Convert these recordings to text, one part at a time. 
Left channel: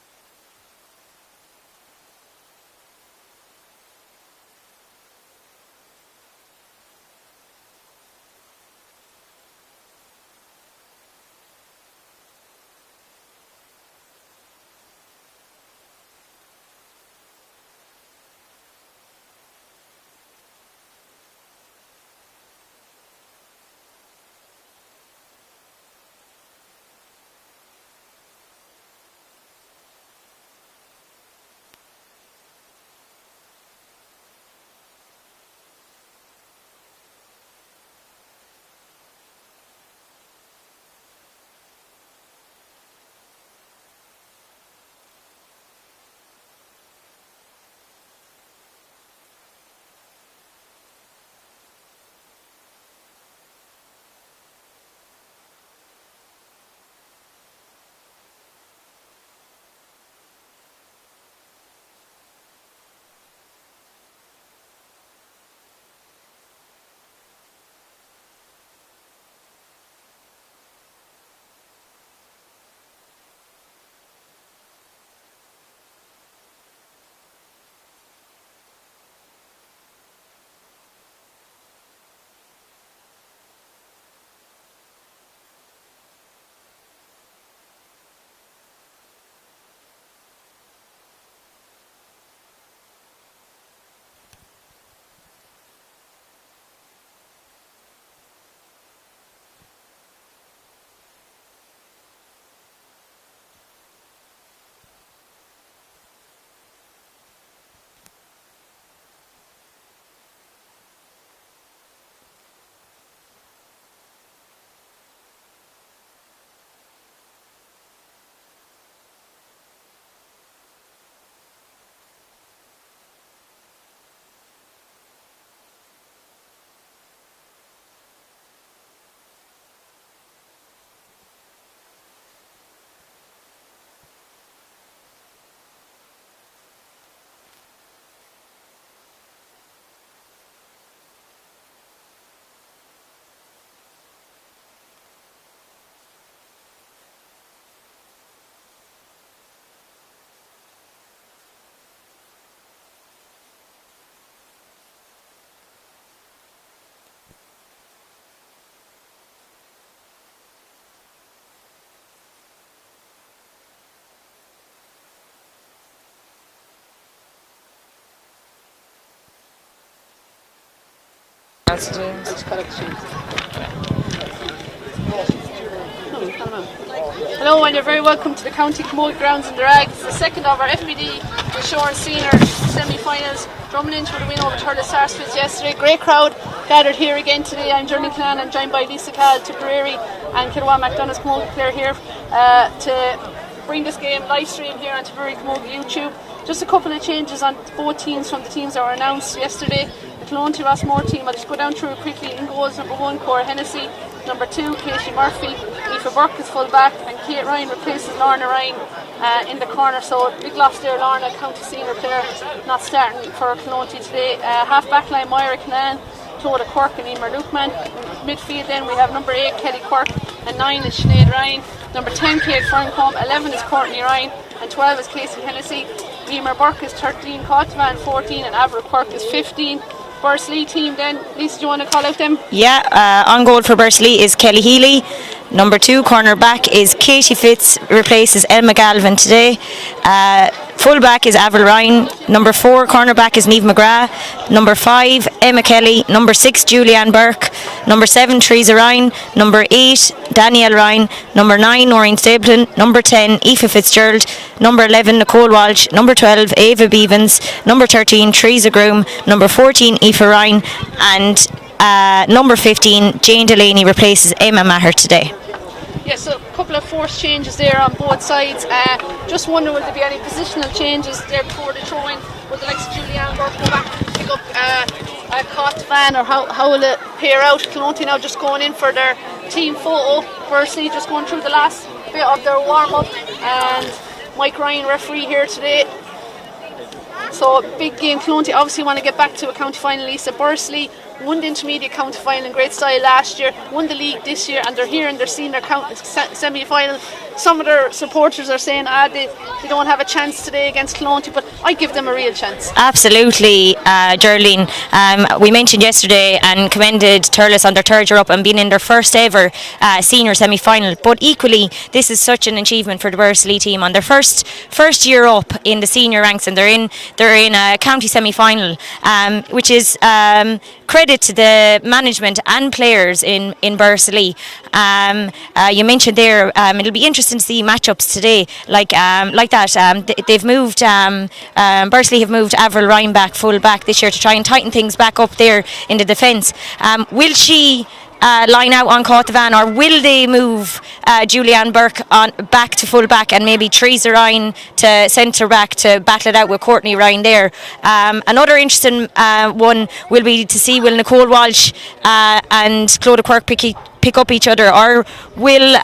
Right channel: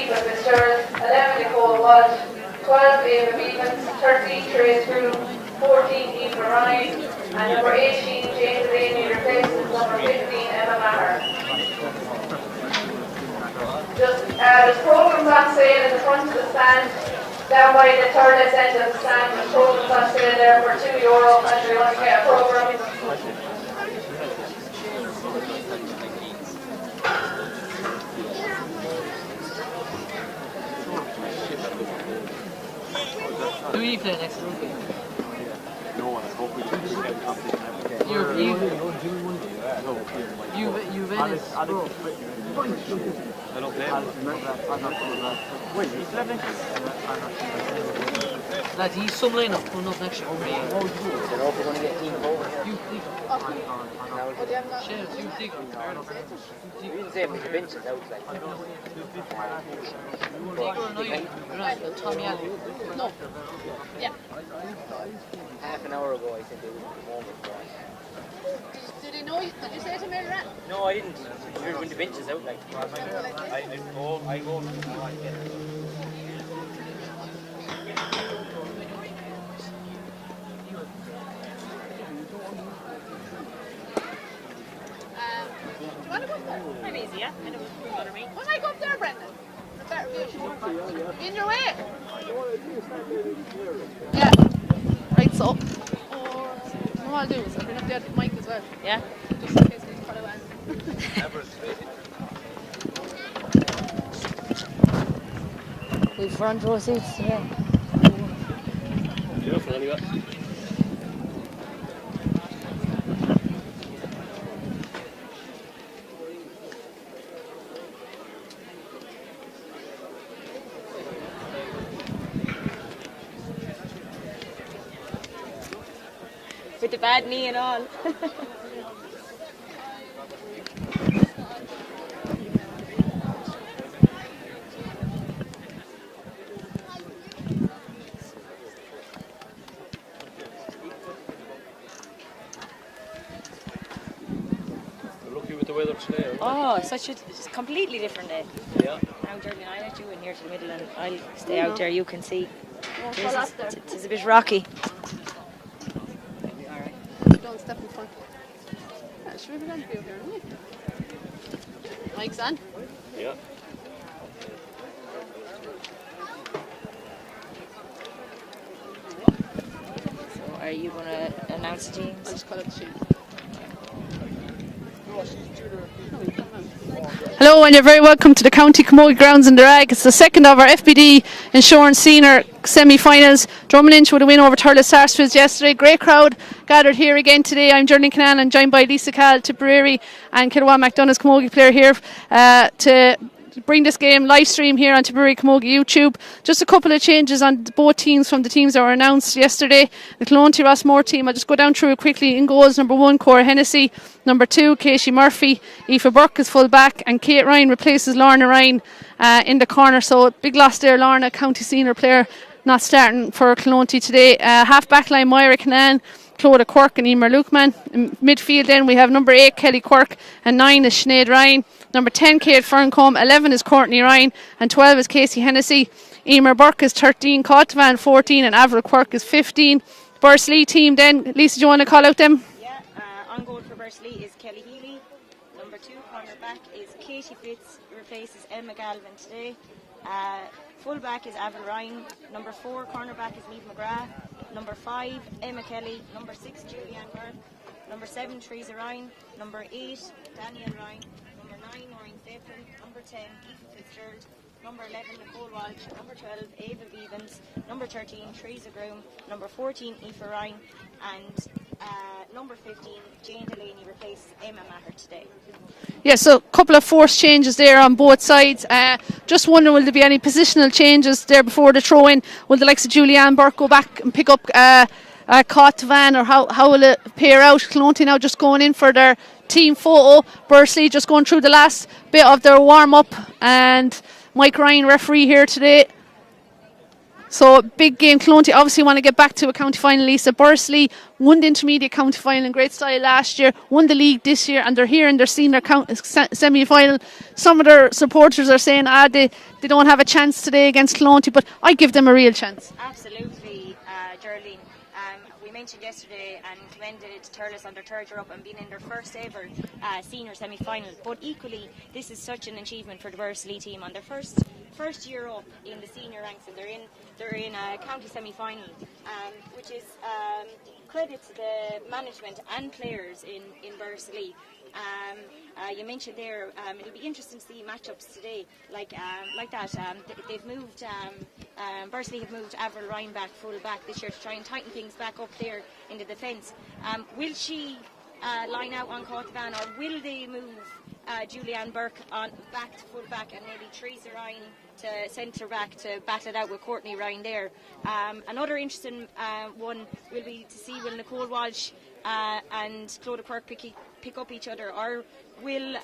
Eva Fitzgerald, 11 Nicole Walsh, 12 Ava Beavens, 13 Trace Groom, 14 Eva Ryan, and number 18 Jane Delaney replaces number 15 Emma Maher. There's programs on sale in the front of the stand, down by the third end of the stand. There's programs on sale there for €2 and you want to get a program. Do we play next week? No one, I hope we don't do any competition ever again. You Venice, bro. I don't play. Wait, he's living? Lads, he's some lineup coming up next year. You know if we're going to get team over here. You dig. Shares, you dig. You didn't say it was the benches out like. Right, Tommy Allen. No. Yeah. Half an hour ago I said they would come over for us. Did he know you? Did you say to me that? No, I didn't. You're when the bench is out like. I go now I get it. Want to go up there? I'm easy, yeah? I don't bother me. When I go up there, Brendan? In your way? Yeah. Right, so. What I'll do is I'll bring up the other mic as well. Yeah. Just in case we follow on. We've front row seats, yeah. Beautiful anyway. With the bad knee and all. We're lucky with the weather today. Oh, such a completely different day. Yeah. Now, Jordan, I'll let you in here to the middle and I'll stay out there. You can see. It's a bit rocky. Don't step in front. Yeah, should we be going to be over here, isn't it? Mike's on. Yeah. So, are you going to announce the teams? I'll just collect the shoes. Hello and you're very welcome to the County Camogie grounds in Drag. It's the second of our FBD Insurance Senior semi-finals. Drumming into with a win over Thurles Sarsfields yesterday. Great crowd gathered here again today. I'm Jordan Canaan. I'm joined by Lisa Cal, Tipperary and Kilwan McDonough's Camogie player here to bring this game live stream here on Tipperary Camogie YouTube. Just a couple of changes on both teams from the teams that were announced yesterday. The Clonty Rossmore team, I'll just go down through it quickly. In goals, number 1, Cora Hennessy. Number 2, Casey Murphy. Aoife Burke is full back and Kate Ryan replaces Lorna Ryan in the corner. So big loss there, Lorna, county senior player, not starting for Clonty today. Half back line, Myra Canaan, Clodagh Quirk and Emer Lukeman. In midfield then we have number 8, Kelly Quirk, and 9 is Sinead Ryan. Number 10, Kate Ferncombe, 11 is Courtney Ryan, and 12 is Casey Hennessy. Emer Burke is 13, Cotvan 14, and Avril Quirk is 15. Bursley team then, Lisa, do you want to call out them? Yeah, on goal for Bursley is Kelly Healy. Number 2 corner back is Katie Fitz, replaces Emma Galvin today. Full back is Avril Ryan. Number 4 corner back is Niamh McGrath. Number 5 Emma Kelly. Number 6 Julianne Burke. Number 7 Teresa Ryan. Number 8 Danielle Ryan. Number 9 Noreen Stapleton. Number 10 Aoife Fitzgerald. Number 11 Nicole Walsh. Number 12 Ava Beavens. Number 13 Teresa Groom. Number 14 Aoife Ryan. And number 15 Jane Delaney replaces Emma Maher today. Yeah, so a couple of forced changes there on both sides. Just wondering, will there be any positional changes there before the throw-in? Will the likes of Julianne Burke go back and pick up Cotvan, or how will it pair out? Clonty now just going in for their team photo. Bursley just going through the last bit of their warm-up, and Mike Ryan, referee here today. So big game. Clonty obviously want to get back to a county final. Lisa, Bursley won the intermediate county final in great style last year, won the league this year, and they're here in their senior semi-final. Some of their supporters are saying they don't have a chance today against Clonty, but I give them a real chance. Absolutely, Geraldine. We mentioned yesterday and commended Turles on their third year up and being in their first ever senior semi-final. But equally, this is such an achievement for the Bursley team on their first year up in the senior ranks, and they're in a county semi-final, which is credit to the management and players in Bursley. You mentioned there, it'll be interesting to see matchups today like that. They've moved Bursley have moved Avril Ryan back full back this year to try and tighten things back up there in the defence. Will she line out on Caughtavan, or will they move Julianne Burke on back to full back and maybe Teresa Ryan to centre back to battle it out with Courtney Ryan there? Another interesting one will be to see will Nicole Walsh and Clodagh Quirk pick up each other, or will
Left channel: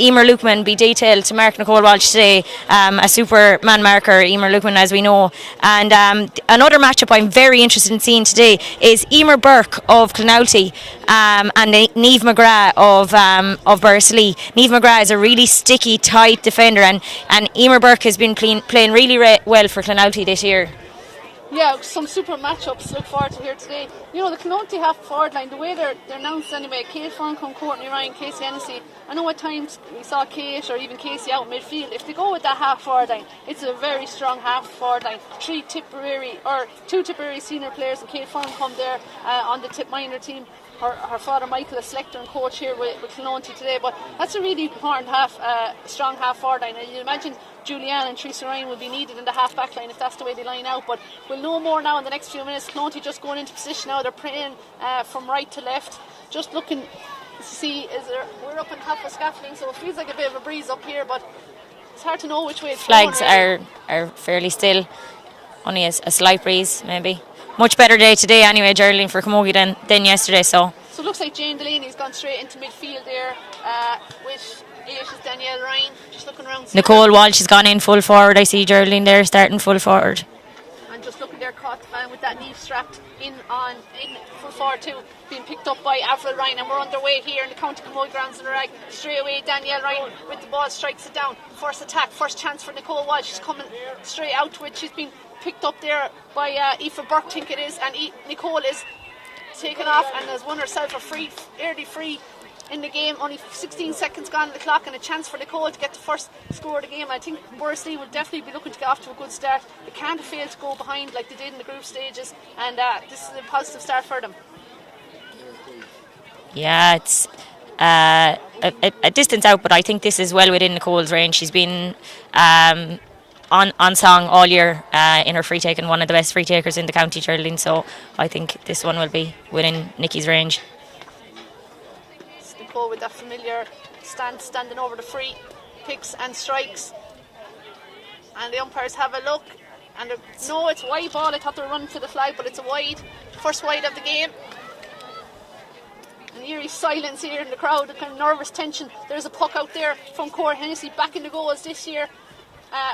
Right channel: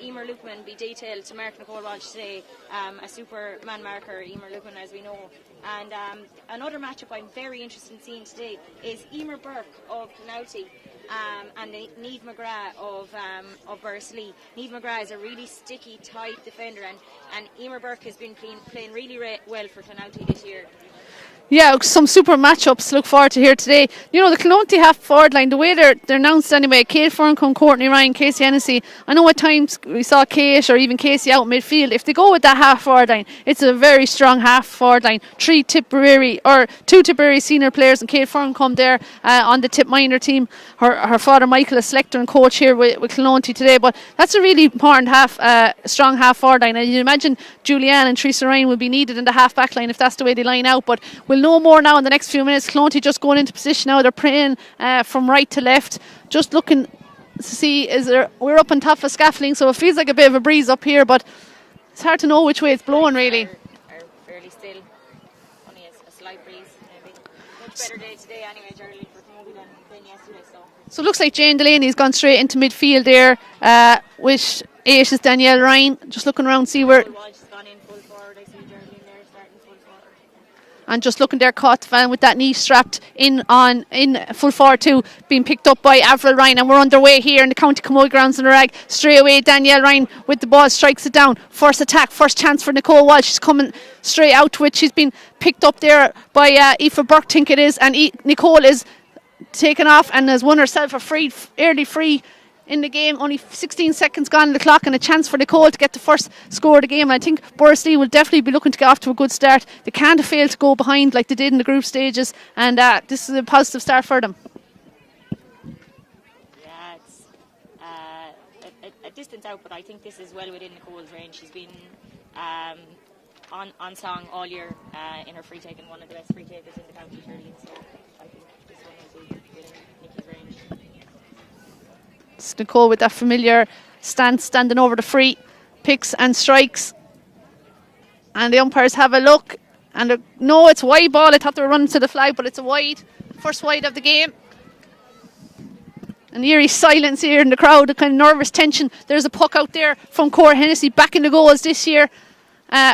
Emer Lukeman be detailed to mark Nicole Walsh today, a super man marker, Emer Lukeman, as we know. And another matchup I'm very interested in seeing today is Emer Burke of Clonalty and Niamh McGrath of Bursley. Niamh McGrath is a really sticky, tight defender, and Emer Burke has been playing really well for Clonalty this year. Yeah, some super matchups to look forward to here today. You know, the Clonty half forward line, the way they're announced anyway, Kate Ferncombe, Courtney Ryan, Casey Hennessy. I know at times we saw Kate or even Casey out midfield. If they go with that half forward line, it's a very strong half forward line. Two Tipperary senior players and Kate Ferncombe there on the Tip minor team. Her father Michael, a selector and coach here with Clonty today. But that's a really important strong half forward line. And you imagine Julianne and Teresa Ryan will be needed in the half back line if that's the way they line out. But we'll know more now in the next few minutes. Clonty just going into position now. They're praying from right to left, just looking to see we're up on top of scaffolding, so it feels like a bit of a breeze up here, but it's hard to know which way it's flowing. Flags are fairly still, only a slight breeze maybe. Much better day today anyway, Geraldine, for Camogie than yesterday. So it looks like Jane Delaney's gone straight into midfield there with 8 is Danielle Ryan, just looking around. Nicole Walsh has gone in full forward. I see Geraldine there starting full forward. And just looking there, Caughtavan with that knee strapped in full forward too, being picked up by Avril Ryan, and we're underway here in the County Camogie grounds in the Rag. Straight away, Danielle Ryan with the ball strikes it down. First attack, first chance for Nicole Walsh. She's coming straight out to it. She's been picked up there by Aoife Burke, think it is, and Nicole is taken off and has won herself a early free in the game. Only 16 seconds gone on the clock, and a chance for Nicole to get the first score of the game. And I think Bursley will definitely be looking to get off to a good start. They can't fail to go behind like they did in the group stages, and this is a positive start for them. Yeah, it's a distance out, but I think this is well within Nicole's range. She's been on song all year in her free taking, one of the best free takers in the county, Geraldine, so I think this one will be within Nicky's range. It's Nicole with that familiar stance, standing over the free, picks and strikes, and the umpires have a look, and no, it's wide ball. I thought they were running to the flag, but it's a wide, first wide of the game. An eerie silence here in the crowd, a kind of nervous tension. There's a puck out there from Cora Hennessy, back in the goals this year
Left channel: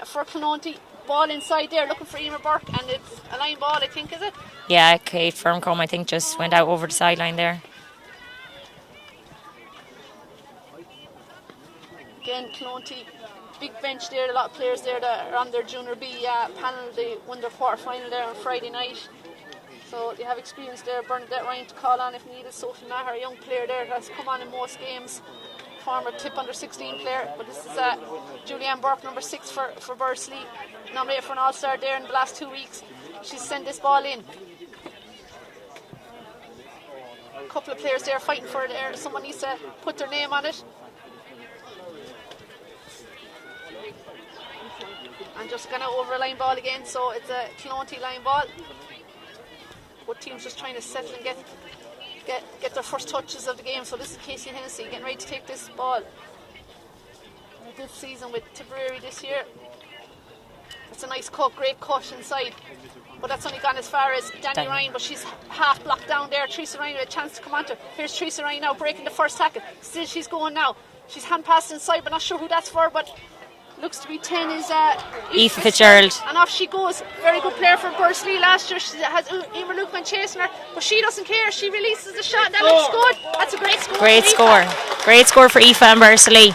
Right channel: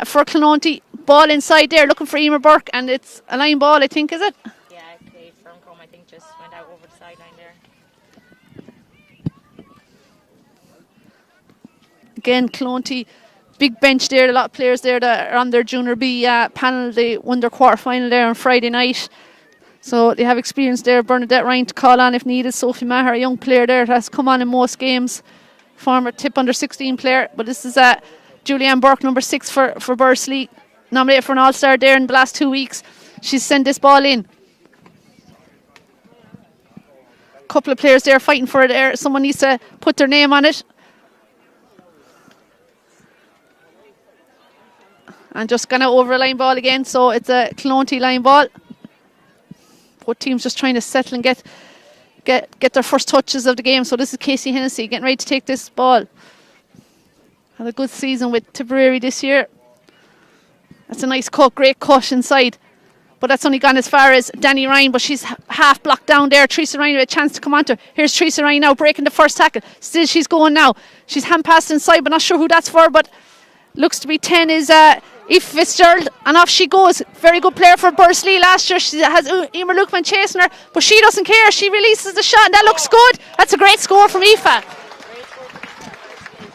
for Clonty. Ball inside there, looking for Emer Burke, and it's a line ball, I think, is it? Yeah, Kate Ferncombe, I think, just went out over the sideline there. Again, Clonty, big bench there, a lot of players there that are on their Junior B panel. They won their quarter final there on Friday night, so they have experience there. Bernadette Ryan to call on if needed. Sophie Maher, a young player there, has come on in most games. Former Tip under 16 player, but this is Julianne Burke, number 6 for Bursley, nominated for an All-Star there in the last 2 weeks. She's sent this ball in. A couple of players there fighting for it there. Someone needs to put their name on it. And just gone out over a line ball again, so it's a Clonty line ball. Both teams just trying to settle and get their first touches of the game. So this is Casey Hennessy getting ready to take this ball. Had a good season with Tipperary this year. That's a nice cut, great cut inside. But that's only gone as far as Danny Ryan, but she's half blocked down there. Teresa Ryan with a chance to come onto her. Here's Teresa Ryan now breaking the first tackle. Still she's going now. She's hand passed inside, but not sure who that's for, but looks to be 10 is Aoife Fitzgerald. Fitzgerald. And off she goes. Very good player for Bursley last year. She has Emer Lukeman chasing her, but she doesn't care. She releases the shot, and that looks good. That's a great score Great from score. Aoife. Great score for Aoife and Bursley.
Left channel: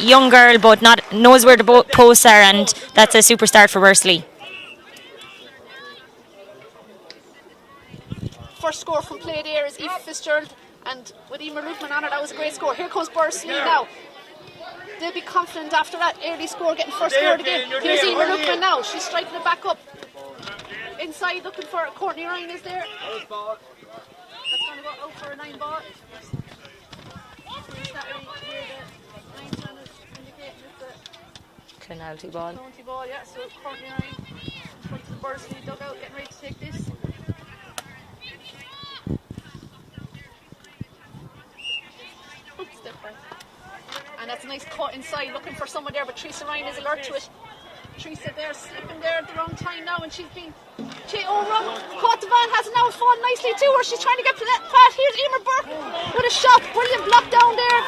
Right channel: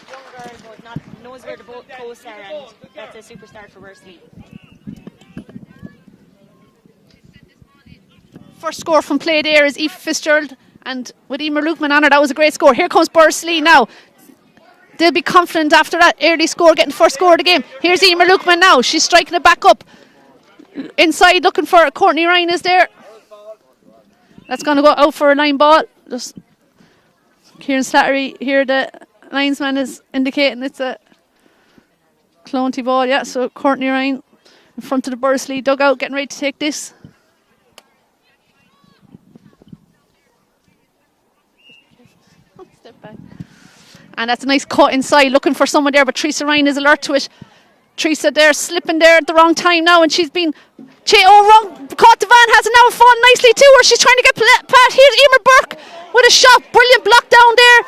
Young girl, but knows where the posts are, and that's a super start for Bursley. First score from play there is Aoife Fitzgerald, and with Emer Lukeman on her, that was a great score. Here comes Bursley now. They'll be confident after that early score, getting first score of the game. Here's Emer Lukeman now. She's striking it back up. Inside, looking for Courtney Ryan is there. That's going to go out for a line ball. Just Kieran Slattery here, the linesman is indicating it's a Clonty ball. Yeah, so Courtney Ryan in front of the Bursley dugout, getting ready to take this. And that's a nice cut inside, looking for someone there, but Teresa Ryan is alert to it. Teresa there, slipping there at the wrong time now, and she's been wrong. Caught the van, has it now fallen nicely to her. She's trying to get Pat. Here's Emer Burke with a shot. Brilliant block down there.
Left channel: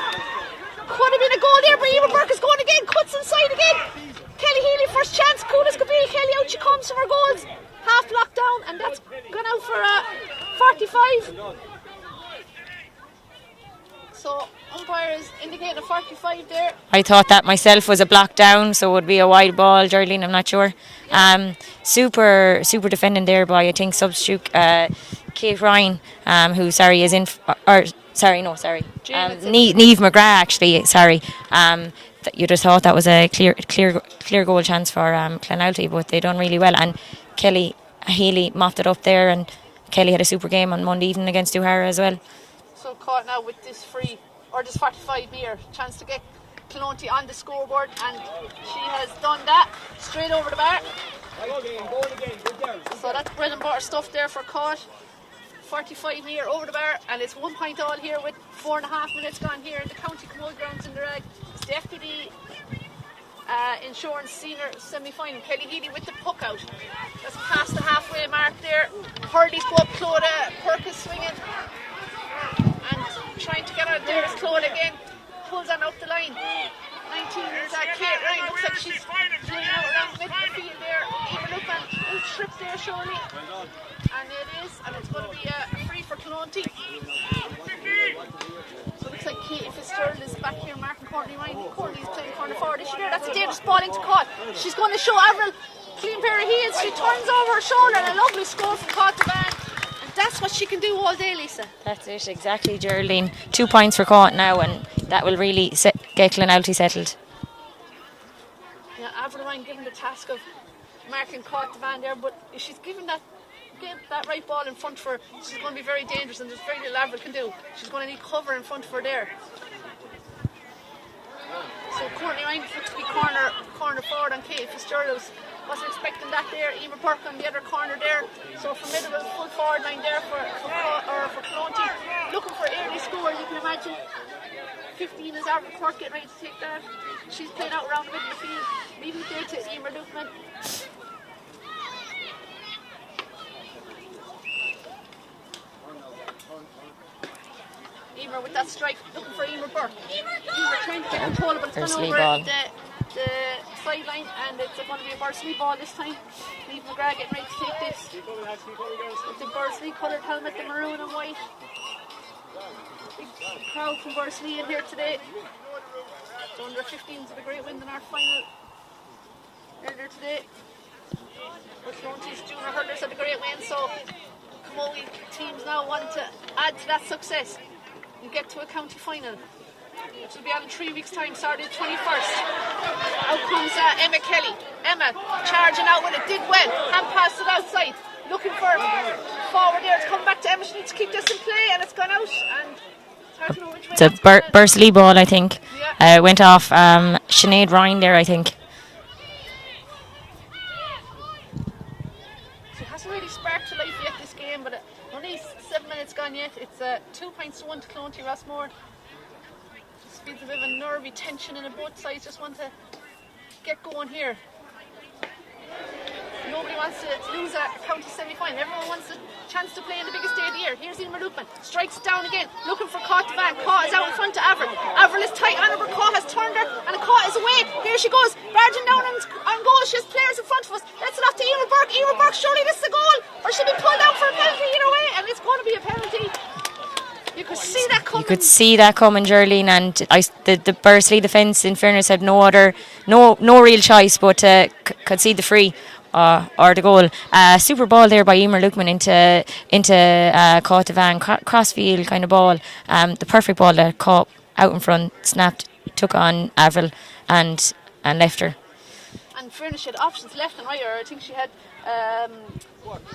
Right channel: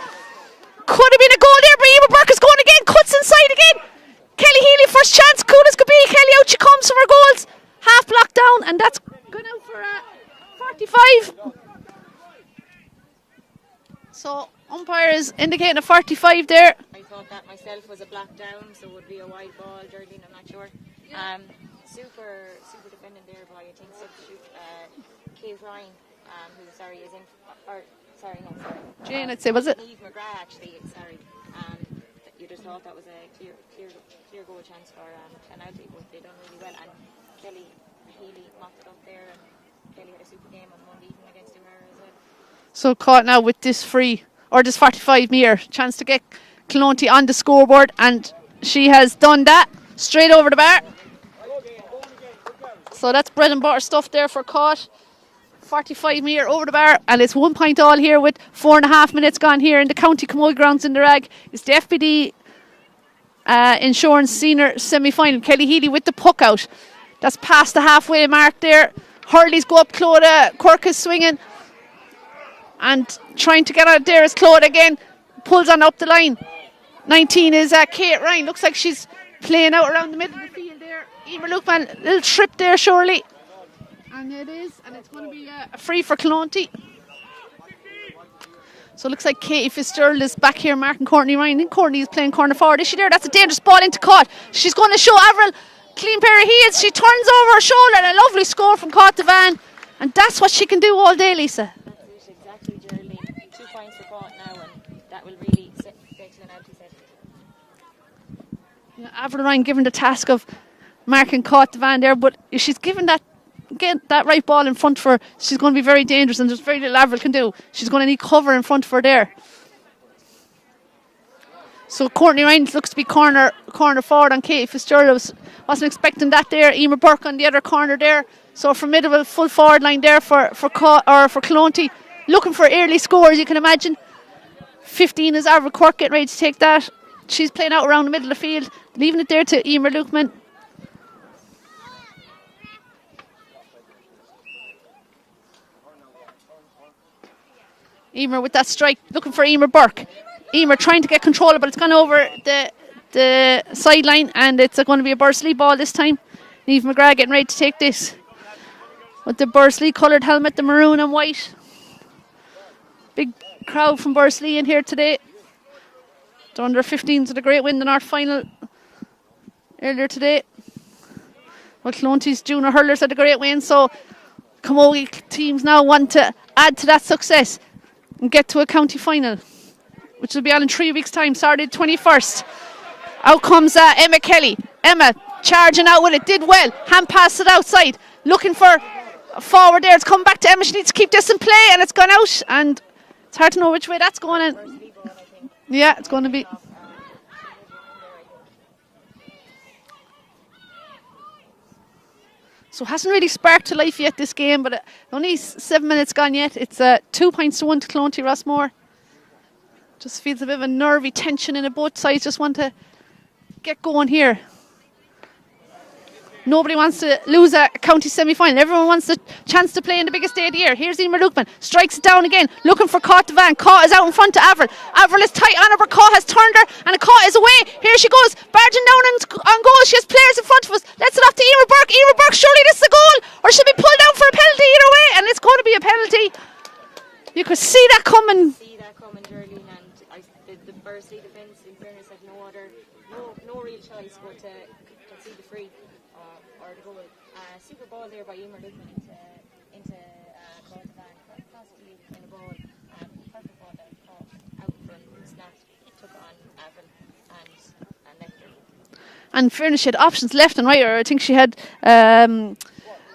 Could have been a goal there, but Emer Burke is going again, cuts inside again. Kelly Healy, first chance, cool as could be. Kelly out she comes from her goals. Half blocked down, and that's gone out for 45. So umpire is indicating a 45 there. I thought that myself was a block down, so it would be a wide ball, Geraldine, I'm not sure. Super defending there by, I think, substitute Kate Ryan, who, is in, Niamh McGrath, actually, you just thought that was a clear goal chance for Clonalty, but they done really well. And Kelly Healy mopped it up there, and Kelly had a super game on Monday evening against O'Hara as well. So caught now with this free, or this 45 metre, chance to get Clonty on the scoreboard, and she has done that straight over the bar. So that's bread and butter stuff there for Caught. 45 metre over the bar, and it's 1 point all here with 4.5 minutes gone here in the County Camogie grounds in the Rag. It's the FBD Insurance Senior semi-final. Kelly Healy with the puck out. That's past the halfway mark there. Hurley's go up, Clodagh Quirk is swinging and trying to get out there is Clodagh again. Pulls on up the line. 19 is Kate Ryan. Looks like she's playing out around the middle of the field there. Emer Lukeman, little trip there surely. And it is, and it's going to be a free for Clonty. So it looks like Katie Fitzgerald is back here marking Courtney Ryan. I think Courtney is playing corner forward. Is she there? That's a dangerous ball into Caught. She's going to show Avril clean pair of heels. She turns over her shoulder, and a lovely score from Caught the Van. And that's what she can do all day, Lisa. That's it, exactly, Geraldine. 2 points for Caught now, and that will really get Clonalty settled. Yeah, Avril Ryan given the task of marking Caught the Van there, but if she's given that, get that right ball in front of her, she's going to be very dangerous, and there's very little Avril can do. She's going to need cover in front of her there. So Courtney Ryan looks to be corner forward on Katie Fitzgerald. Wasn't expecting that there. Emer Burke on the other corner there. So formidable full forward line there for Clonty. Looking for early scores, you can imagine. 15 is Avril Quirk getting ready to take that. She's playing out around the middle of the field, leaving it there to Emer Lukeman. Emer with that strike, looking for Emer Burke. Emer trying to get control, but it's gone over the sideline, and it's going to be a Bursley ball this time. Niamh McGrath getting ready to take this with the Bursley coloured helmet, the maroon and white. Big crowd from Bursley in here today. The under 15s with a great win in the North final earlier today. Well, Clonty's junior hurlers had a great win, so Camogie teams now want to add to that success and get to a county final, which will be on in 3 weeks' time, Saturday 21st. Out comes Emma Kelly. Emma charging out with it, did well. Hand passed it outside, looking for forward there. It's come back to Emma. She needs to keep this in play, and it's gone out. And it's hard to know which way that's going. Bursley ball, I think. Yeah, went off Sinead Ryan there, I think. So it hasn't really sparked to life yet, this game, but only 7 minutes gone yet. It's 2 points to 1 to Clonty Rossmore. Just feels a bit of a nervy tension in it. Both sides just want to get going here. Nobody wants to lose a county semi-final. Everyone wants the chance to play in the biggest day of the year. Here's Emer Lukeman, strikes it down again, looking for Caught Devan. Caught is out in front of Avril. Avril is tight on her, but Caught has turned her, and Caught is away. Here she goes, barging down on goal. She has players in front of us. Let's it off to Emer Burke. Emer Burke, surely this is a goal, or she'll be pulled down for a penalty either way, and it's going to be a penalty. You could see that coming. You could see that coming, Geraldine, and the Bursley defence, in fairness, had no real choice but to concede the free or the goal. Super ball there by Emer Lukeman into Caught Devan, crossfield kind of ball. The perfect ball that caught out in front, snapped, took on Avril and left her. And in fairness, she had options left and right. Or I think she had.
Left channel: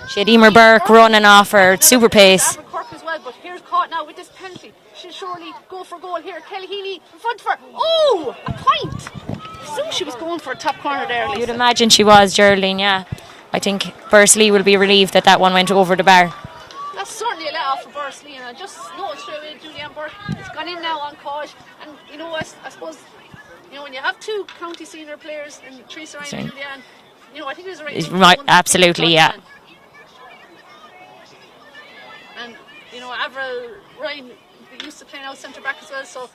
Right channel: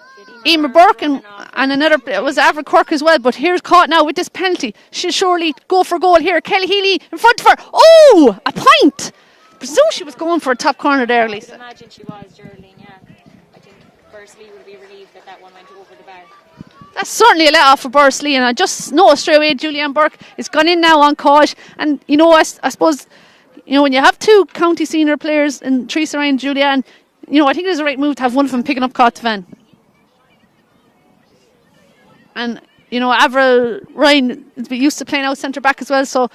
She had Emer Burke running off her, super pace. It was Avril Quirk as well, but here's Caught now with this penalty. She'll surely go for goal here. Kelly Healy in front of her. Oh, a point! I presume she was going for a top corner there. You'd imagine she was, Geraldine, yeah. I think Bursley will be relieved that one went over the bar. That's certainly a let off for Bursley, and I just know straight away Julianne Burke is gone in now on Caught. And you know, I suppose, you know, when you have two county senior players and Teresa Ryan and Julianne, you know, I think it is a right move to have one of them picking up Caught Devan. And, you know, Avril Ryan is used to playing out centre back as well, so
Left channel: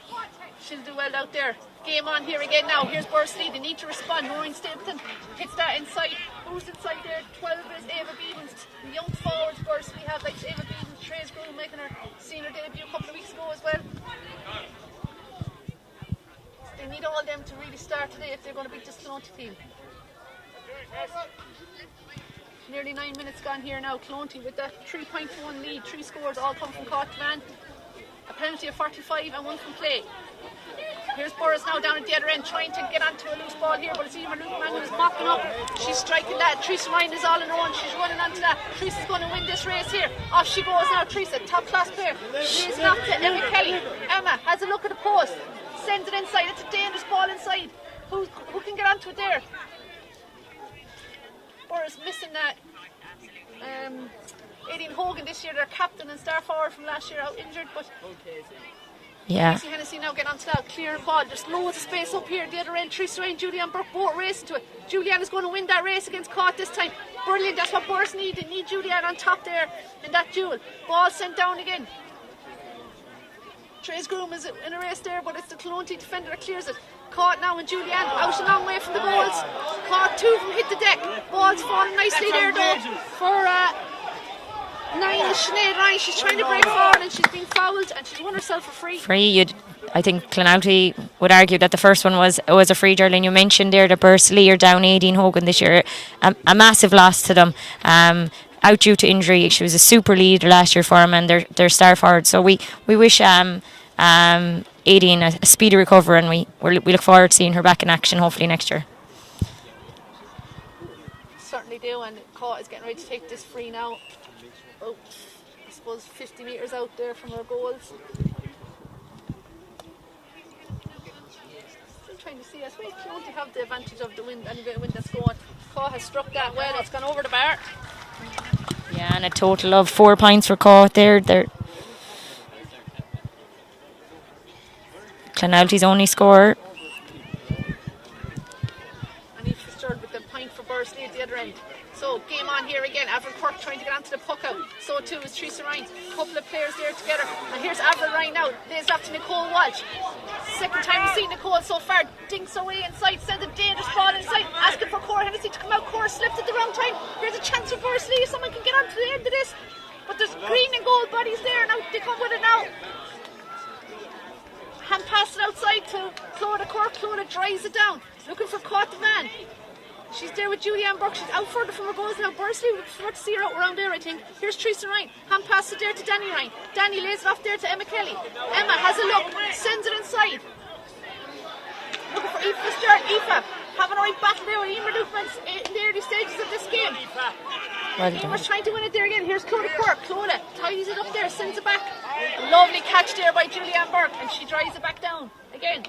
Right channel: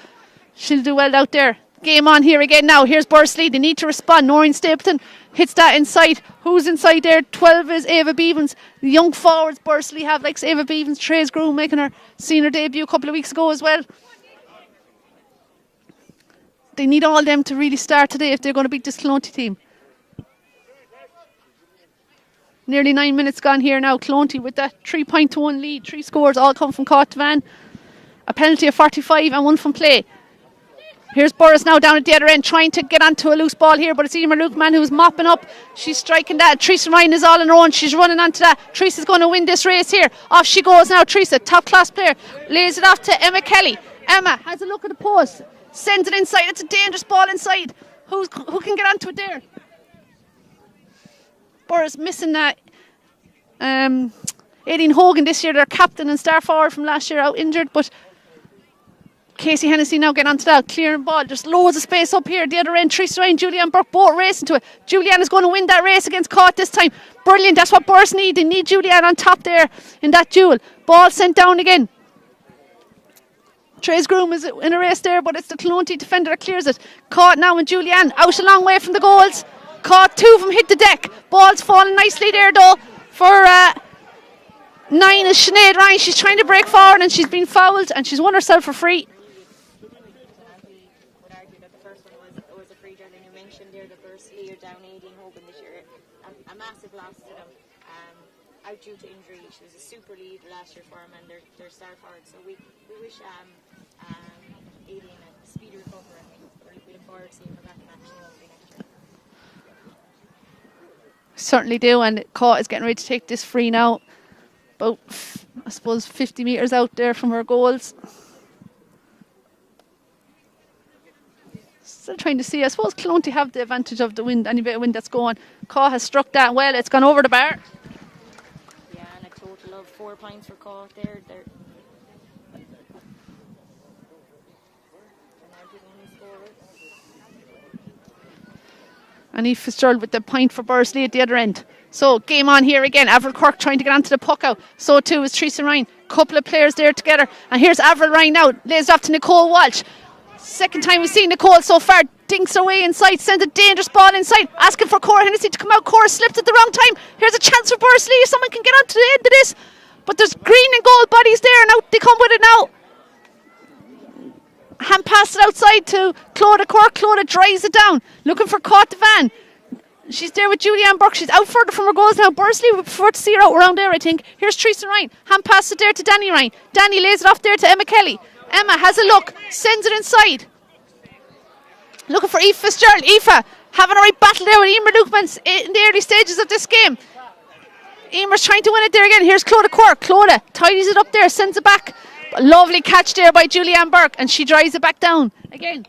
she'll do well out there. Game on here again now. Here's Bursley. They need to respond. Noreen Stapleton hits that inside. Who's inside there? 12 is Ava Beavens. The young forwards Bursley have, like Ava Beavens, Trace Groom making her senior debut a couple of weeks ago as well. They need all them to really start today if they're going to beat this Clonty team. Nearly 9 minutes gone here now. Clonty with that 3-1 lead. 3 scores all come from Caught Devan. A penalty of 45 and one from play. Here's Burris now down at the other end trying to get onto a loose ball here, but it's Emer Lukeman who's mopping up. She's striking that. Teresa Ryan is all on her own. She's running onto that. Teresa's going to win this race here. Off she goes now. Teresa, top class player, lays it off to Emma Kelly. Emma has a look at the post, sends it inside. It's a dangerous ball inside. Who can get onto it there? Burris missing that. Aileen Hogan this year, their captain and star forward from last year, out injured, but Casey Hennessy now getting onto that, clearing ball. There's loads of space up here. The other end, Teresa Ryan, Julianne Burke both racing to it. Julianne is going to win that race against Caught this time. Brilliant, that's what Burrs need. They need Julianne on top there in that duel. Ball sent down again. Trace Groom is in a race there, but it's the Clonty defender that clears it. Caught now and Julianne out a long way from the goals. Caught, 2 of them hit the deck. Ball's falling nicely there though for 9 is Sinead Ryan. She's trying to break forward and she's been fouled and she's won herself a free. I think Clonouty would argue that the first one was a free, Geraldine. You mentioned there that Bursley are down 18 Hogan this year. A massive loss to them. Out due to injury. She was a super leader last year for them and their star forward. So we wish Aideen a speedy recovery, and we look forward to seeing her back in action hopefully next year. Certainly do, and Caught is getting ready to take this free now. About, I suppose, 50 metres out there from her goals. Still trying to see. I suppose Clonty have the advantage of the wind, any bit of wind that's going. Caught has struck that well. It's gone over the bar. Yeah, and a total of 4 points for Caught there. Clonouty's only score. And Eve Fitzgerald with the point for Bursley at the other end. So game on here again. Avril Quirk trying to get onto the puck out. So too is Teresa Ryan. Couple of players there together. And here's Avril Ryan now. Lays off to Nicole Walsh. Second time we've seen Nicole so far. Dinks away inside. Sends a dangerous ball inside. Asking for Cora Hennessy to come out. Cora slipped at the wrong time. Here's a chance for Bursley. If someone can get onto the end of this. But there's green and gold bodies there. And out they come with it now. Hand passed it outside to Clodagh Cork. Clodagh drives it down. Looking for Caught Devan. She's there with Julianne Burke. She's out further from her goals now. Bursley would prefer to see her out around there, I think. Here's Teresa Ryan. Hand passed it there to Danny Ryan. Danny lays it off there to Emma Kelly. Emma has a look. Sends it inside. Looking for Aoife Fitzgerald. Aoife having a right battle there with Emer Lukeman in the early stages of this game. Emer's trying to win it there again. Here's Clodagh Cork. Clodagh tidies it up there. Sends it back. A lovely catch there by Julianne Burke. And she drives it back down again.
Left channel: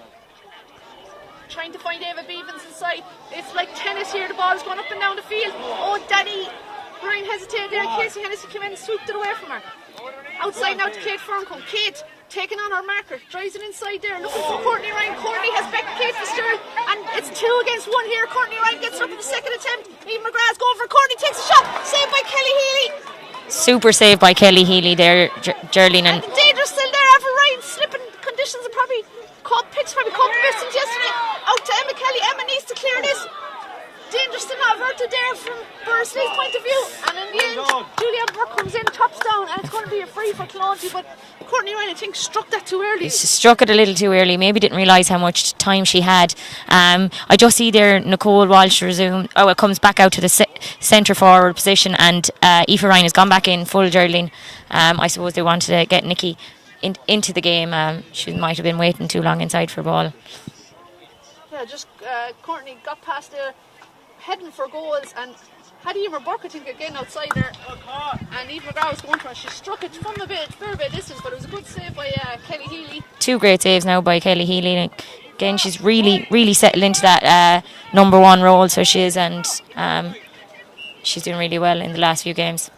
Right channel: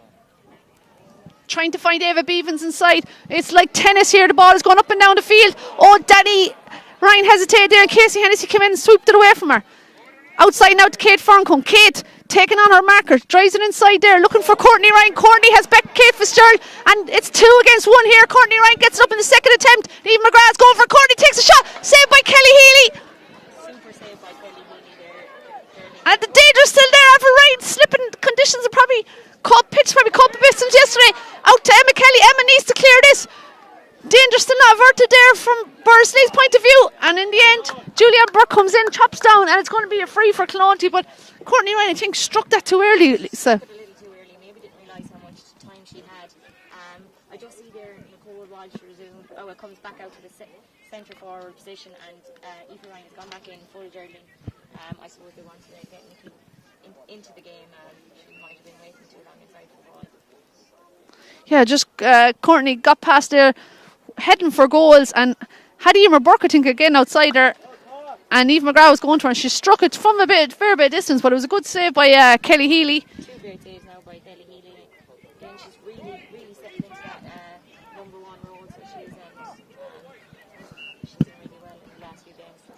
Trying to find Ava Beavens inside. It's like tennis here. The ball is going up and down the field. Oh, Danny Ryan hesitated there and Casey Hennessy came in and swooped it away from her. Outside now to Kate Ferncombe. Kate taking on her marker, drives it inside there, looking for Courtney Ryan. Courtney has back Kate Fitzgerald and it's 2 against 1 here. Courtney Ryan gets it up in the second attempt. Eve McGrath's going for Courtney takes a shot. Saved by Kelly Healy. Super save by Kelly Healy there, Geraldine. And the danger's still there. Avril Ryan slipping conditions are probably pitch probably caught the distance yesterday. Out to Emma Kelly. Emma needs to clear this. Danger still not averted there from Bursley's point of view. And in the end, Julianne Burke comes in, chops down, and it's going to be a free for Clonty. But Courtney Ryan, I think, struck that too early. Struck it a little too early. Maybe didn't realise how much time she had. I just see there Nicole Walsh resume. Oh, it comes back out to the centre forward position, and Aoife Ryan has gone back in full, Geraldine. I suppose they wanted to get Nikki into the game. She might have been waiting too long inside for ball. Yeah, just Courtney got past there, heading for goals, and had Emer Burke, I think, again outside her, and Eve McGrath was going to her, and she struck it from a fair bit of distance, but it was a good save by Kelly Healy. 2 great saves now by Kelly Healy. Again, she's really settled into that number 1 role, so she is, and she's doing really well in the last few games.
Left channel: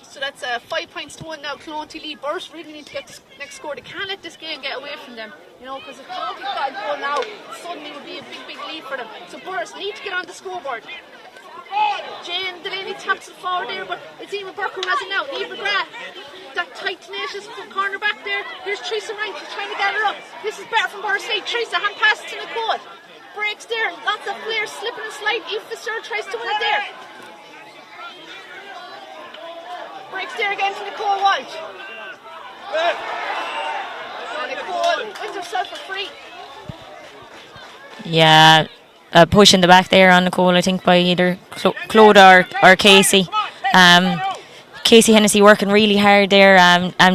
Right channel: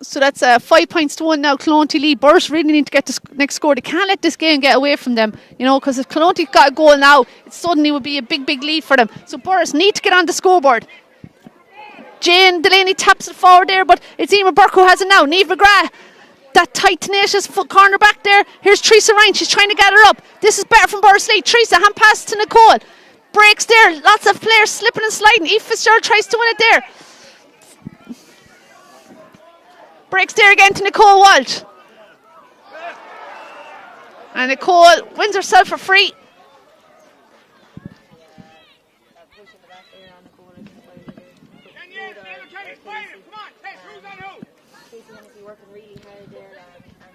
So that's 5 points to 1 now. Clonty lead. Burrs really need to get this next score. They can't let this game get away from them, you know, because if Clonty got a goal now, it suddenly would be a big lead for them. So Burrs need to get on the scoreboard. Jane Delaney taps it forward there, but it's Emer Burke who has it now. Niamh McGrath, that tight, tenacious foot corner back there. Here's Teresa Ryan. She's trying to get her up. This is better from Bursley. Teresa, hand pass to Nicole. Breaks there. Lots of players slipping and sliding. Eve Fitzgerald tries to win it there. Breaks there again to Nicole Walsh. And Nicole wins herself a free. Yeah, push in the back there on Nicole, I think, by either Claude or Casey. Casey Hennessy working really hard there.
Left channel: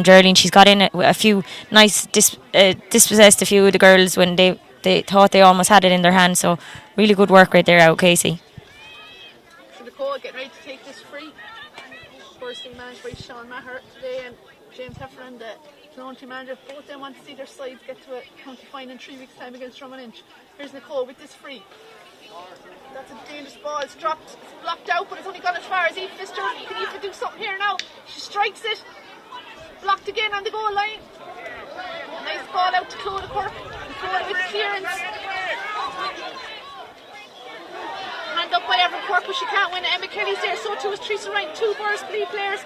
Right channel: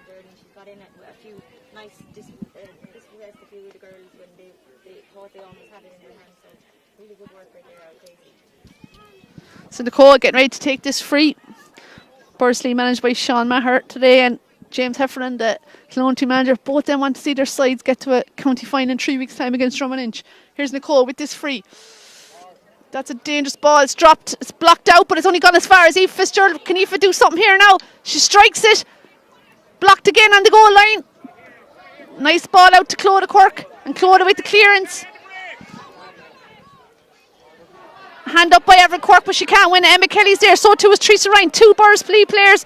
Geraldine, she's got in a few nice dispossessed a few of the girls when they thought they almost had it in their hands. So really good work right there out, Casey. So Nicole getting ready to take this free. Bursley managed by Sean Maher today, and James Heffernan, the Clonty manager. Both of them want to see their sides get to a county final in 3 weeks' time against Drummond Inch. Here's Nicole with this free. That's a dangerous ball. It's dropped. It's blocked out, but it's only gone as far as Eve Fitzgerald. Can Aoife do something here now? She strikes it. Blocked again on the goal line. Nice ball out to Clodagh Quirk, and Clodagh with the clearance. Hand up by Evelyn Quirk, but she can't win it. Emma Kelly's there, so too is Teresa Ryan. 2 Bursley players.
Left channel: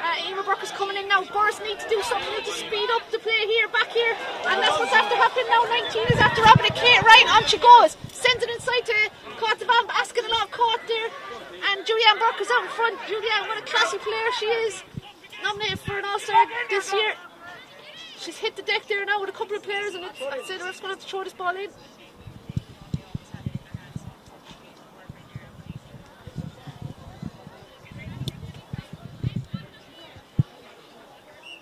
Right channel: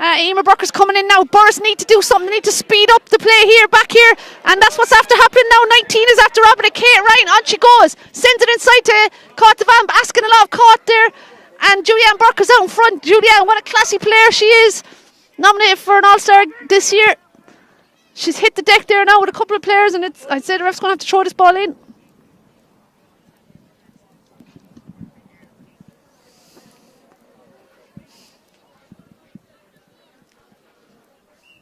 Emer Burker's coming in now. Burrs need to do something. They need to speed up the play here, back here, and that's what's after happening now. 19 is after robbing it. Kate Ryan, on she goes. Sends it inside to Caught the Van, asking a lot of Caught there. And Julianne Burker's out in front. Julianne, what a classy player she is. Nominated for an All-Star this year. She's hit the deck there now with a couple of players, and I'd say the ref's going to have to throw this ball in.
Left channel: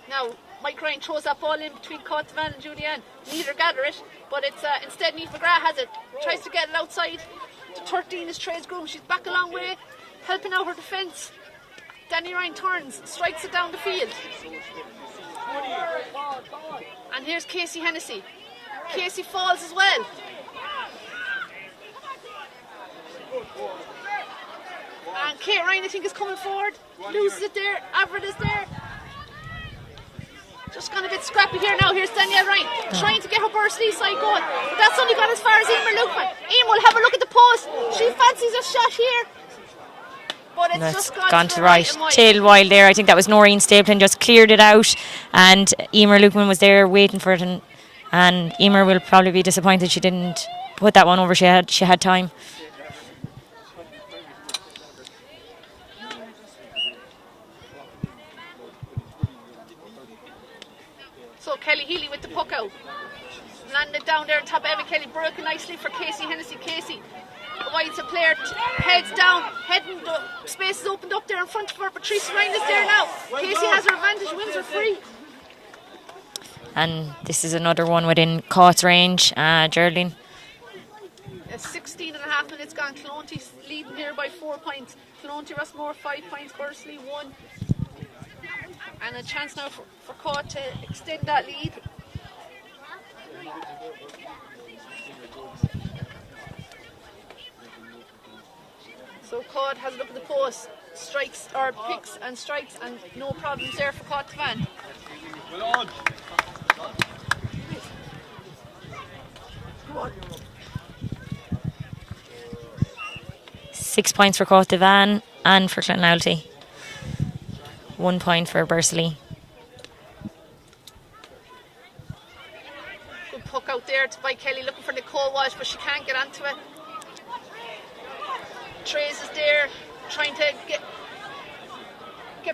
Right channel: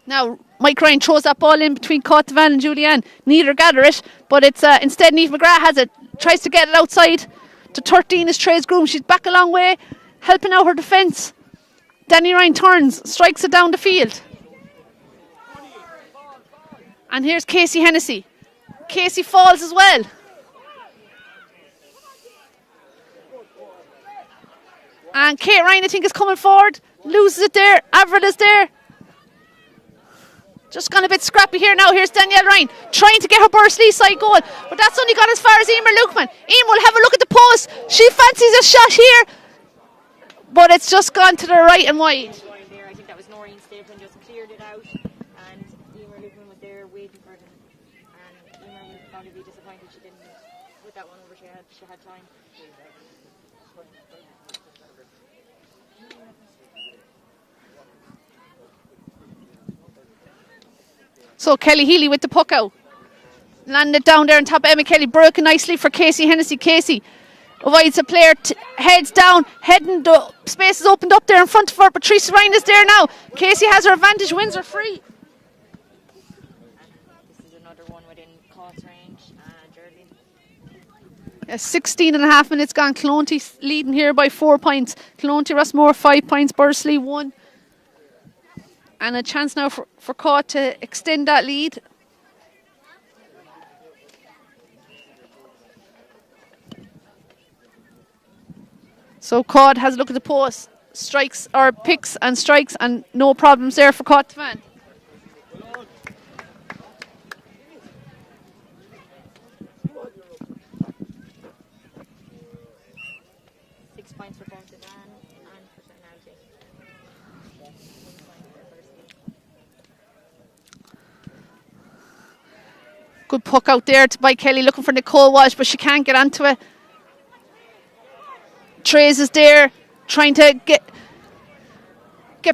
Now, Mike Ryan throws that ball in between Van and Julianne. Neither gather it, but it's instead Niamh McGrath has it. Tries to get it outside to 13 is Trace Groom. She's back a long way, helping out her defence. Danny Ryan turns, strikes it down the field. And here's Casey Hennessy. Casey falls as well. And Kate Ryan, I think, is coming forward. Loses it there. Avril is there. Just gone a bit scrappy here now. Here's Danielle Ryan trying to get her Bursley side goal, but that's only got as far as Emer Lukeman. Emer will have a look at the post. She fancies a shot here, but it's just gone to the right and wide. Tail wide there. I think that was Noreen Stapleton just cleared it out, and Emer Lukeman was there waiting for it, and Emer will probably be disappointed she didn't put that one over. She had time. So Kelly Healy with the puck out. Landed down there on top of Emma Kelly. Broken nicely for Casey Hennessy. Casey avoids a player, heads down, heading the space is opened up there in front of her. But Teresa Ryan is there now. Casey has her advantage, wins her free. And this is another one within Caught's range, Geraldine. 16 and a half minutes gone. Clonty leading here by 4 points. Clonty Rossmore 5 points. Bursley 1. And a chance now for Caughat to extend that lead. So Caughat has a look at the post, strikes or picks and strikes, and no problems there for Caughat Van. 6 points for Cotavan and for Clonalty. 1 point for Bursley. Good puck out there by Kelly, looking for Nicole Walsh, but she can't get onto it. Trace is there, trying to get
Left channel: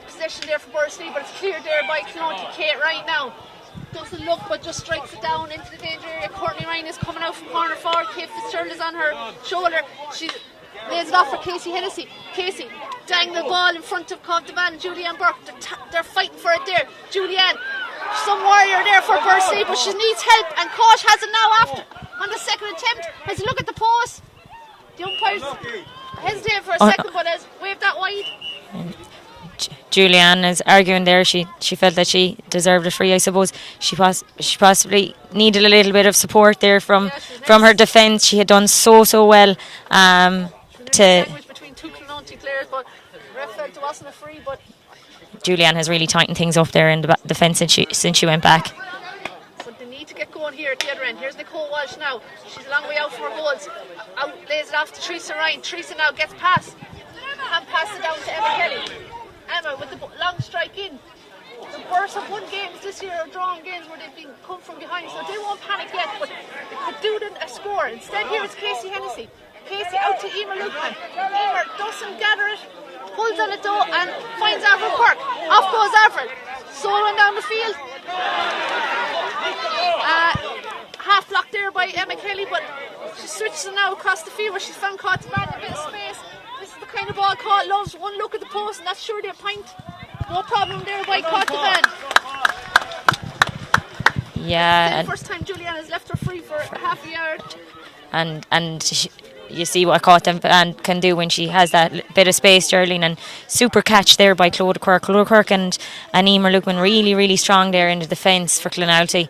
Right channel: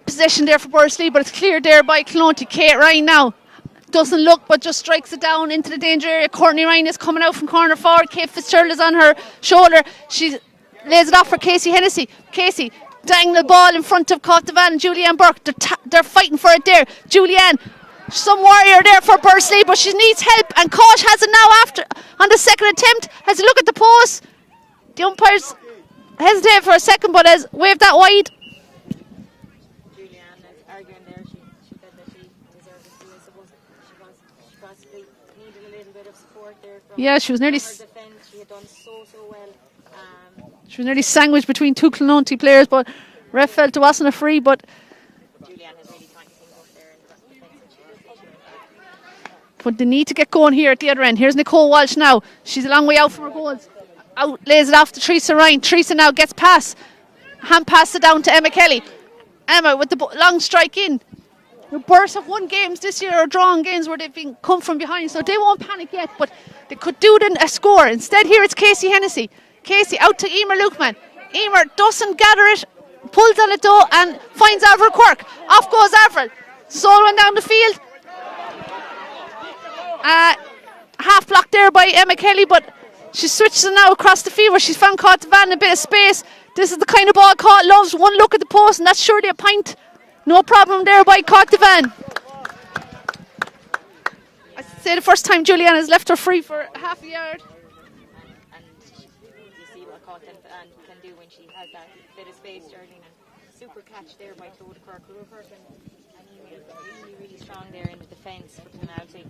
possession there for Bursley, but it's cleared there by Clonty. Kate Ryan now doesn't look, but just strikes it down into the danger area. Courtney Ryan is coming out from corner forward. Kate Fitzgerald is on her shoulder. She lays it off for Casey Hennessy. Casey dangling the ball in front of Cotavan and Julianne Burke. They're fighting for it there. Julianne, some warrior there for Bursley, but she needs help, and Kosh has it now after on the second attempt. Has a look at the post. The umpires hesitate for a second, but has waved that wide. Julianne is arguing there. She felt that she deserved a free. I suppose she possibly needed a little bit of support there from her defence. She had done so well. She was nearly sandwiched between two Clonty players, but ref felt it wasn't a free. But Julianne has really tightened things up there in the defence since she went back. But they need to get going here at the other end. Here's Nicole Walsh now. She's a long way out from her goals. Out, lays it off to Teresa Ryan. Teresa now gets past. Hand pass it down to Emma Kelly. Emma with the long strike in. The Burrs have won games this year, or drawn games where they've been come from behind, so they won't panic yet, but they could do a score. Instead here it's Casey Hennessy. Casey out to Emer Lukeman. Emer doesn't gather it, pulls on it though, and finds Avril Quirk. Off goes Avril. Solo went down the field. Half blocked there by Emma Kelly, but she switches it now across the field where she's found Cotavan in a bit of space. This is the kind of ball Caught loves. One look at the post and that's surely a point. No problem there by Cotavan. Yeah. It's the first time Julianne has left her free for half a yard. And you see what Cotavan can do when she has that bit of space, Geraldine, and super catch there by Clodagh Quirk. Clodagh Quirk and Emer Lukeman really strong there in the defence for Clonalty.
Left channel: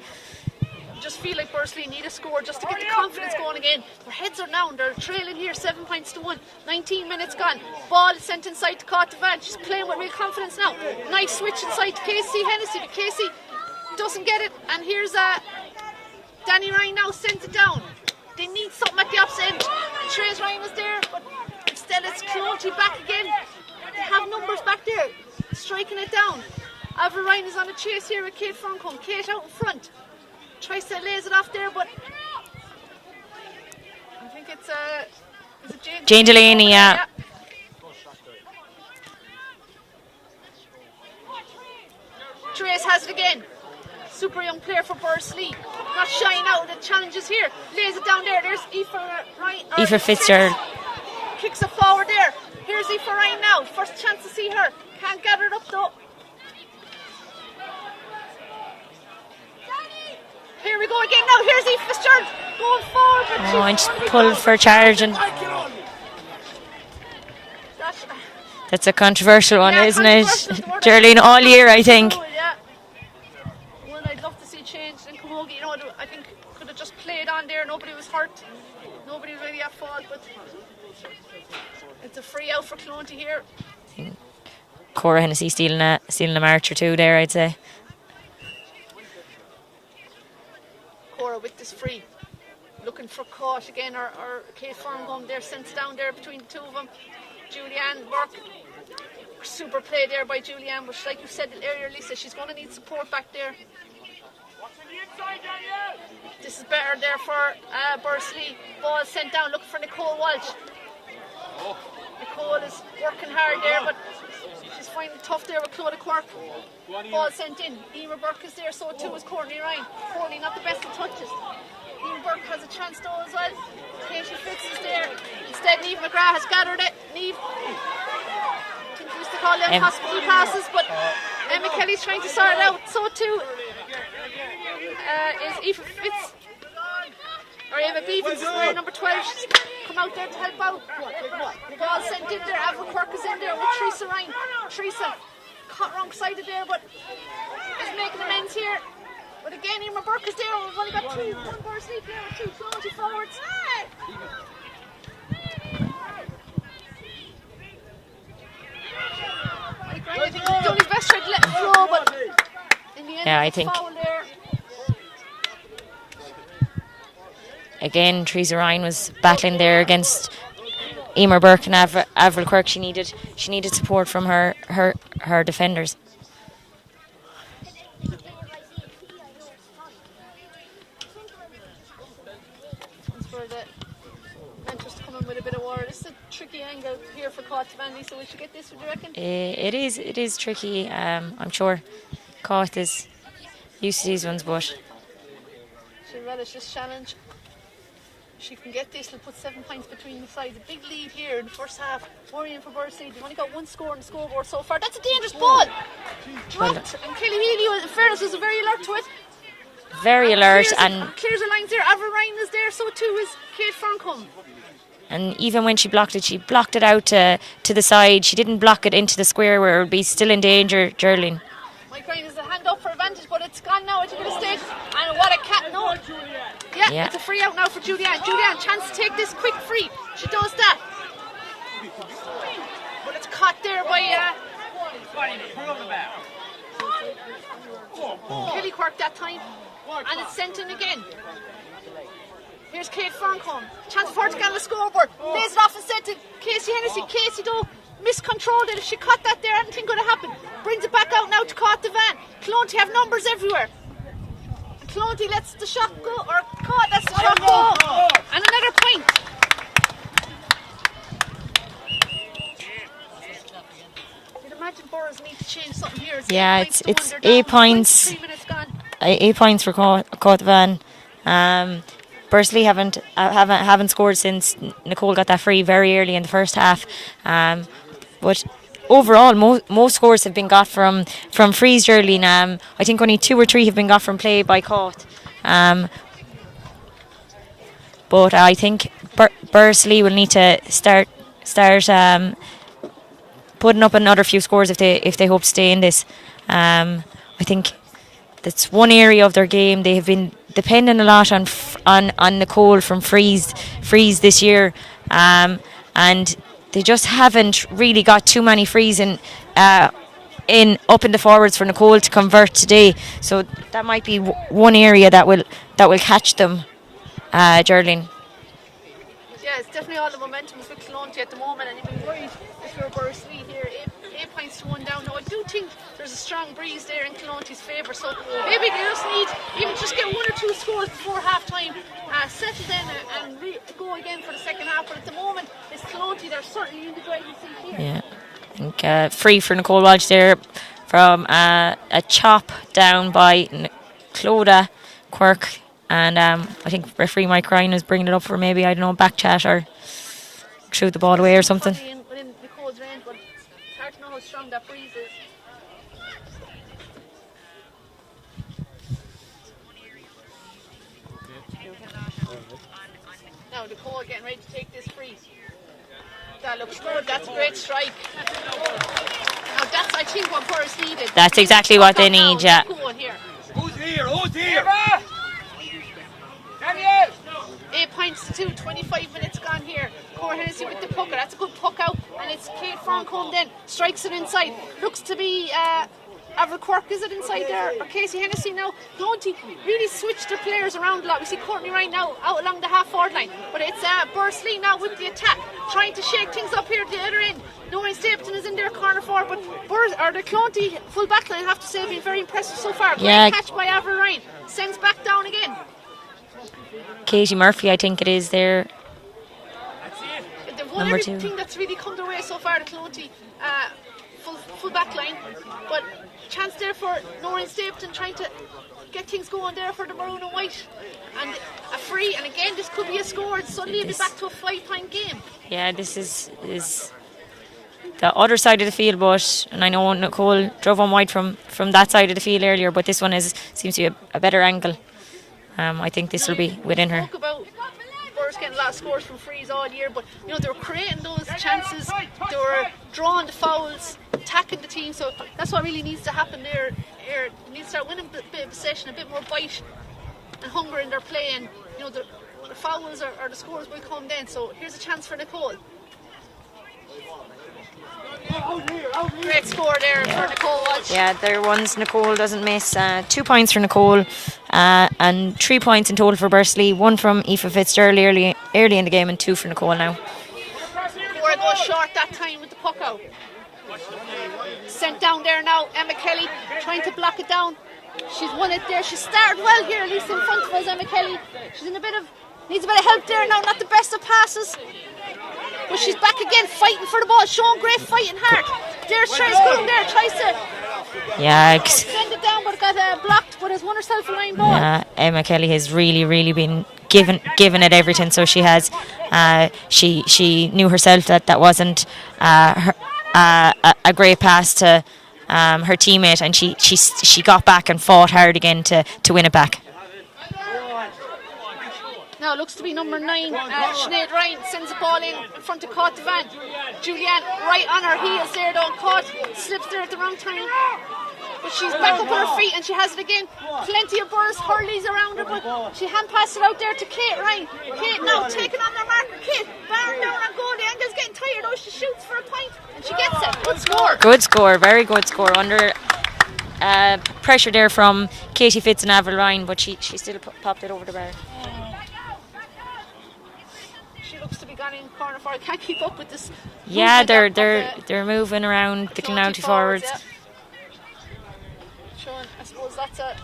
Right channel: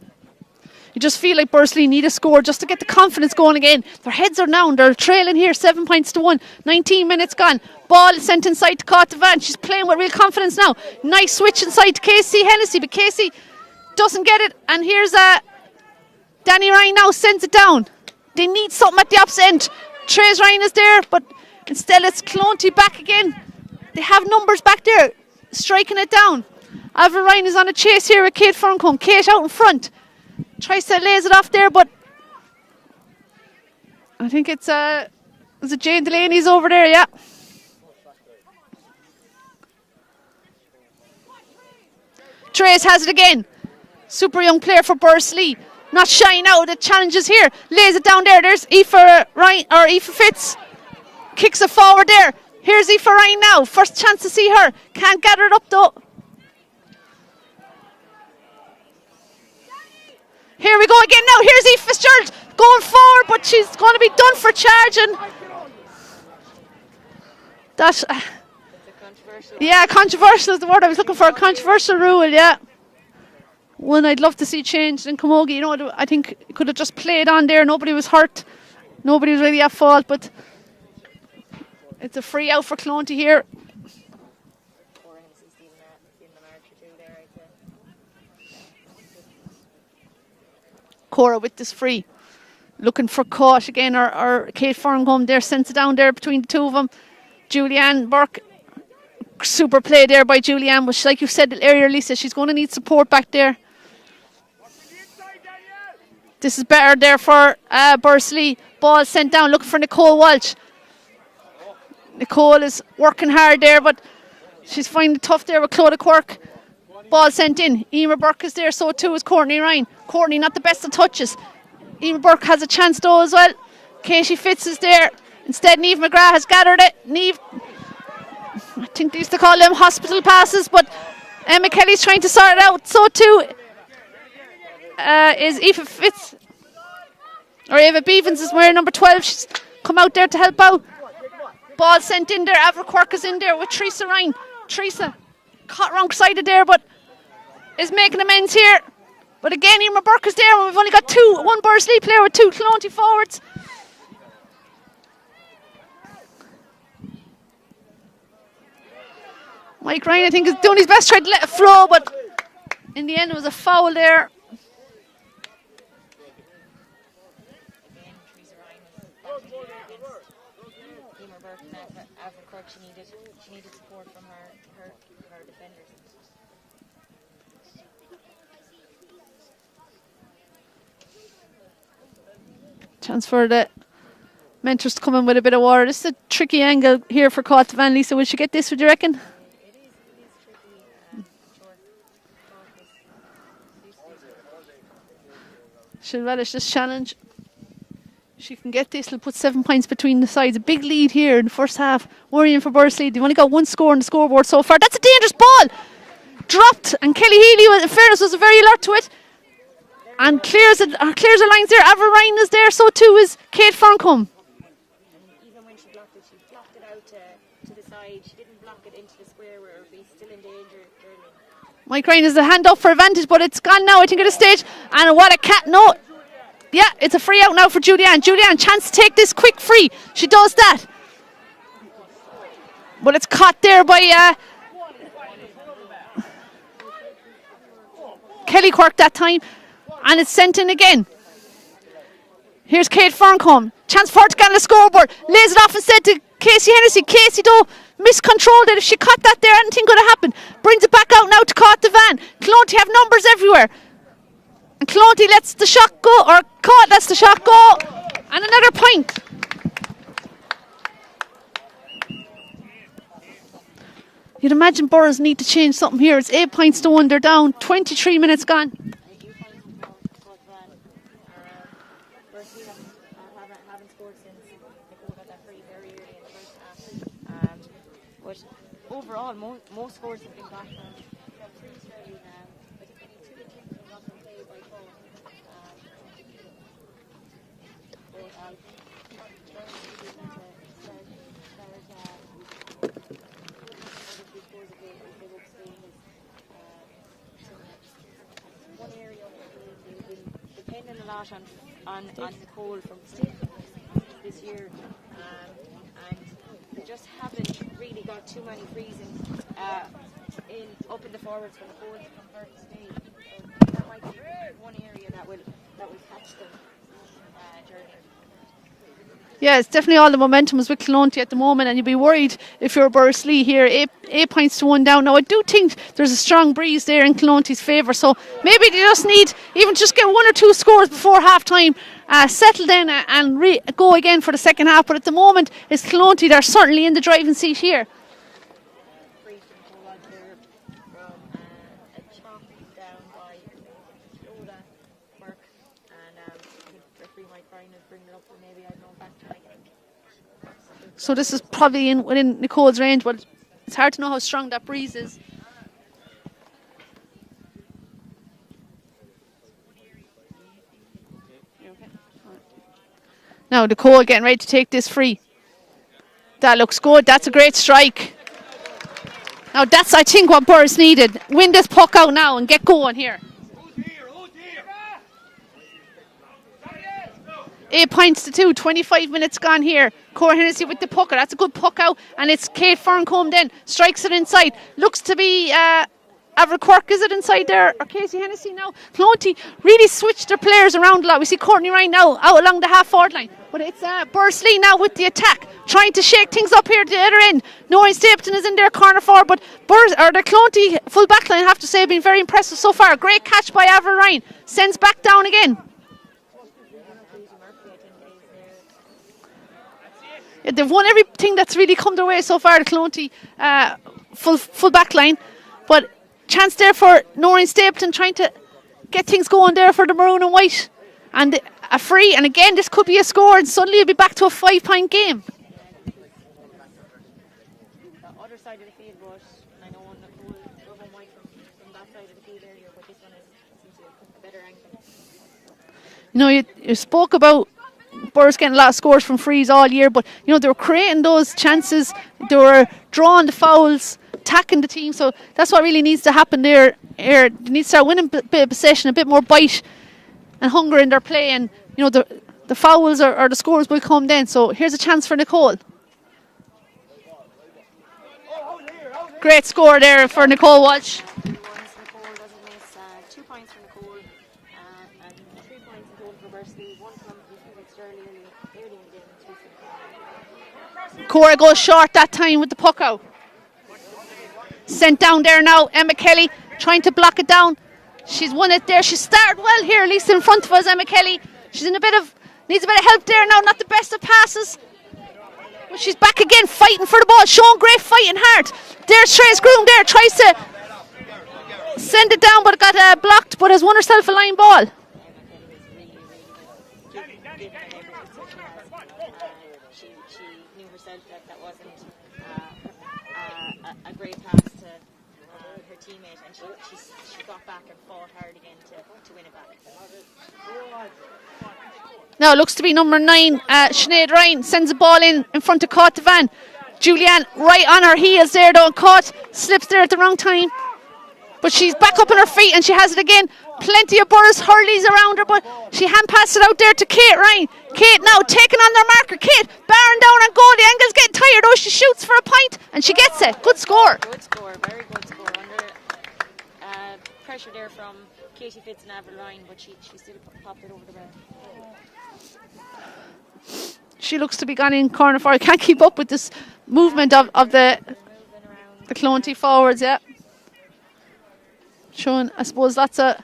You just feel like Bursley need a score just to get the confidence going again. Their heads are down. They're trailing here 7 points to 1. 19 minutes gone. Ball is sent inside to Cotavan. She's playing with real confidence now. Nice switch inside to Casey Hennessy, but Casey doesn't get it. And here's Danny Ryan now sends it down. They need something at the opposite end. Trace Ryan is there, but instead it's Clonty back again. They have numbers back there, striking it down. Avril Ryan is on a chase here with Kate Ferncombe. Kate out in front. Tries to lays it off there, but I think it's Jane Delaney over there, yeah. Trace has it again. Super young player for Bursley. Not shying out the challenges here. Lays it down there. There's Aoife Ryan, or Aoife Fitz. Kicks it forward there. Here's Aoife Ryan now. First chance to see her. Can't gather it up though. Here we go again now. Here's Aoife Fitzgerald going forward, but she's going to be done for charging. That's a controversial one, isn't controversial is the word I'm looking Geraldine, for. all year, I think. Rule, yeah. One I'd love to see changed in Camogie. You know, I think it could have just played on there. Nobody was hurt. Nobody was really at fault, but it's a free out for Clonty here. Cora Hennessy stealing a march or two there, I'd say. Cora with this free. Looking for Kosh again, or Kate Ferncombe there, sends it down there between the two of them. Julianne Burke. Super play there by Julianne, but like you said earlier, Lisa, she's going to need support back there. This is better there for Bursley. Ball sent down, looking for Nicole Walsh. Nicole is working hard there, but she's finding it tough there with Clodagh Quirk. Ball sent in. Emer Burke is there, so too is Courtney Ryan. Courtney not the best of touches. Emer Burke has a chance though as well. Katie Fitz is there. Instead, Niamh McGrath has gathered it. Niamh, I think they used to call them hospital passes, but Emma Kelly's trying to sort it out. So too is Aoife Fitz. Or Eva Beavens is wearing number 12. She's come out there to help out. Ball sent in there. Avril Quirk is in there with Teresa Ryan. Teresa caught wrong sided there, but is making amends here. But again, Emer Burke is there. We've only got one Bursley player with two Clonty forwards. Mike Ryan, I think, is doing his best trying to let it flow, but in the end, there's a foul there. Again, Teresa Ryan was battling there against Emer Burke and Avril Quirk. She needed support from her defenders. Chance for the mentors to come in with a bit of water. This is a tricky angle here for Caught Van. Lisa, will she get this, would you reckon? It is tricky. I'm sure Caught is used to these ones, but She'll relish this challenge. She can get this, it'll put 7 points between the sides. A big lead here in the first half. Worrying for Bursley. They've only got one score on the scoreboard so far. That's a dangerous ball! Dropped, and Kelly Healy, in fairness, was very alert to it. very alert. Clears the lines there. Avril Ryan is there, so too is Kate Farncombe. And even when she blocked it out to the side. She didn't block it into the square where it would be still in danger, Geraldine. Mike Ryan is the hand up for advantage, but it's gone now, I think, at this stage. And what a cat, no. Yeah, it's a free out now for Julianne. Julianne, chance to take this quick free. She does that. But it's caught there by Kelly Quirk that time. And it's sent in again. Here's Kate Farncombe. Chance for her to get on the scoreboard. Lays it off instead to Casey Hennessy. Casey, though, miscontrolled it. If she caught that there, anything could have happened. Brings it back out now to Caught the Van. Clonty have numbers everywhere. And Clonty lets the shot go, or Caught lets the shot go. And another point. You'd imagine Burrows need to change something here. It's 8 points to 1. They're down. 23 minutes gone. 8 points for Caught the Van. Bursley haven't scored since Nicole got that free very early in the first half. But overall, most scores have been got from frees, Geraldine. I think only 2 or 3 have been got from play by Caught. But I think Bursley will need to start putting up another few scores if they hope to stay in this. I think that's one area of their game. They have been depending a lot on Nicole from frees this year, and they just haven't really got too many frees in up in the forwards for Nicole to convert today. So that might be one area that will catch them, Geraldine. Yeah, it's definitely all the momentum is with Clonty at the moment, and you'd be worried if you're Bursley here. 8 points to 1 down. Now, I do think there's a strong breeze there in Clonty's favour, so maybe they just need even just get 1 or 2 scores before half time, settle in and go again for the second half. But at the moment, it's Clonty. They're certainly in the driving seat here. Yeah. I think free for Nicole Walsh there from a chop down by Clodagh Quirk. And I think referee Mike Ryan is bringing it up for maybe, I don't know, back chat or shoot the ball away or something. Probably within Nicole's range, but it's hard to know how strong that breeze is. Now Nicole getting ready to take this free. That looks good. That's a great strike. Now that's, I think, what Burrs needed. That's Win exactly this puck what they out now need, and get going here. Who's here? 8 points to 2, 25 minutes gone here. Cora Hennessy with the puck. That's a good puck out. And it's Kate Farncombe then. Strikes it inside. Looks to be Avril Quirk, is it inside there? Or Casey Hennessy now. Clonty really switched their players around a lot. We see Courtney Ryan now out along the half-forward line. But it's Bursley now with the attack. Trying to shake things up here at the other end. Noreen Stapleton is in their corner forward. But the Clonty full back line, I have to say, have been very impressive so far. Great catch by Avril Ryan. Sends back down again. Katie Murphy, I think it is there. They've won everything that's really come their way so far, the Clonty full back line. But chance there for Noreen Stapleton trying to get things going there for the maroon and white. And a free, and again, this could be a score, and suddenly it'll be back to a 5-point game. Yeah, this is the other side of the field, and I know Nicole drove on wide from that side of the field earlier, but this one seems to be a better angle. I think this will be within her. We spoke about Burrs getting a lot of scores from frees all year, but they were creating those chances. They were drawing the fouls, attacking the team. So that's what really needs to happen there. They need to start winning a bit of possession, a bit more bite and hunger in their play. And the fouls or the scores will come then. So here's a chance for Nicole. Great score there for Nicole Walsh. Yeah, there are ones Nicole doesn't miss. 2 points for Nicole and 3 points in total for Bursley. 1 from Aoife Fitzgerald early in the game and 2 for Nicole now. Cora goes short that time with the puck out. Sent down there now, Emma Kelly trying to block it down. She's won it there. She started well here, at least in front of us, Emma Kelly. She's needs a bit of help there now, not the best of passes. But she's back again, fighting for the ball, showing great fighting heart. There's Trace Groom there, tries to send it down, but it got blocked, but has won herself a line ball. Emma Kelly has really been given it everything, so she has. She knew herself that wasn't a great pass to her teammate, and she got back and fought hard again to win it back. Now it looks to be number 9, Sinead Ryan sends the ball in front of Caught Devan. Julianne right on her heels there though, and Caught slips there at the wrong time. But she's back up on her feet and she has it again. Plenty of Burris hurleys around her, but she hand passed it out there to Kate Ryan. Kate now taking on their marker. Kate bearing down on goal. The angle's getting tired though. She shoots for a point and she gets it. Good score. Good score, very good score. Under pressure there from Katie Fitz and Avril Ryan, but she still popped it over the bar. She looks to be gone in corner forward. Can't keep up with this movement of they're moving around, the picking out Clonty forwards. Yeah. Showing, I suppose, lots of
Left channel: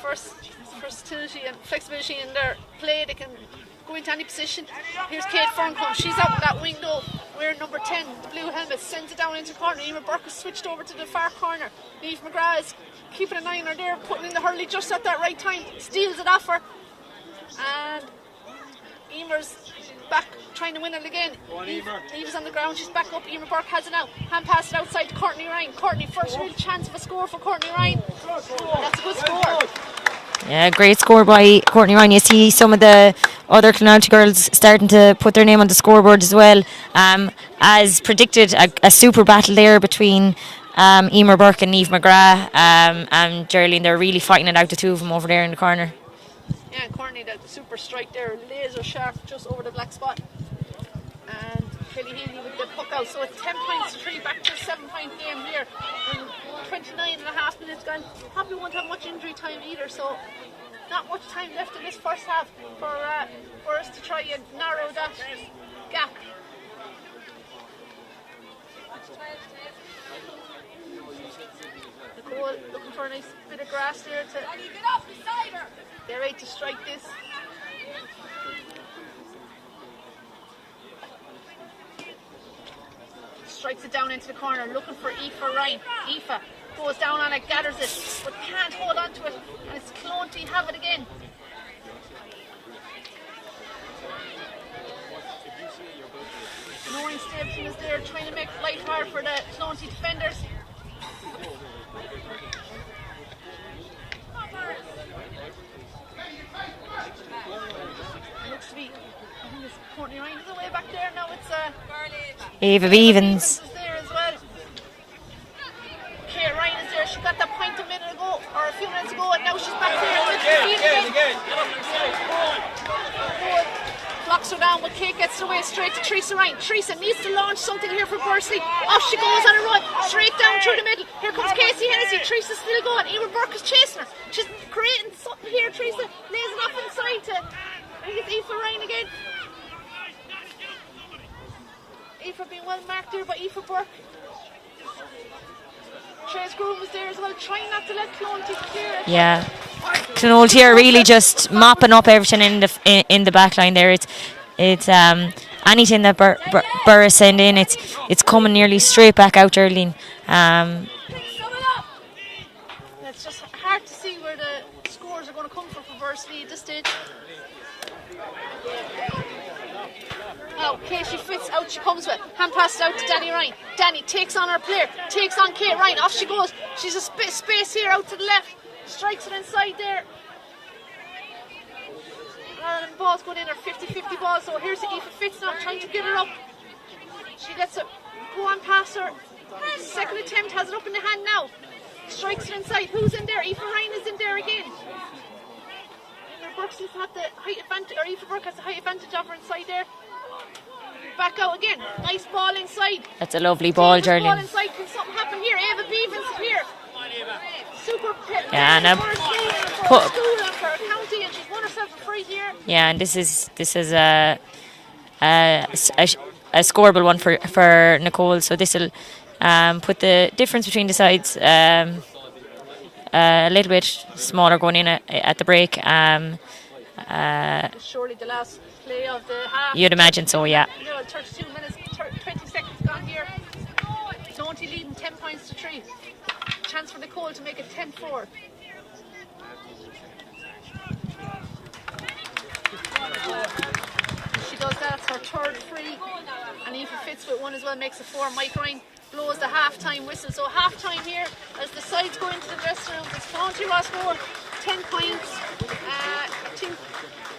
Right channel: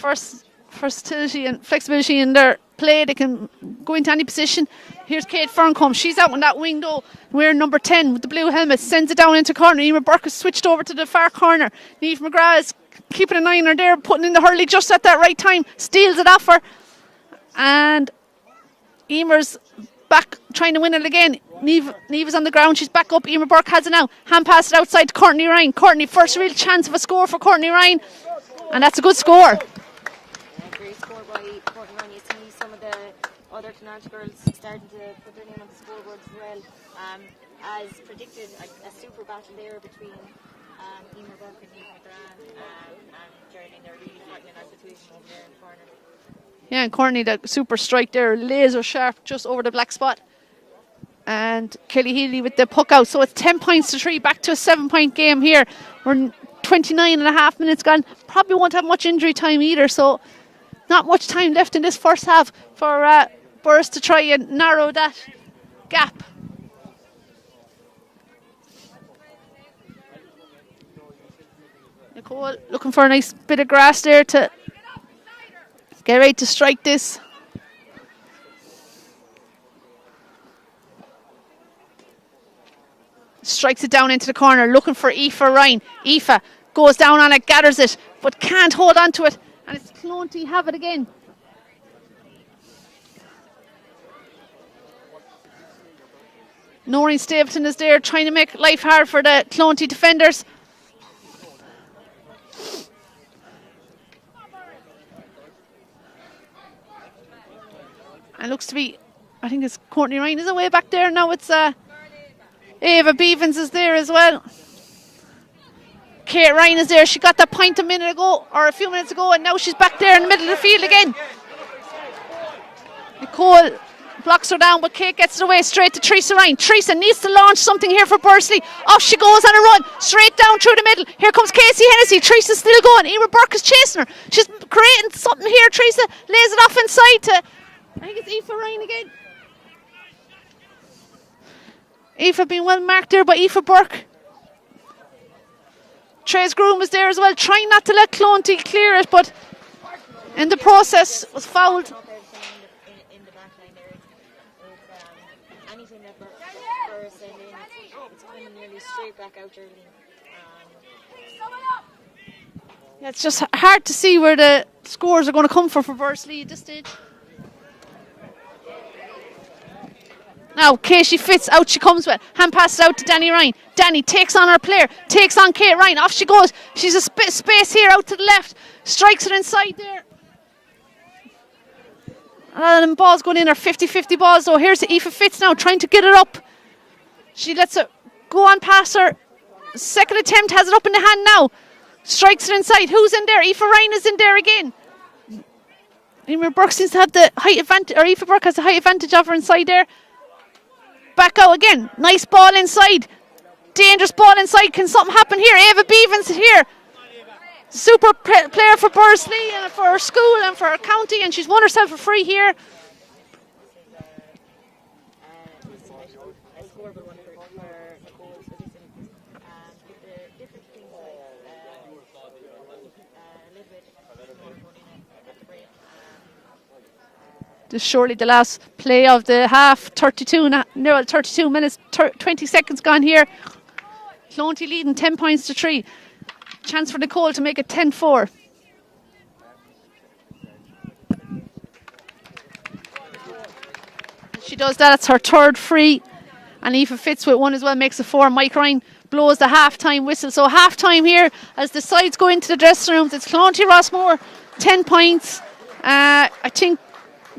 versatility and flexibility in their play. They can go into any position. Here's Kate Ferncombe. She's out on that wing though. Wearing number 10 with the blue helmet. Sends it down into corner. Emer Burke has switched over to the far corner. Niamh McGrath is keeping an eye on her there, putting in the hurley just at that right time. Steals it off her. And Emer's back trying to win it again. Niamh is on the ground. She's back up. Emer Burke has it now. Hand pass it outside to Courtney Ryan. Courtney, first real chance of a score for Courtney Ryan. And that's a good score. Yeah, great score by Courtney Ryan. You see some of the other Clonalty girls starting to put their name on the scoreboard as well. As predicted, a super battle there between Emer Burke and Niamh McGrath and Geraldine. They're really fighting it out, the two of them over there in the corner. Yeah, and Courtney, that super strike there, laser sharp just over the black spot. And Kelly Healy with the puck out. So it's 10 points to 3, back to a 7-point game here. We're 29 and a half minutes gone. Probably won't have much injury time either, so not much time left in this first half for Burris to try and narrow that gap. Nicole looking for a nice bit of grass there to get ready to strike this. Strikes it down into the corner, looking for Aoife Ryan. Aoife goes down on it, gathers it, but can't hold on to it. And it's Clonty have it again. Noreen Stapleton is there trying to make life hard for the Clonty defenders. And looks to be, I think it's Courtney Ryan is away back there. Now it's Ava Beavens is there as well. Kate Ryan is there. She got that point a minute ago, or a few minutes ago, and now she's back there in the middle of the field again. Nicole blocks her down, but Kate gets it away straight to Teresa Ryan. Teresa needs to launch something here for Bursley. Off she goes on a run, straight down through the middle. Here comes Casey Hennessy. Teresa's still going. Emer Burke is chasing her. She's creating something here. Teresa lays it off inside to, I think it's Aoife Ryan again. Aoife being well marked there by Aoife Burke. Trace Groom is there as well, trying not to let Clonty clear it. Yeah, Clonty are really just mopping up everything in the back line there. It's anything that Burris send in, it's coming nearly straight back out, Geraldine. It's just hard to see where the scores are going to come from for Bursley at this stage. Now Katie Fitz, out she comes with, hand passes out to Danny Ryan. Danny takes on her player, takes on Kate Ryan, off she goes. She's a space here out to the left, strikes it inside there. And balls going in, her 50-50 balls though. Here's Aoife Fitz now trying to get it up. She lets it go on past her. Second attempt, has it up in the hand now. Strikes it inside. Who's in there? Aoife Ryan is in there again. Emer Burke seems to have the height advantage, or Aoife Burke has the height advantage of her inside there. Back out again. Nice ball inside. That's a lovely ball. Dangerous ball inside. Can something happen here? Ava Beavens here. Super player for Bursley and for her school and for her county, and she's won herself a free here. Yeah, and this is a a scoreable one for Nicole. So this will put the difference between the sides a little bit smaller going in at the break. This is surely the last play of the half. You'd imagine so, yeah. No, 32 minutes, 20 seconds gone here. Clonty leading 10 points to 3. Chance for Nicole to make it 10-4. She does that. It's her third free. And Aoife Fitz with one as well makes it 4. Mike Ryan blows the half-time whistle. So half-time here as the sides go into the dressing rooms. It's Clonty Rossmore, 10 points. I think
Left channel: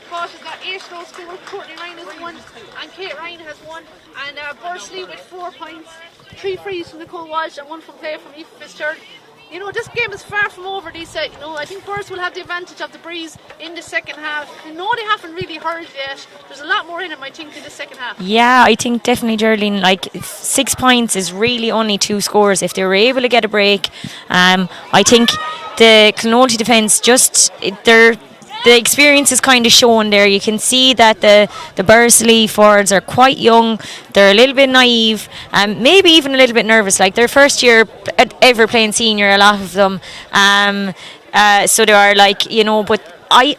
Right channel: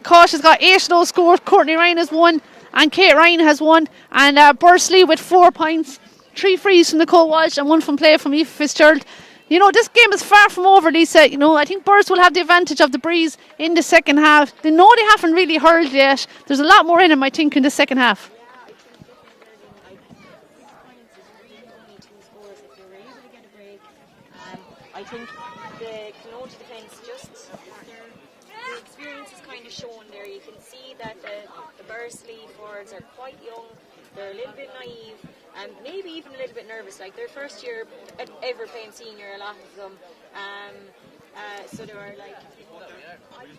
Kosh has got 8 of those scores. Courtney Ryan has 1 and Kate Ryan has 1. And Bursley with 4 points. 3 frees from Nicole Walsh and 1 from play from Aoife Fitzgerald. You know, this game is far from over, Lisa. You know, I think Burrs will have the advantage of the breeze in the second half. They know they haven't really hurled yet. There's a lot more in them, I think, in the second half. Yeah, I think definitely, Geraldine, like 6 points is really only 2 scores. If they were able to get a break, I think the Clonty defence the experience is kind of shown there. You can see that the Bursley forwards are quite young. They're a little bit naive and maybe even a little bit nervous. Like their first year ever playing senior, a lot of them. So they are like, you know, but I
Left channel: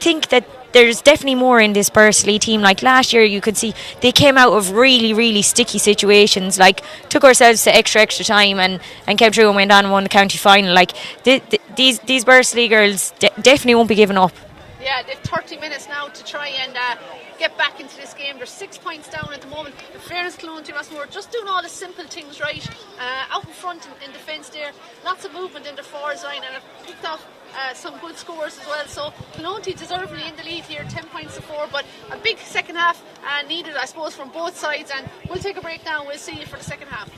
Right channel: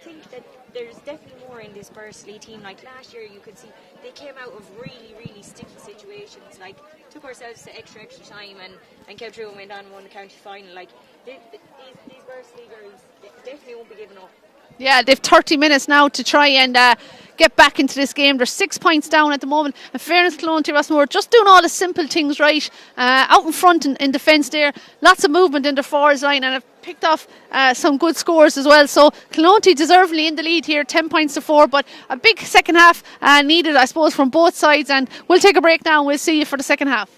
think that there's definitely more in this Bursley team. Like last year, you could see they came out of really, really sticky situations. Like took ourselves to extra time and came through and went on and won the county final. Like these Bursley girls definitely won't be giving up. Yeah, they've 30 minutes now to try and get back into this game. They're 6 points down at the moment. In fairness, Clonty Rossmore just doing all the simple things right. Out in front in defence there. Lots of movement in the forwards line and have picked off some good scores as well. So Clonty deservedly in the lead here, 10 points to 4. But a big second half needed, I suppose, from both sides. And we'll take a break now and we'll see you for the second half.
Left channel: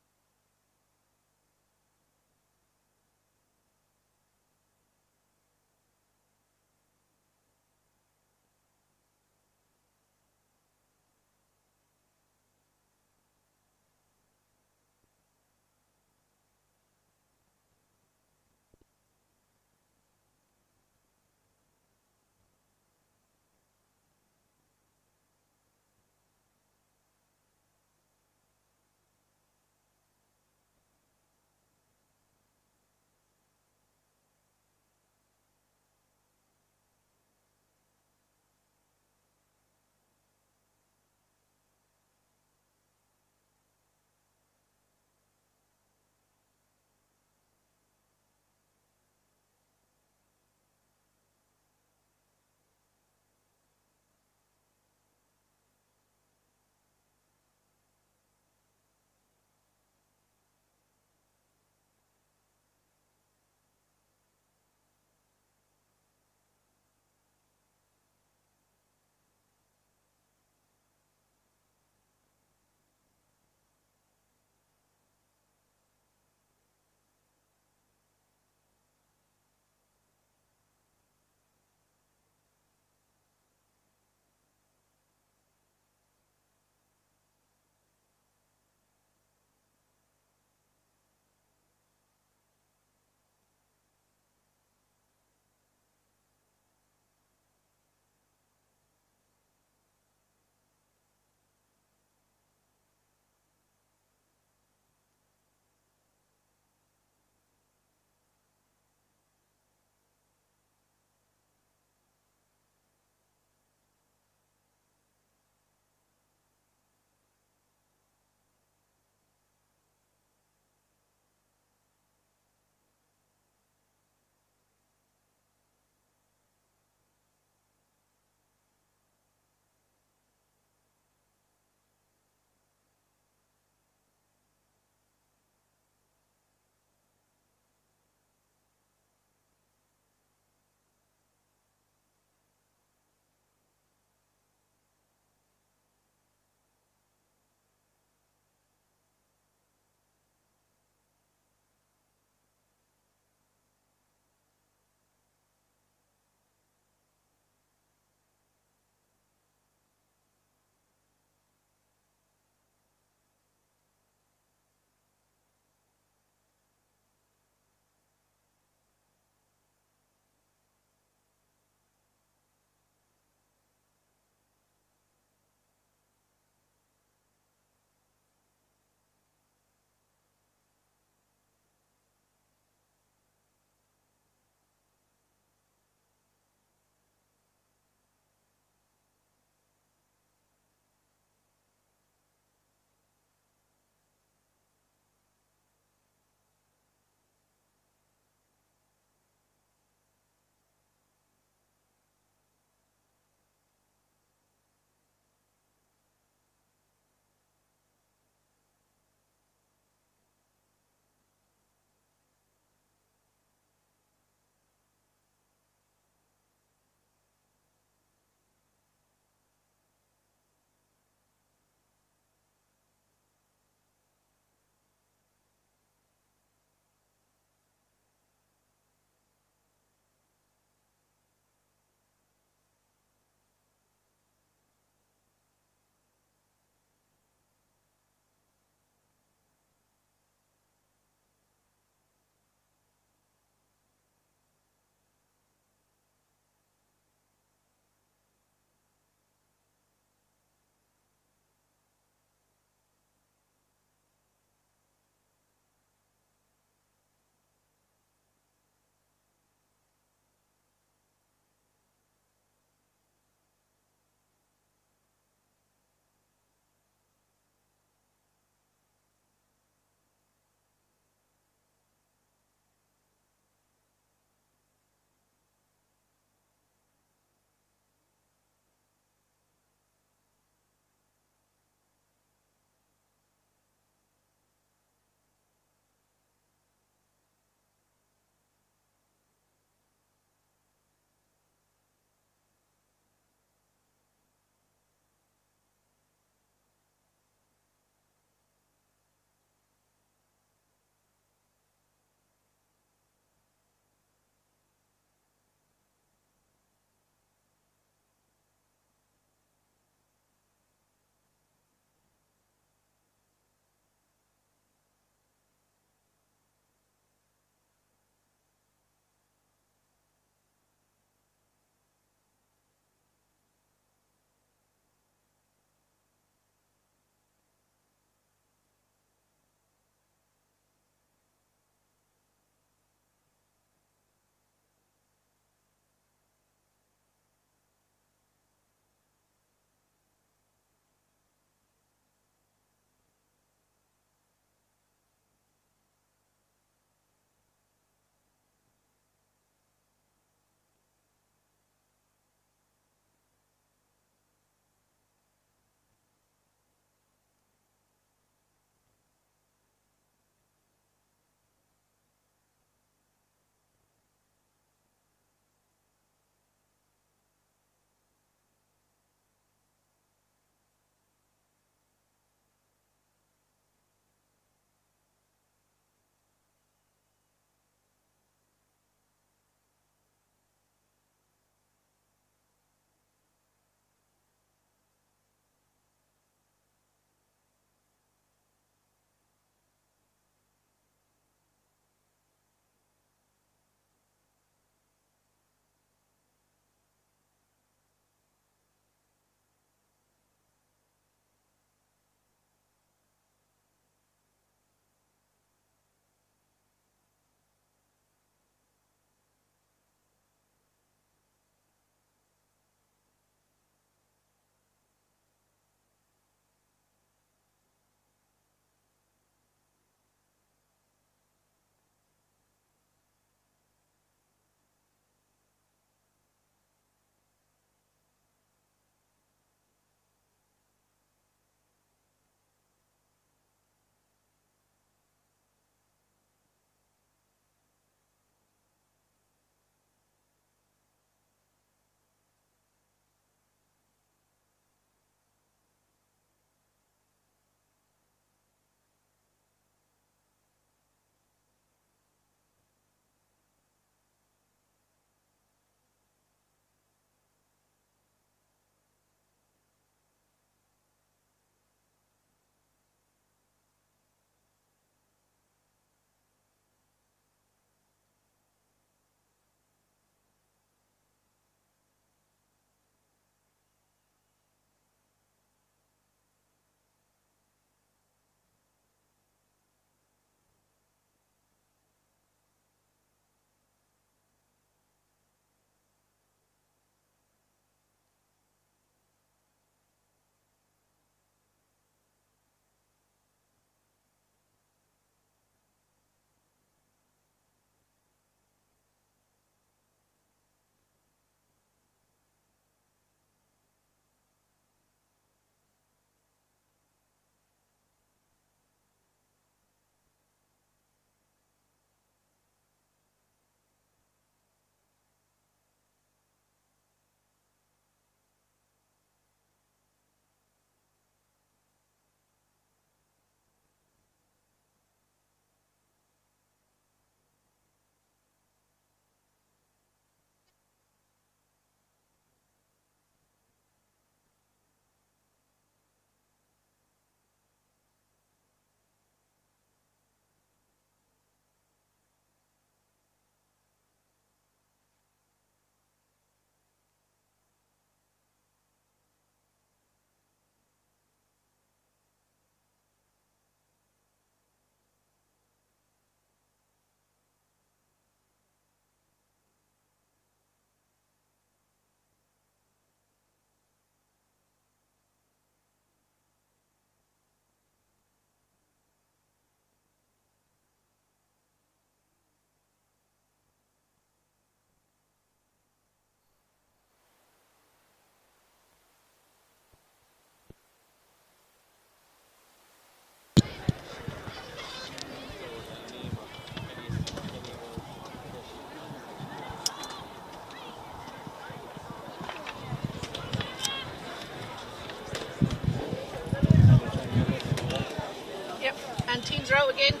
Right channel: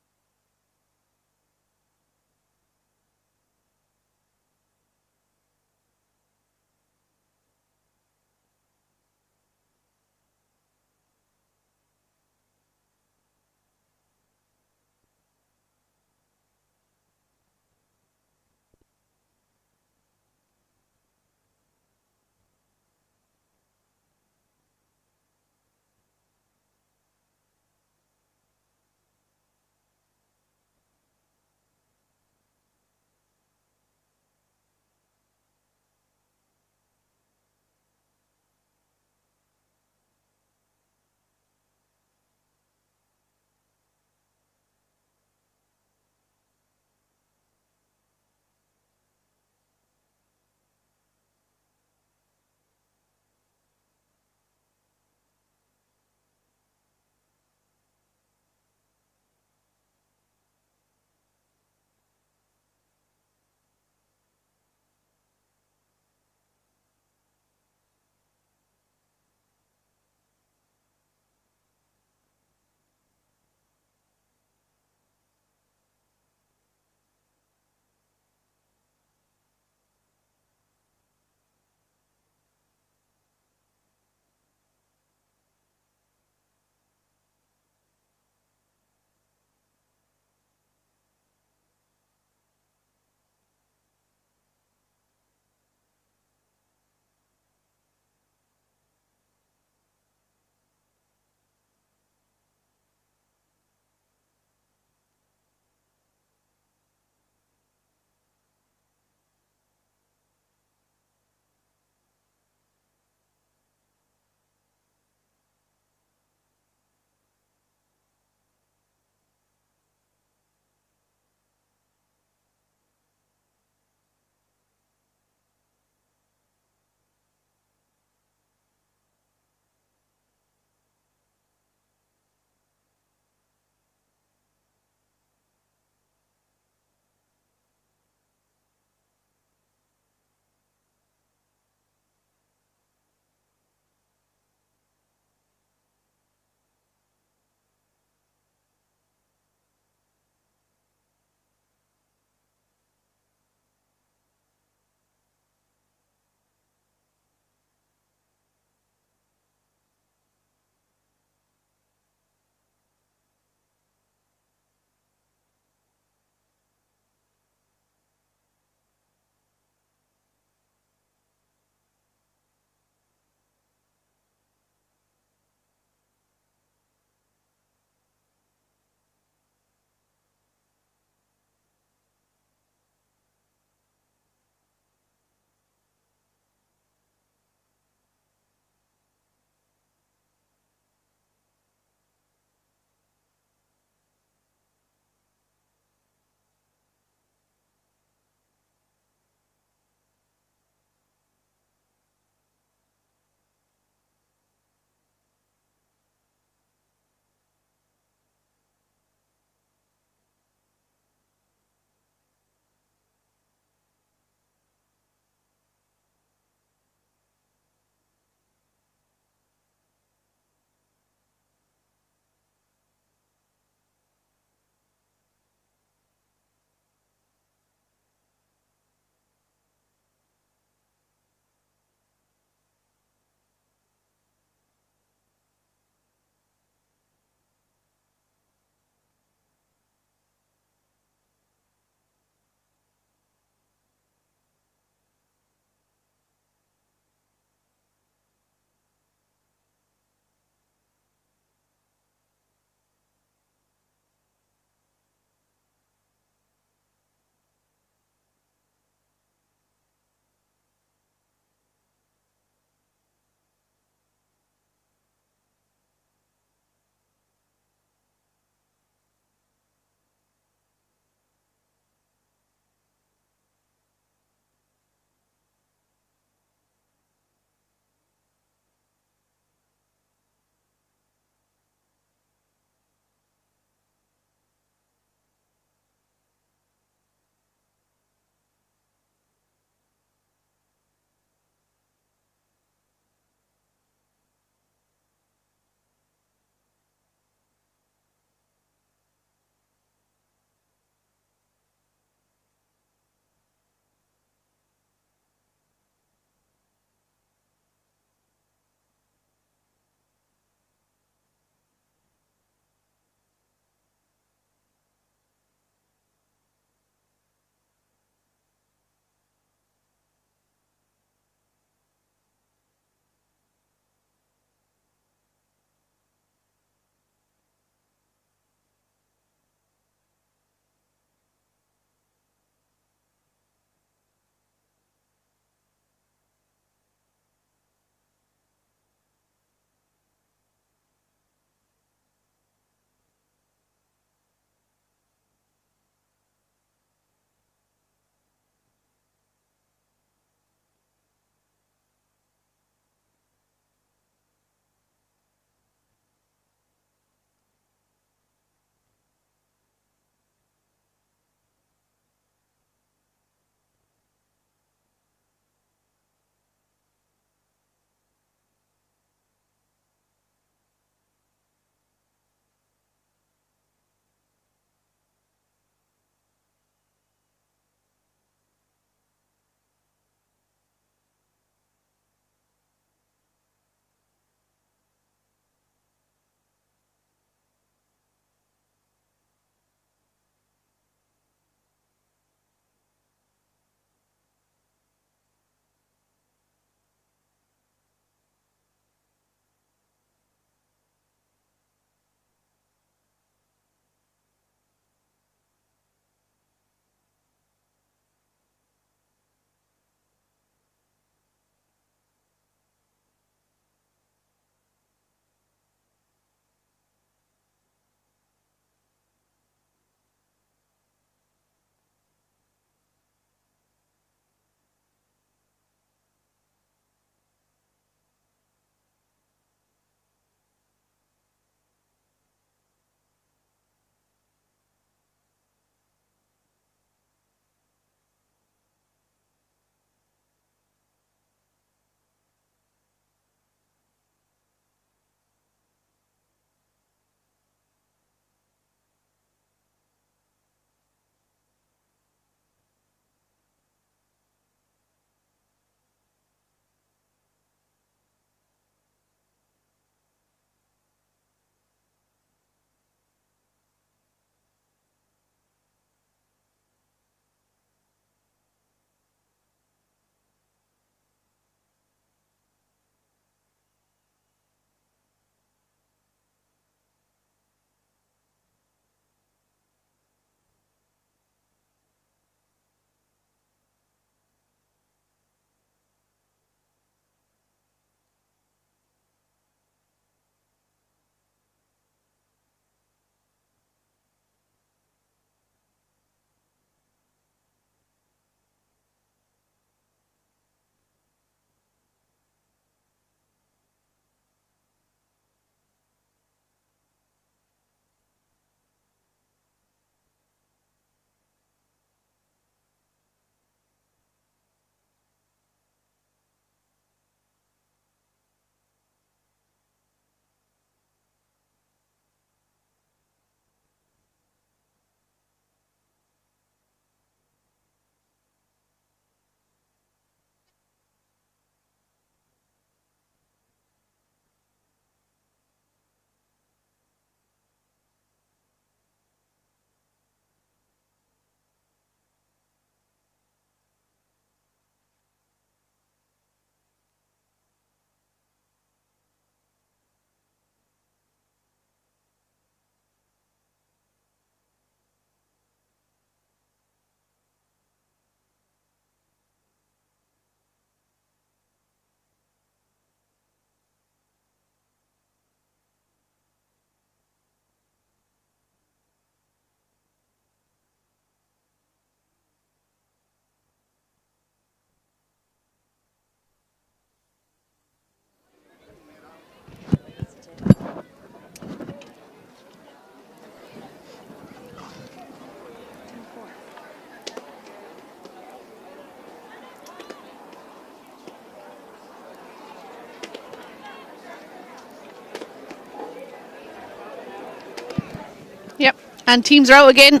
And teams are out again.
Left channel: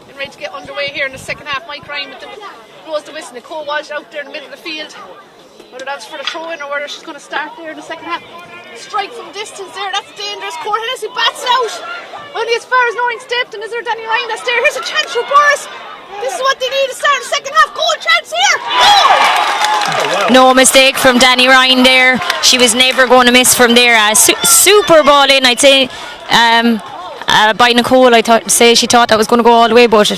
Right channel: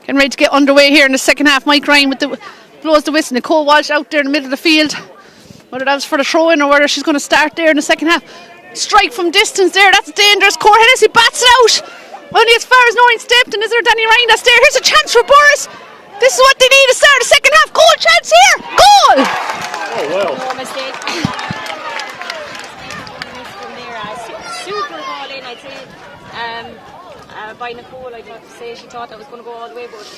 Getting ready to get underway here in the second half. Mike Ryan blows the whistle. Nicole Walsh out there in the middle of the field. Whether that's for the throw-in or whether she's going to start there in the second half. Strike from distance there. That's dangerous. Cor Hennessy bats it out. Only as far as Noreen Stepton. Is there Danny Ryan that's there? Here's a chance for Boris. This is what they need to start the second half. Goal chance here. Goal! No mistake from Danny Ryan there. She was never going to miss from there. Super ball in, I'd say. By Nicole, she thought that was going to go all the way, but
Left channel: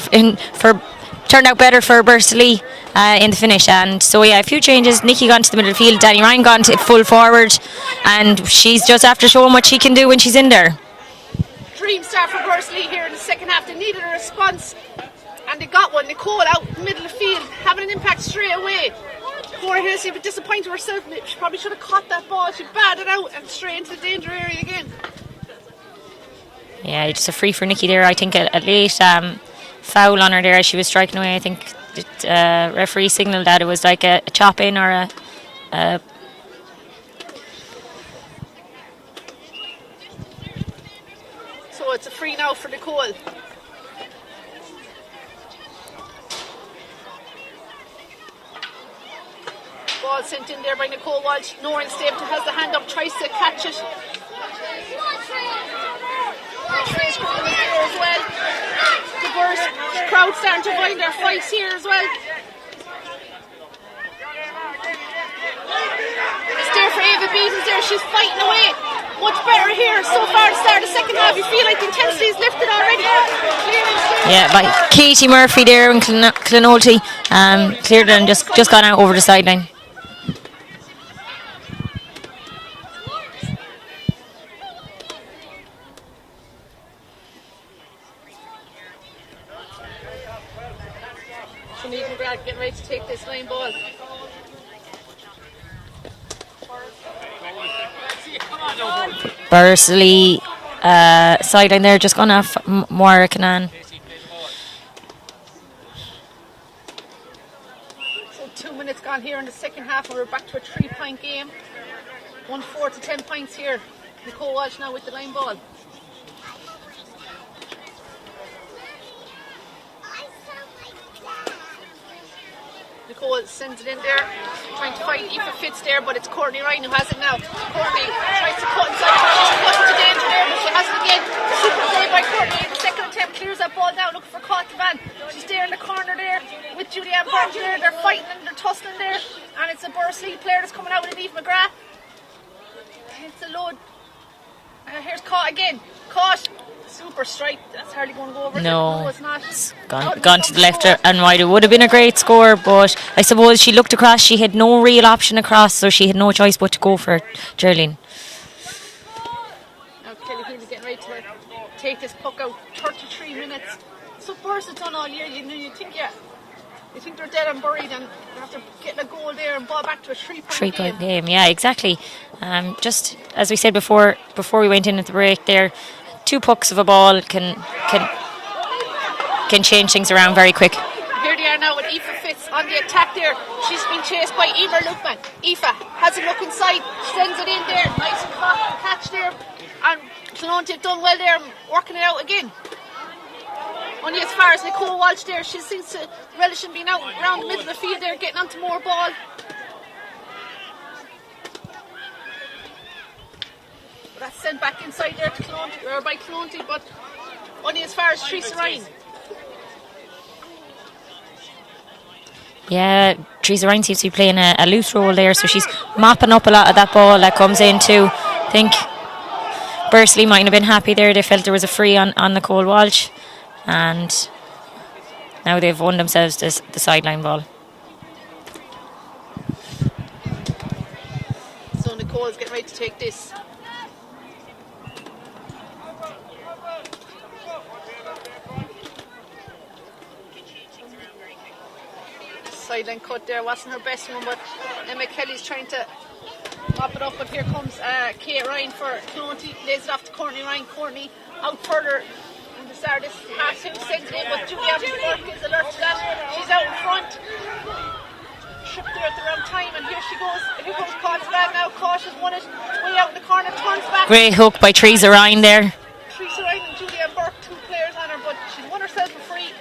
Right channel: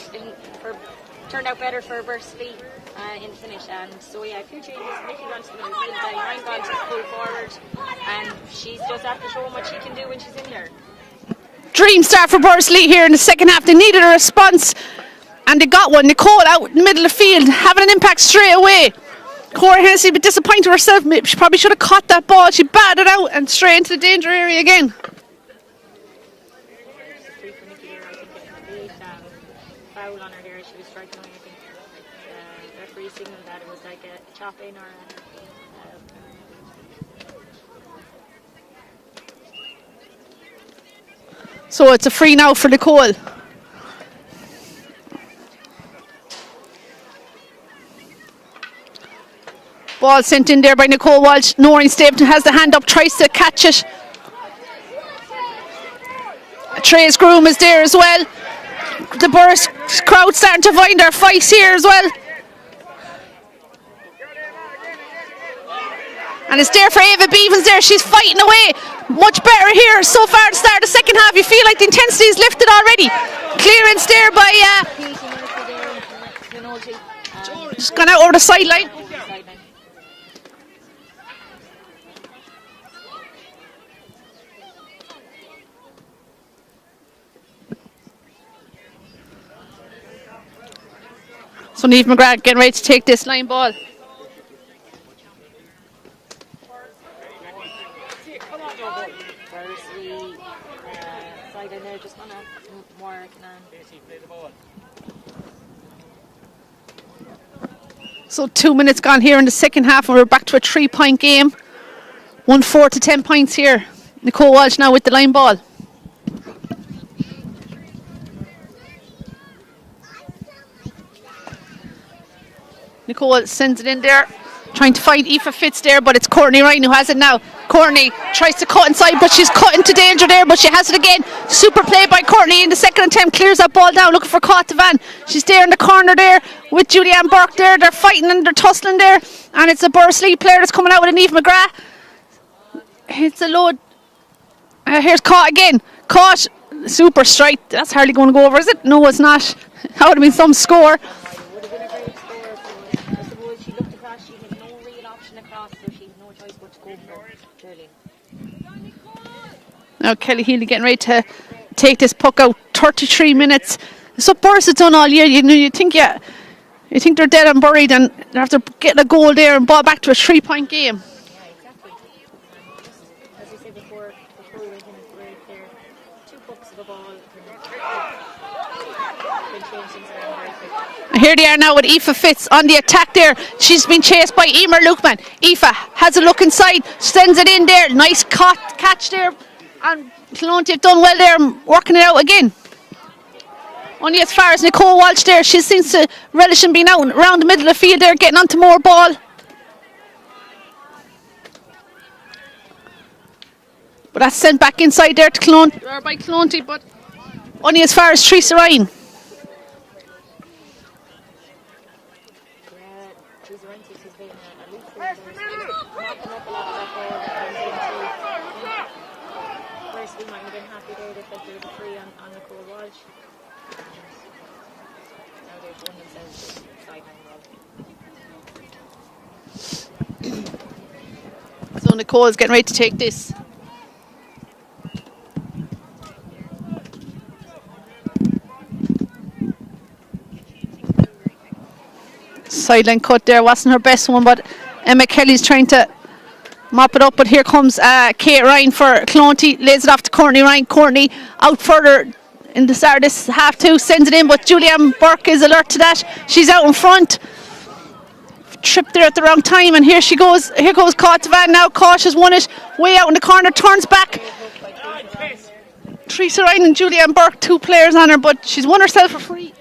turned out better for Bursley in the finish. And so yeah, a few changes. Nikki gone to the middle of the field, Danny Ryan gone to full forward, and she's just after showing what she can do when she's in there. Dream start for Bursley here in the second half. They needed a response, and they got one. Nicole out in the middle of the field, having an impact straight away. Cora Hennessy a bit disappointed herself. She probably should have caught that ball. She batted out and straight into the danger area again. Yeah, just a free for Nikki there. I think a late foul on her there as she was striking away. I think the referee signalled that it was like a chop in or a So it's a free now for Nicole. Ball sent in there by Nicole Walsh. Noreen Stapleton has the hand up, tries to catch it. Trace Groom is there as well. The Burst crowd starting to find their fights here as well. And it's there for Ava Beavens there. She's fighting away. Much better here so far at the start of the second half. You feel like the intensity is lifted already. Clearance there by Katie Murphy there and Clonolty. Just gone out over the sideline. So Niamh McGrath getting ready to take this line ball. Bursley sideline there, just gone off Moira Canan. So 2 minutes gone here in the second half, and we're back to a 3-point game. 1-4 to 10 points here. Nicole Walsh now with the line ball. Nicole sends it in there, trying to find Aoife Fitz there, but it's Courtney Ryan who has it now. Courtney tries to cut inside, but she's cut into danger there, but she has it again. Super play by Courtney in the second attempt, clears that ball down, looking for Van. She's there in the corner there with Julianne Burke there. They're fighting and they're tussling there, and it's a Bursley player that's coming out with a Niamh McGrath. It's a load. Here's Caught again. Caught. Super strike. That's hardly going to go over, is it? No, it's not. That would have been some score. And right, it would have been a great score, but I suppose she looked across. She had no real option across, so she had no choice but to go for it, Geraldine. Now Kelly Healy getting ready to take this puck out. 33 minutes. It's what Burrs has done all year. You think they're dead and buried, and after getting a goal there and ball back to a 3-point game. Yeah, exactly. Just as we said before we went in at the break there, 2 pucks of a ball can change things around very quick. And here they are now with Aoife Fitz on the attack there. She's been chased by Emer Lukeman. Aoife has a look inside, sends it in there. Nice catch there. And Clonty have done well there, working it out again. Only as far as Nicole Walsh there. She seems to relish in being out around the middle of the field there, getting onto more ball. But that's sent back inside there to by Clonty, but only as far as Teresa Ryan. Yeah, Teresa Ryan seems to be playing a loose role there, so she's mopping up a lot of that ball that comes in too. I think Bursley might have been happy there. They felt there was a free on Nicole Walsh, and now they've won themselves the sideline ball. So Nicole's getting ready to take this. Sideline cut there, wasn't her best one, but Emma Kelly's trying to mop it up, but here comes Kate Ryan for Clonty, lays it off to Courtney Ryan. Courtney out further in the start of this half two, sends it in, but Julianne Burke is alert to that. She's out in front, tripped there at the wrong time, and here goes Van now. Cautious won it way out in the corner, turns back. Great hook by Teresa Ryan there. Teresa Ryan and Julianne Burke, 2 players on her, but she's won herself a free.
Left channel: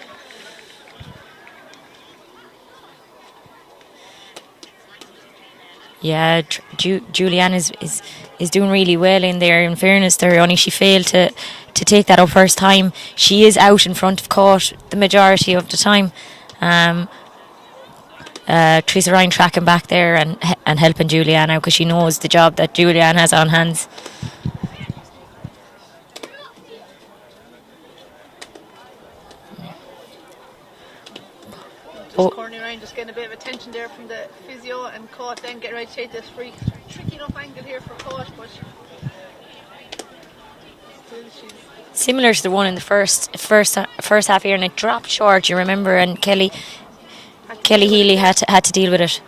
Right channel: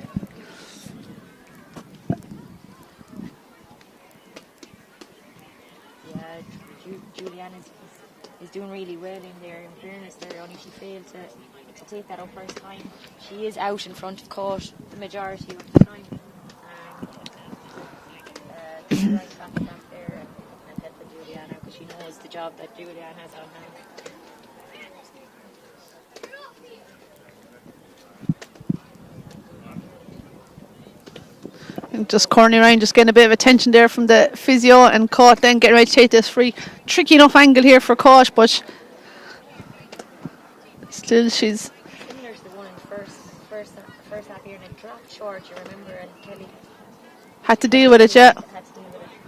Yeah, Julianne is doing really well in there. In fairness, there only she failed to take that up first time. She is out in front of court the majority of the time. Teresa Ryan tracking back there and helping Julianne out because she knows the job that Julianne has on hands. Just Courtney Ryan just getting a bit of attention there from the physio, and Caught then getting ready to take this free. Tricky enough angle here for Caught, but still she's similar to the one in the first half here, and it dropped short, you remember, and Kelly deal with it, Healy yeah. had to deal with it.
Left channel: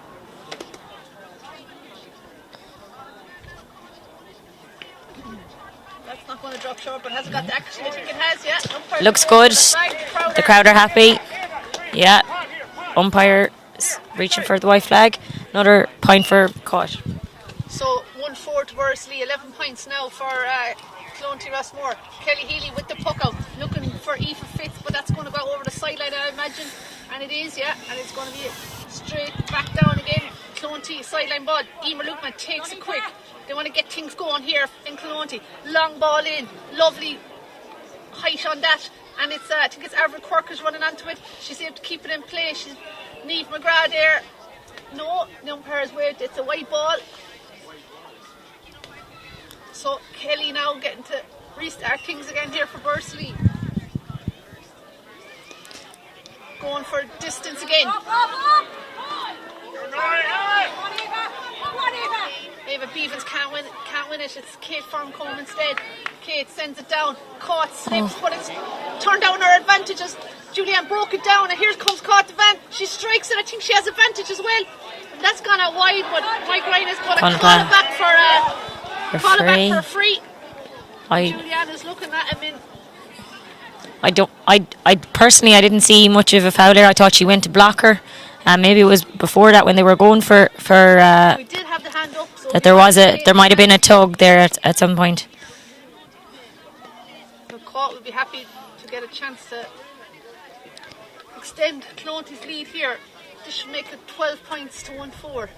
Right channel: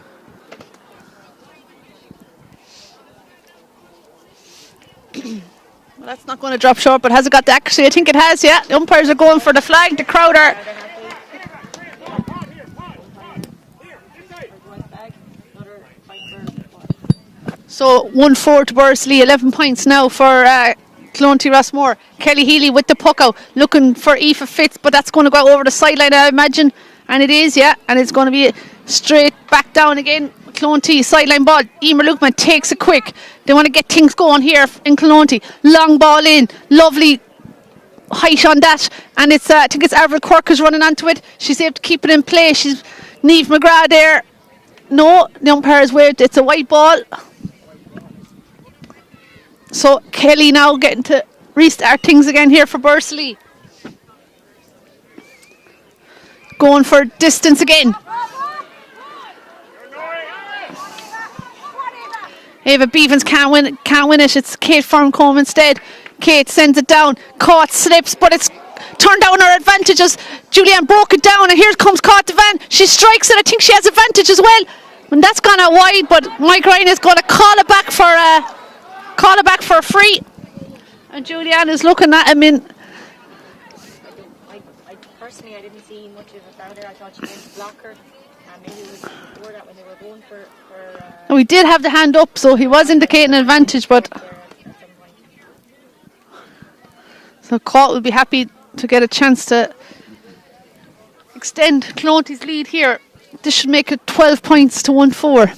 That's not going to drop short, but has it got the accuracy? I think it has, yeah. The umpires Looks are going good. for the flag. The crowd The are crowd are happy. Yeah. Umpire reaching for the white flag. Another point for Caught. So 1-4 to Bursley, 11 points now for Clonty Rossmore. Kelly Healy with the puck out, looking for Aoife Fitz, but that's going to go over the sideline, I imagine. And it is, yeah, and it's going to be straight back down again. Clonty, sideline ball. Emer Lukeman takes it quick. They want to get things going here in Clonty. Long ball in, lovely height on that, and it's I think it's Avril Quirk who's running onto it. She's able to keep it in play. She's Niamh McGrath there. No, the umpire has waved. It's a white ball. So Kelly now getting to restart things again here for Bursley. Going for distance again. Ava Beavens can't win it. It's Kate Farncombe instead. Kate sends it down. Caught slips, but it's turned down her advantages. Julianne broke it down, and here comes Caught Devan. She strikes it. I think she has advantage as well. And that's gone out wide, but Mike Ryan is going to call it back for a free. Julianne is looking at him. I personally didn't see much of a foul there. I thought she went to block her. Maybe it was before that when they were going for. We did have the hand up, so he there was indicating there might have been a advantage, tug there at some point. So Caught will be happy to get a chance to extend Clonty's lead here. This should make it 12 points to 1-4.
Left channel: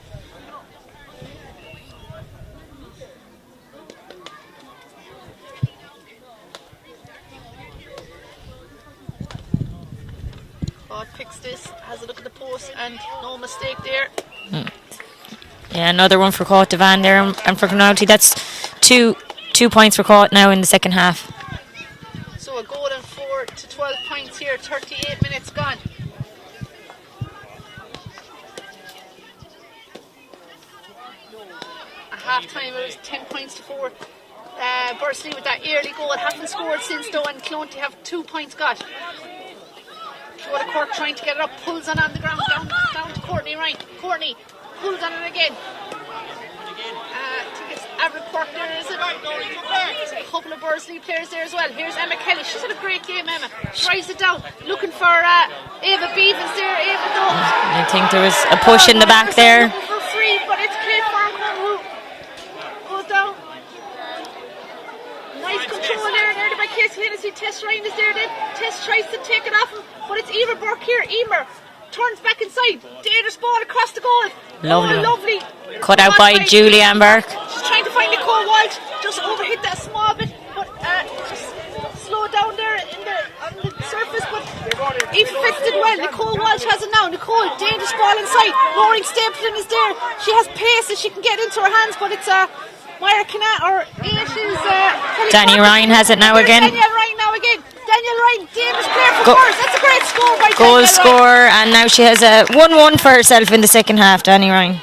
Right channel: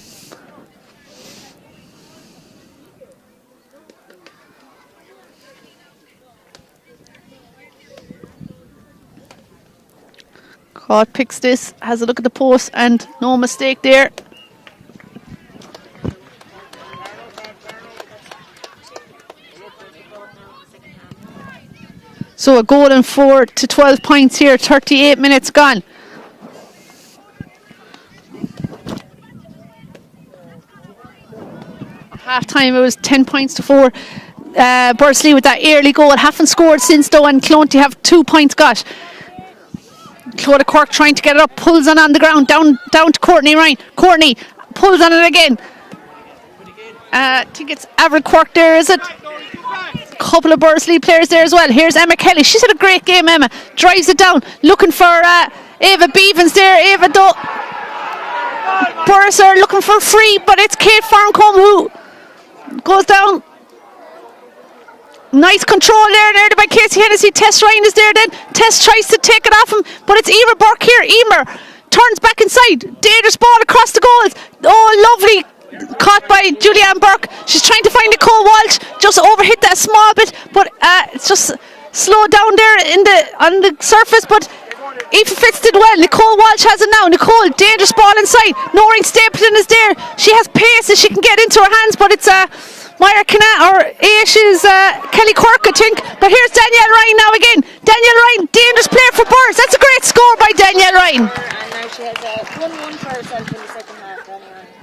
Caught picks this, has a look at the post, and no mistake there. Yeah, another one for Caught Devan there, and for Clonty. That's two points for Caught now in the second half. So a goal and 4 to 12 points here, 38 minutes gone. Half time it was 10 points to 4. Bursley with that early goal, haven't scored since though, and Clonty have 2 points got. Clodagh Cork trying to get it up, pulls on the ground, down to Courtney Ryan. Courtney pulls on it again. I think it's Avril Quirk there, is it? A couple of Bursley players there as well. Here's Emma Kelly. She's had a great game, Emma. Drives it down, looking for Ava Beavens there. Ava though. I think there was a push in the back Bursley there. looking for free, but it's Kate Farncombe who goes down. Nice control there by Casey Hennessy. Tess Ryan is there then. Tess tries to take it off him, but it's Emer Burke here. Emer turns back inside. Dangerous ball across the goals. Lovely. Caught out by Julianne Burke. She's trying to find Nicole Walsh. Just overhit that small bit, but it's just slowed down there on the surface. But Aoife Fitz did well. Nicole Walsh has it now. Nicole, dangerous ball inside. Noreen Stapleton is there. She has pace that she can get into her hands, but it's Maya Canal or Aish's Kelly Danielle Cork. Ryan has it now here's again. Danielle Ryan now again. Danielle Ryan, dangerous player for Burrs. That's a great score by Goal Danielle score, Ryan. and now she has a 1-1 for herself in the second half, Danny Ryan.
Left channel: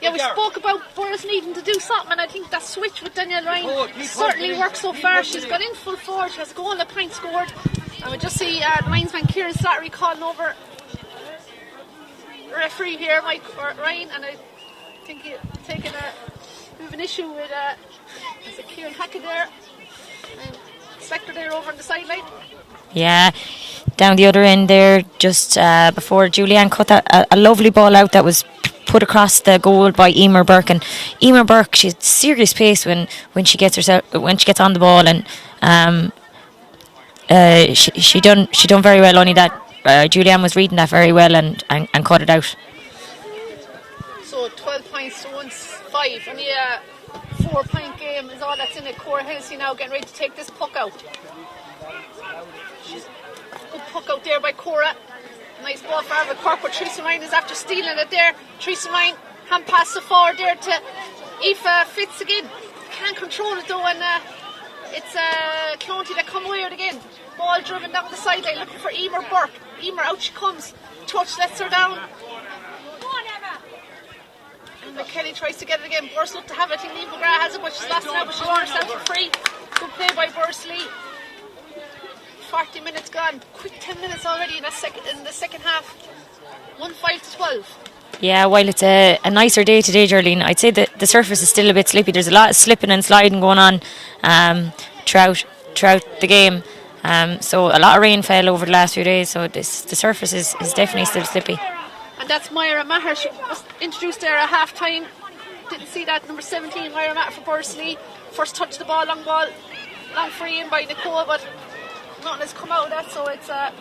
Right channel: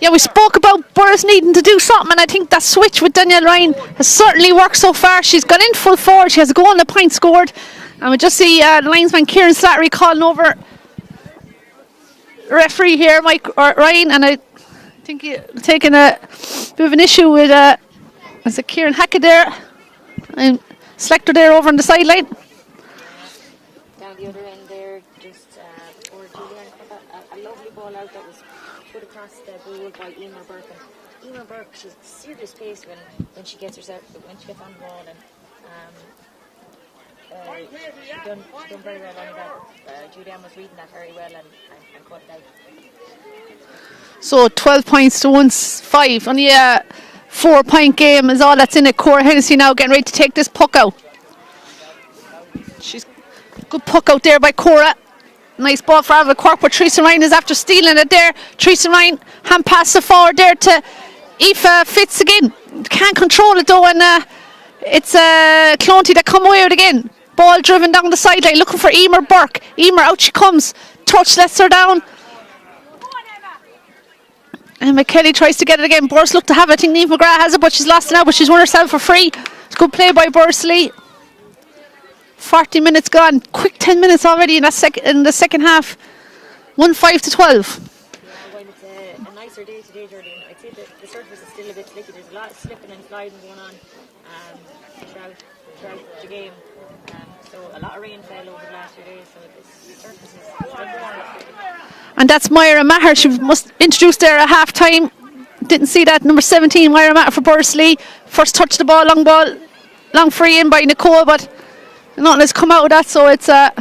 Yeah, we spoke about Burrs needing to do something, and I think that switch with Danielle Ryan has certainly worked so far. She's gone in full forward. She has a goal and a point scored. And we just see the linesman Kieran Slattery calling over the referee here, Mike Ryan, and I think he's taking a bit of an issue with is it Kieran Hackett there and Selector there over on the sideline. Yeah, down the other end there, just before Julianne cut a lovely ball out that was put across the goal by Emer Burke. And Emer Burke, she's serious pace when she gets on the ball, and she done very well. Only that Julianne was reading that very well and cut it out. So 12 points to 1-5. Only a 4-point game is all that's in it. Cora Hennessy now getting ready to take this puck out. She's good puck out there by Cora. Nice ball for Avril Cork, but Teresa Ryan is after stealing it there. Teresa Ryan hand pass the forward there to Aoife Fitz again. Can't control it though, and it's Clonty that come away with it again. Ball driven down the sideline, looking for Emer Burke. Emer, out she comes. Touch lets her down. And McKelly tries to get it again. Bursley look to have it. I think Niamh McGrath has it, but she's lost it now, but she's won herself for free. It's good play by Bursley. 40 minutes gone. Quick 10 minutes already in the second half. 1-5 to 12. Yeah, while it's a nicer day today, Geraldine, I'd say that the surface is still a bit slippy. There's a lot of slipping and sliding going on throughout the game. So a lot of rain fell over the last few days, so the surface is definitely still slippy. And that's Myra Maher. She was introduced there at half time. Didn't see that. Number 17, Myra Maher for Bursley. First touch the ball, long free in by Nicole, but nothing has come out of that, so it's back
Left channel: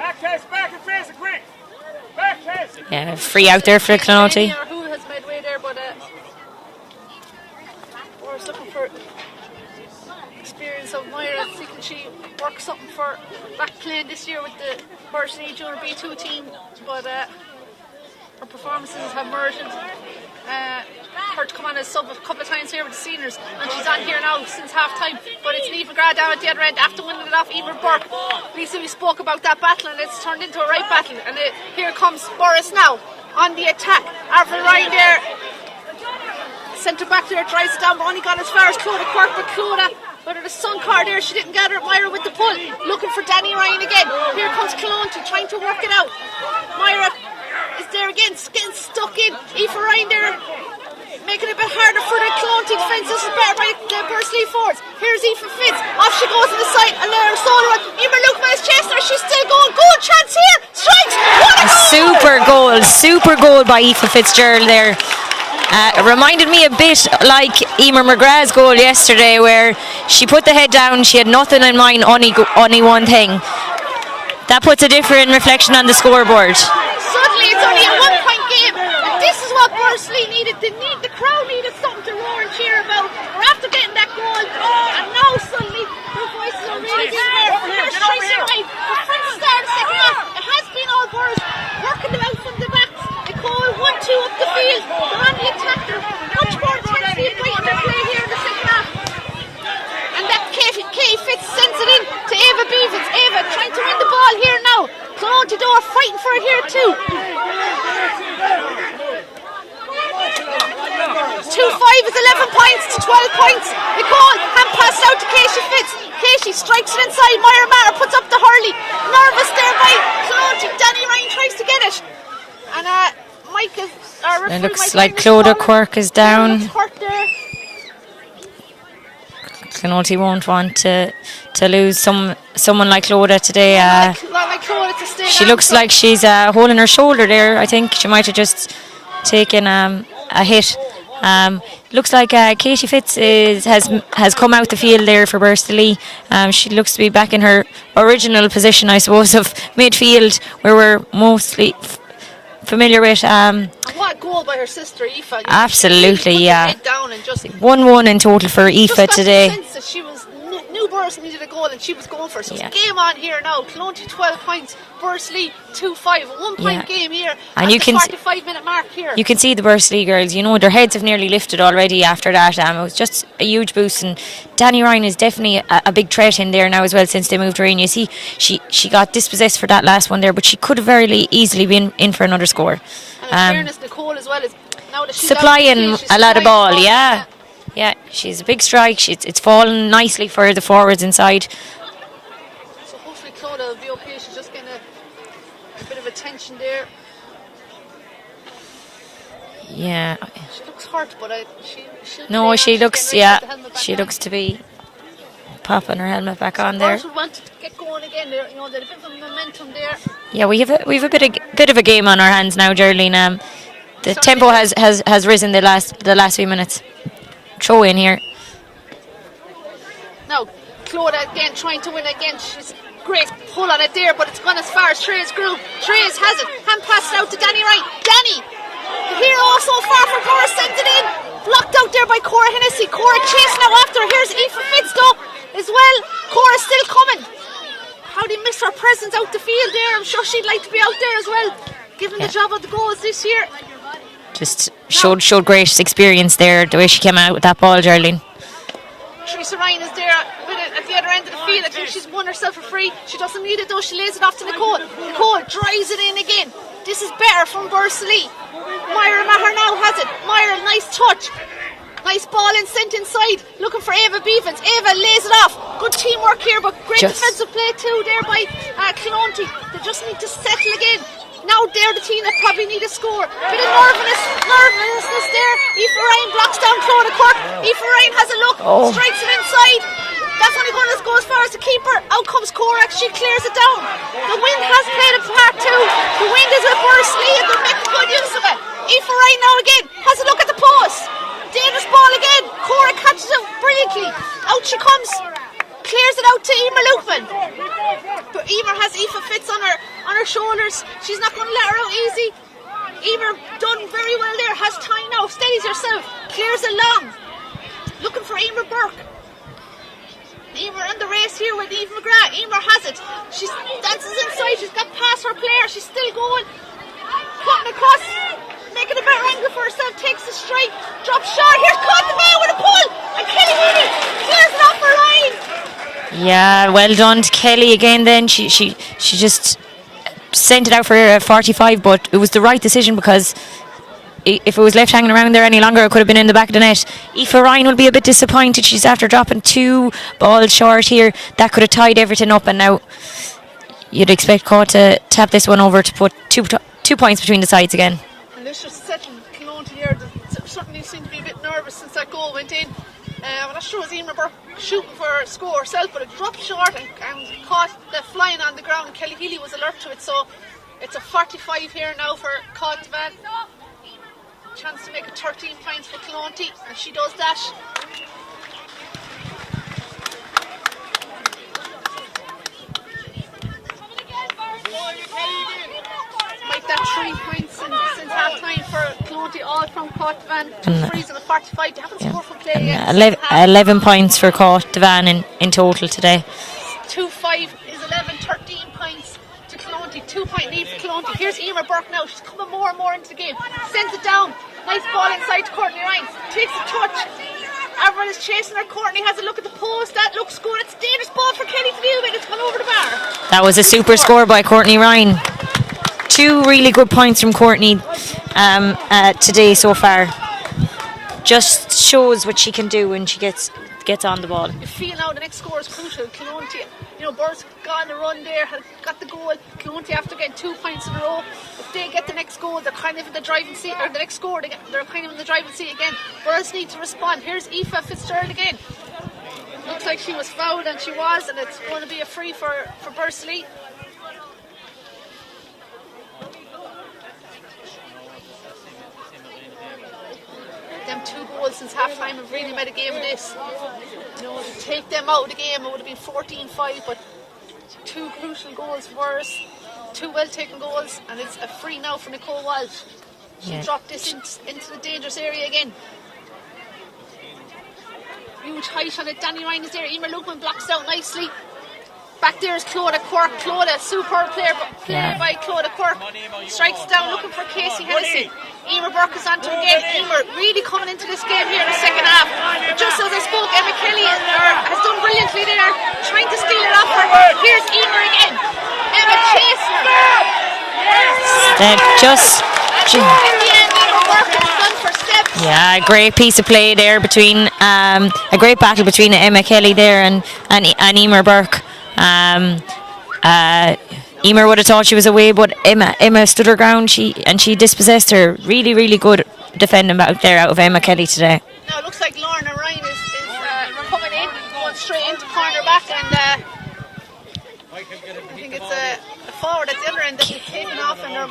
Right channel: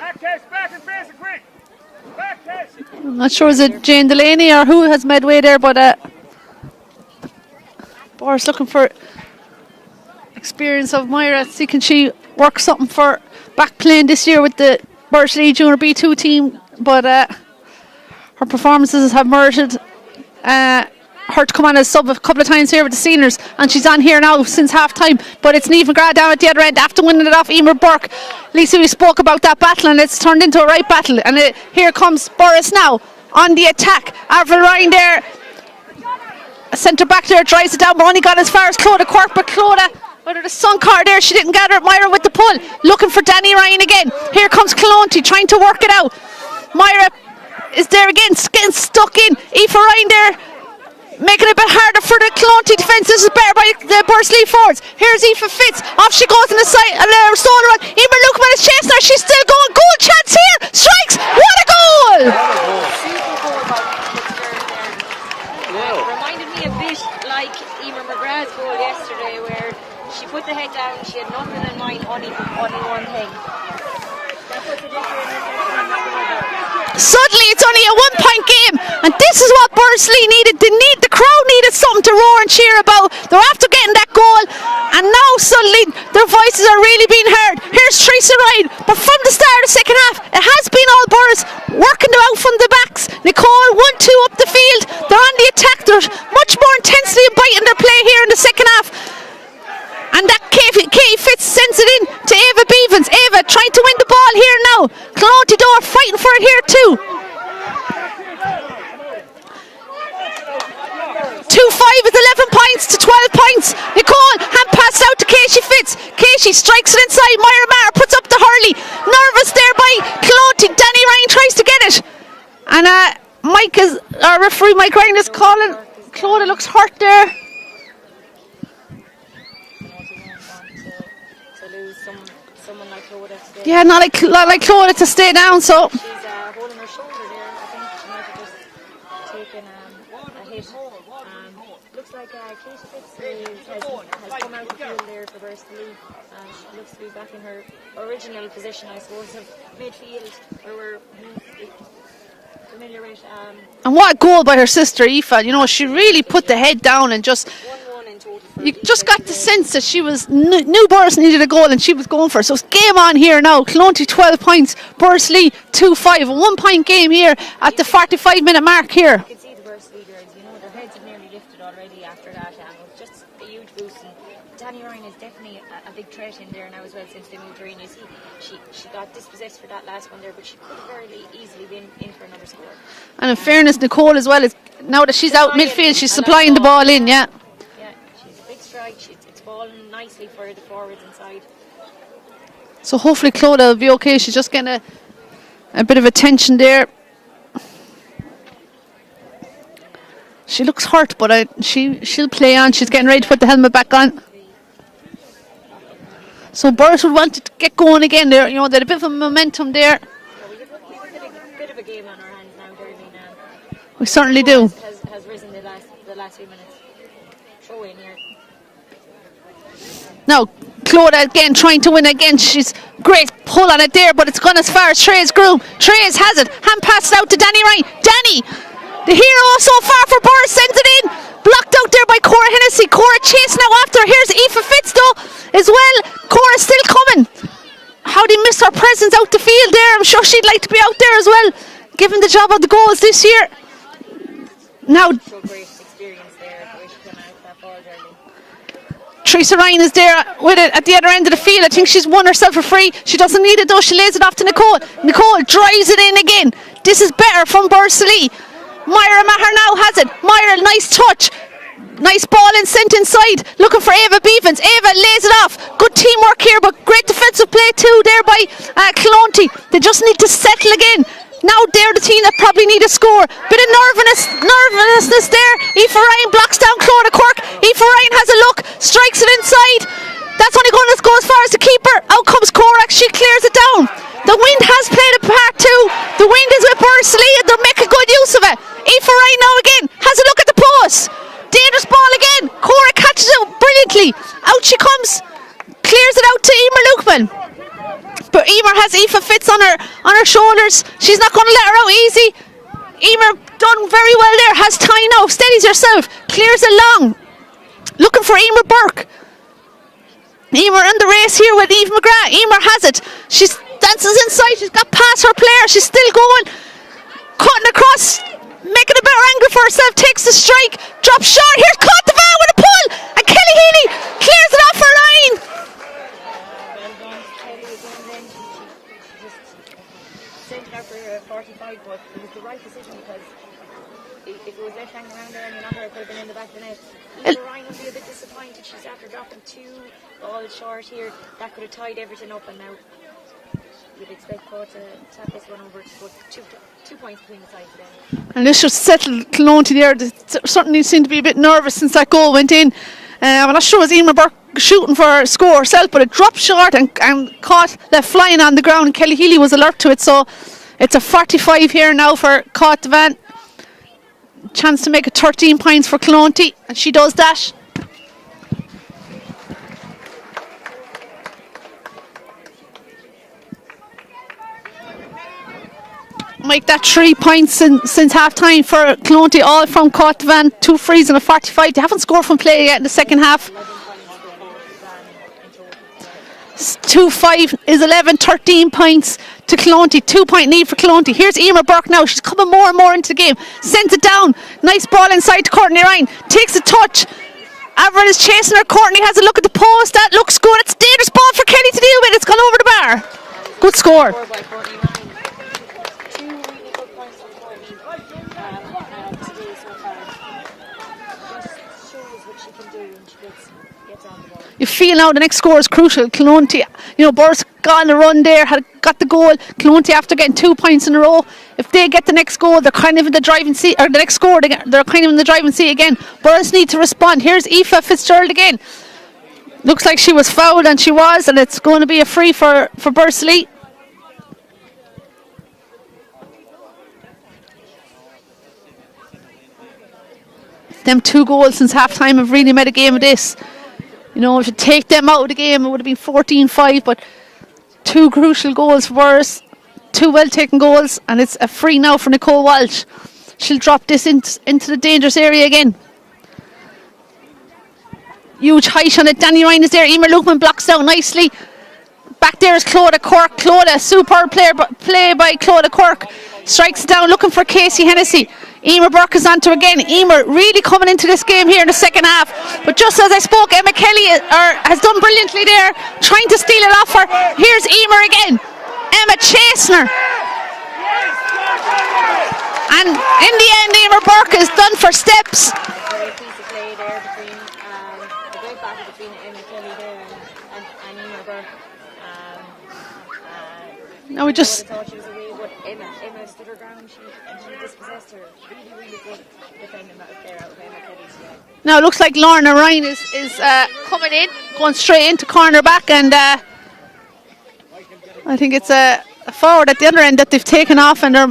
and face it quick. Back case. Yeah, I'm not free sure out there for Jane Delaney Clonty. or who has Medway there, but Boris looking for experience of Myra. See can she work something for back playing this year with the Bursley Junior B2 team, but her performances have merited her to come on as sub a couple of times here with the seniors, and she's on here now since half time. But it's Niamh McGrath down at the other end after winning it off Emer Burke. Lisa, we spoke about that battle, and it's turned into a right battle, and here comes Boris now on the attack. Avril Ryan there, a centre back there, drives it down, but only got as far as Clodagh Quirk, but Clodagh under the sun car there, she didn't gather it. Myra with the pull, looking for Danny Ryan again. Here comes Clonty trying to work it out. Myra is there again, getting stuck in. Aoife Ryan there, making it a bit harder for the Clonty defence. This is better by the Bursley forwards. Here's Aoife Fitz, off she goes on the side, stolen run. Emer Lukeman is chasing her, she's still going. Goal chance here, strikes, what a goal! Super goal by Aoife Fitzgerald there. It reminded me a bit like Emer McGrath's goal yesterday, where she put the head down, she had nothing in mind, only one thing. That puts a different reflection on the scoreboard. Suddenly it's only a 1-point game, and this is what Bursley needed. The crowd needed something to roar and cheer about. They're after getting that goal, and now suddenly their voices are really being heard. Here's Teresa Ryan, but from the start of the second half it has been all Boris working them out from the backs. Nicole 1-2 up the field, they're on the attack, they're much more intensely biting their play here in the second half. And that Katie Fitz sends it in to Ava Beavens. Ava trying to win the ball here now. Clonty Door fighting for it here too. 2-5 is 11 points to 12 points. Nicole hand pass out to Casey Fitz. Casey strikes it inside. Myra Maher puts up the hurley. Nervous there by Clonty. Danny Ryan tries to get it. And referee Mike Ryan is calling. Clodagh Quirk is down. Looks hurt there. Clonty won't want to lose someone like Clodagh today. Yeah, not like Clodagh to stay down. She looks like she's holding her shoulder there. I think she might have just taken a hit. Looks like Katie Fitz has come out the field there for Bursley. She looks to be back in her original position, I suppose, of midfield, where we're mostly familiar with. And what a goal by her sister Aoife. She really put the head down and just 1-1 in total for Aoife just got today. The sense that she was knew Boris needed a goal and she was going for it. So it's game on here now. Clonty 12 points, Bursley 2-5, a 1-point game here at the 45-minute mark here. You can see the Bursley girls, their heads have nearly lifted already after that. It was just a huge boost, and Danny Ryan is definitely a big threat in there now as well since they moved her in. You see, she got dispossessed for that last one there, but she could have very easily been in for another score. And in fairness, Nicole as well, is now that she's out in midfield, she's supplying the ball in. Yeah, she's a big strike. It's fallen nicely for the forwards inside. So hopefully Clodagh will be okay. She's just getting a bit of attention there. Yeah. She looks hurt, but she'll play on. She's getting ready to put the helmet back on. She looks to be popping her helmet back So on. Burrs would want to get going again there. You know, they had a bit of momentum there. Yeah, we have a bit of a game on our hands now, Geraldine. We The certainly tempo do. has risen the last few minutes. Throw in here. Now, Claude again trying to win again. She's great pull on it there, but it's gone as far as Trey's groove. Trey's has it. Hand passed out to Danny Ryan. Danny, the hero so far for Burrs, sends it in. Blocked out there by Cora Hennessy. Cora chasing out after. Here's Aoife Fitz though as well. Cora's still coming. How they miss her presence out the field there. I'm sure she'd like to be out there as well, given the job of the goals this year. Just Now- showed great experience there, the way she came out with that ball, Geraldine. Teresa Ryan is there with it at the other end of the field. I think she's won herself a free. She doesn't need it though. She lays it off to Nicole. Nicole drives it in again. This is better from Bursley. Myra Maher now has it. Myra, nice touch. Nice ball and sent inside. Looking for Ava Beavens. Ava lays it off. Good teamwork here, but great defensive play too there by Clonty. They just need to settle again. Now they're the team that probably need a score. Bit of nervousness there. Aoife Ryan blocks down Claudia Quirk. Aoife Ryan has a look, strikes it inside. That's only going to go as far as the keeper. Out comes Korak, she clears it down. The wind has played a part too. The wind is with Bursley and they're making good use of it. Aoife Ryan now again has a look at the post. Dangerous ball again. Cora catches it brilliantly. Out she comes. Clears it out to Emer Lukeman. But Emer has Aoife Fitz on her shoulders. She's not going to let her out easy. Emer done very well there. Has time now. Steadies herself. Clears it long. Looking for Emer Burke. Emer in the race here with Eve McGrath. Emer has it. She dances inside. She's got past her player. She's still going. Cutting across. Making a better angle for herself. Takes the strike. Drops short. Here's Contavant with a pull. And Kelly Healy clears it off her line. Yeah, well done to Kelly again then. She just sent it out for a 45, but it was the right decision because if it was left hanging around there any longer, it could have been in the back of the net. Aoife Ryan will be a bit disappointed. She's after dropping 2 balls short here. That could have tied everything up, and now you'd expect Caw to tap this one over to put two points between the sides again. And this should settle Clonty there. They certainly seemed to be a bit nervous since that goal went in. I'm not sure it was Emer Burke shooting for a score herself, but it dropped short and caught left flying on the ground, and Kelly Healy was alert to it. So it's a 45 here now for Cottvan. Chance to make it 13 points for Clonty, and she does that. Make that 3 points since half time for Clonty, all from Cottvan. 2 frees and a 45. They haven't scored from play yet in the second half. 11 points for Cottvan in total today. 2-5 is 11, 13 points to Clonty. 2 point lead for Clonty. Here's Emer Burke now. She's coming more and more into the game. Sends it down. Nice ball inside to Courtney Ryan. Takes a touch. Avril is chasing her. Courtney has a look at the post. That looks good. It's a dangerous ball for Kelly to deal with. It's gone over the bar. That was a Good super score. score by Courtney Ryan. 2 really good points from Courtney today so far. Just shows what she can do when she gets on the ball. You feel now the next score is crucial. Clonty, Burrs got on the run there, got the goal. Clonty, after getting 2 points in a row, if they get the next goal, they're kind of in the driving seat, or the next score, they're kind of in the driving seat again. Burrs need to respond. Here's Aoife Fitzgerald again. Looks like she was fouled, and she was, and it's going to be a free for Bursley. Them 2 goals since half time have really made a game of this. To take them out of the game, it would have been 14-5, but 2 crucial goals for us, 2 well taken goals, and it's a free now for Nicole Walsh. She'll drop this into the dangerous area again. Huge height on it. Danny Ryan is there. Emer Lukeman blocks down nicely. Back there is Claudia Quirk. Claudia, superb play by Claudia Quirk. Strikes it down, looking for Casey Hennessy. Emer Burke is onto again. Emer really coming into this game here in the second half. But just as I spoke, Emma Kelly has done brilliantly there, trying to steal it off her. Here's Emer again. Emma chasing her. And in the end, Emer Burke is done for steps. Yeah, a great piece of play there between a great battle between Emma Kelly there and Emer Burke. Emer would have thought she was away, but Emma stood her ground. She dispossessed her. Really, really good defending back there out of Emma Kelly today. Now it looks like Lorna Ryan is coming in, going straight into corner back, and I think it's a forward at the other end that they've taken off, and they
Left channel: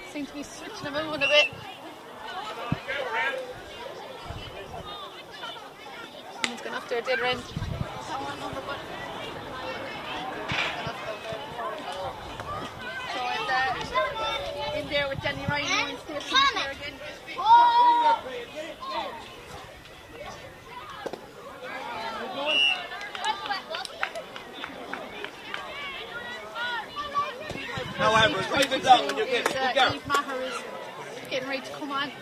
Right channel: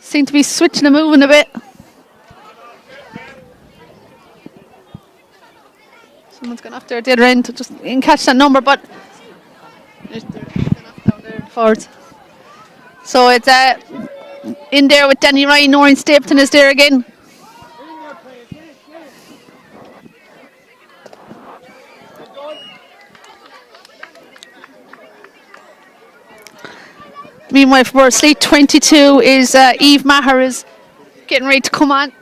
seem to be switching and moving a bit. Someone's gone off there at the other end to just catch that number, but forwards. So it's in there with Danny Ryan. Noreen Stapleton is there again. Meanwhile, for Bursley, 22 is Eve Maher is getting ready to come on.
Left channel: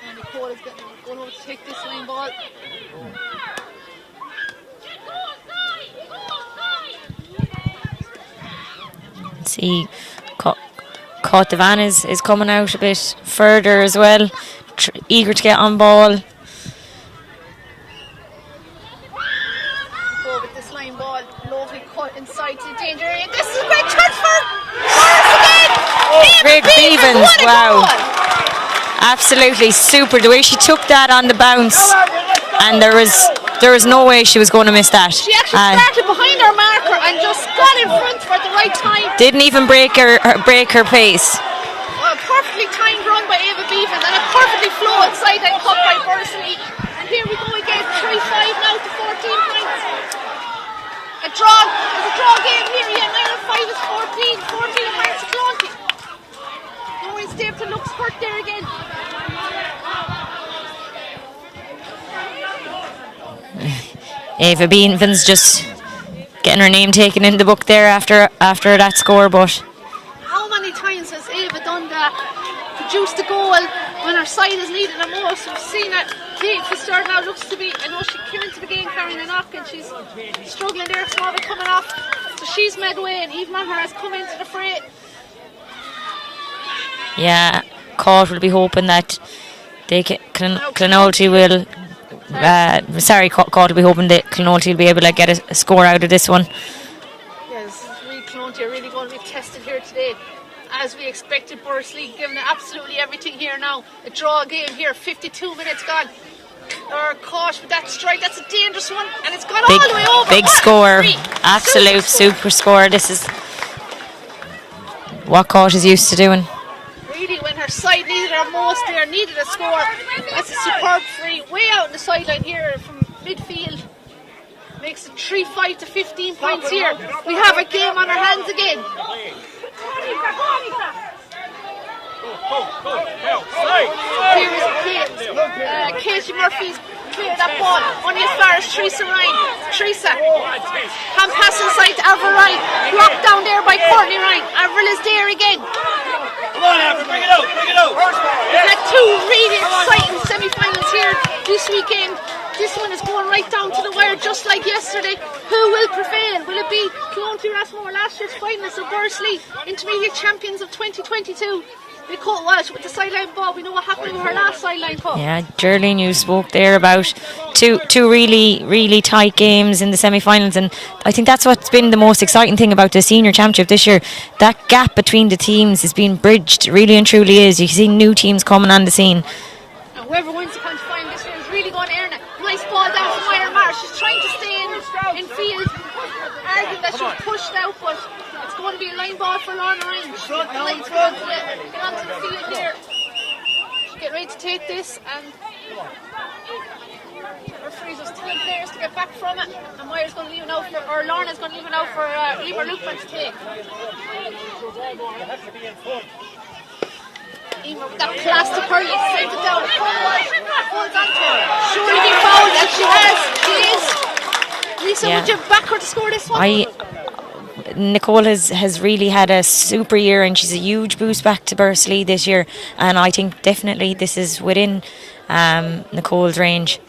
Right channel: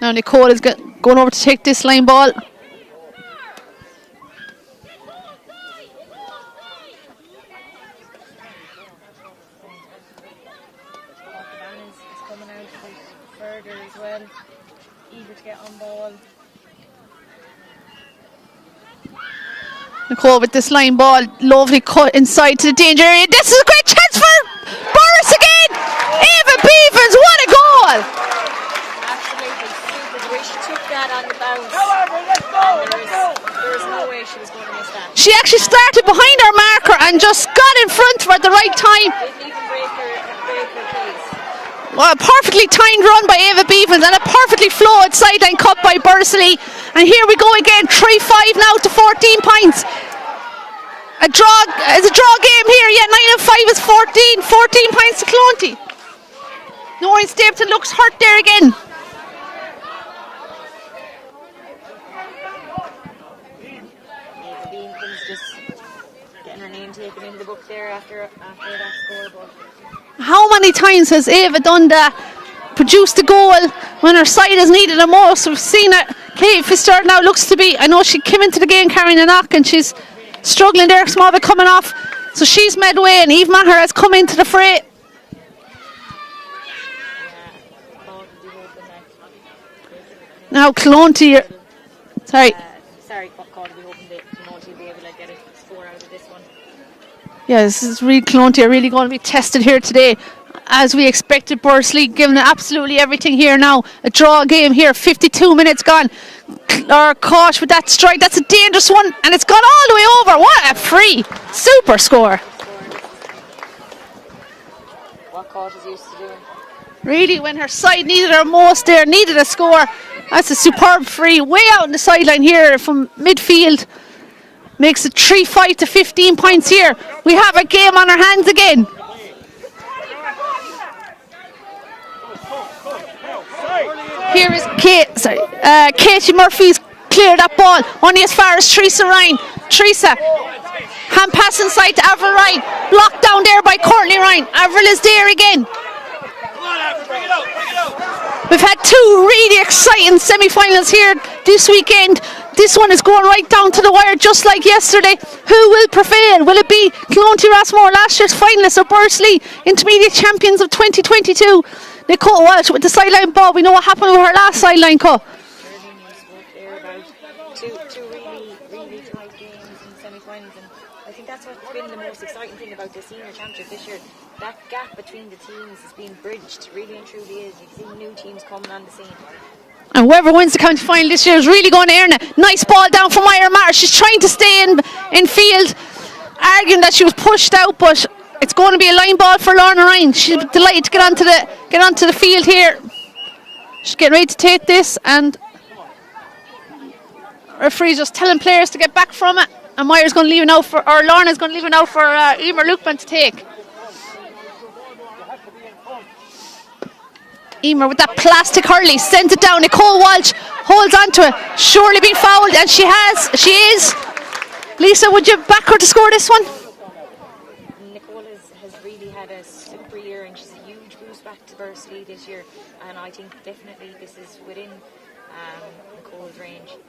Now Nicole is going over to take this line ball. See, Devan is coming out a bit further as well, eager to get on ball. Nicole with this line ball, lovely cut inside to the danger area. This is a great chance for Boris again! Eva Beavers, what a goal! Absolutely super, the way she took that on the bounce, and there was no way she was going to miss that. She actually started behind her marker and just got in front of her at the right time. Didn't even break her pace. Well, a perfectly timed run by Eva Beavers and a perfectly flowed sideline cut by Bursley. And here we go again, 3-5 now to 14 points. It's a draw game here, yeah, 9 and 5 is 14 points to Clonty. Noreen Stapleton looks hurt there again. Eva Beavens just getting her name taken in the book there after that score, but how many times has Eva done that, produced a goal when her side has needed the most? We've seen it. Kate Fitzgerald now looks to be, I know she came into the game carrying a knock and she's struggling there, small bit coming off, so she's midway and Eve Maher has come into the fray. Yeah, Court will be hoping that they can now Clonty will Court will be hoping that Clonty will be able to get a score out of this one. Yeah, this is really Clonty are really going to be tested here today. As we expected, Bursley giving it absolutely everything here now. A draw game here, 52 minutes gone. Kosh with that strike, that's a dangerous one, and it's gone all the way over. Big What score. a free. Absolute super score. This is what Kosh is used to doing. Really, when her side needed her most there, needed a score. That's a superb free, way out on the sideline here from midfield. Makes it 3-5 to 15 points here. We have a game on our hands again. Here is Katie Murphy's cleared that ball, only as far as Teresa Ryan. Teresa, hand pass inside to Avril Ryan, blocked down there by Courtney Ryan. Avril is there again. We've had two really exciting semi-finals here this weekend. This one is going right down to the wire, just like yesterday. Who will prevail? Will it be Clonty Rossmore, last year's finalists, or Bursley, intermediate champions of 2022? Nicole Walsh with the sideline ball. We know what happened with her last sideline cut. Yeah, Geraldine, you spoke there about two really, really tight games in the semi-finals, and I think that's what's been the most exciting thing about the senior championship this year. That gap between the teams is being bridged, really and truly is. You see new teams coming on the scene. And whoever wins the county final this year is really going to earn it. Nice ball down from Myra Marsh. She's trying to stay in field, arguing that she was pushed out, but it's going to be a line ball for Lorna Ryan. She's delighted to get onto the field here. She's getting ready to take this, and referee's just telling players to get back from it. And Myra's going to leave it now or Lorna's going to leave it now for Emer Lukman to take. Emer with that plastic hurley, sends it down. Nicole Walsh holds onto it. Surely being fouled, and she is. Lisa, would you back her to score this one? Nicole has really had a super year, and she's a huge boost back to Bursley this year, and I think definitely this is within Nicole's range.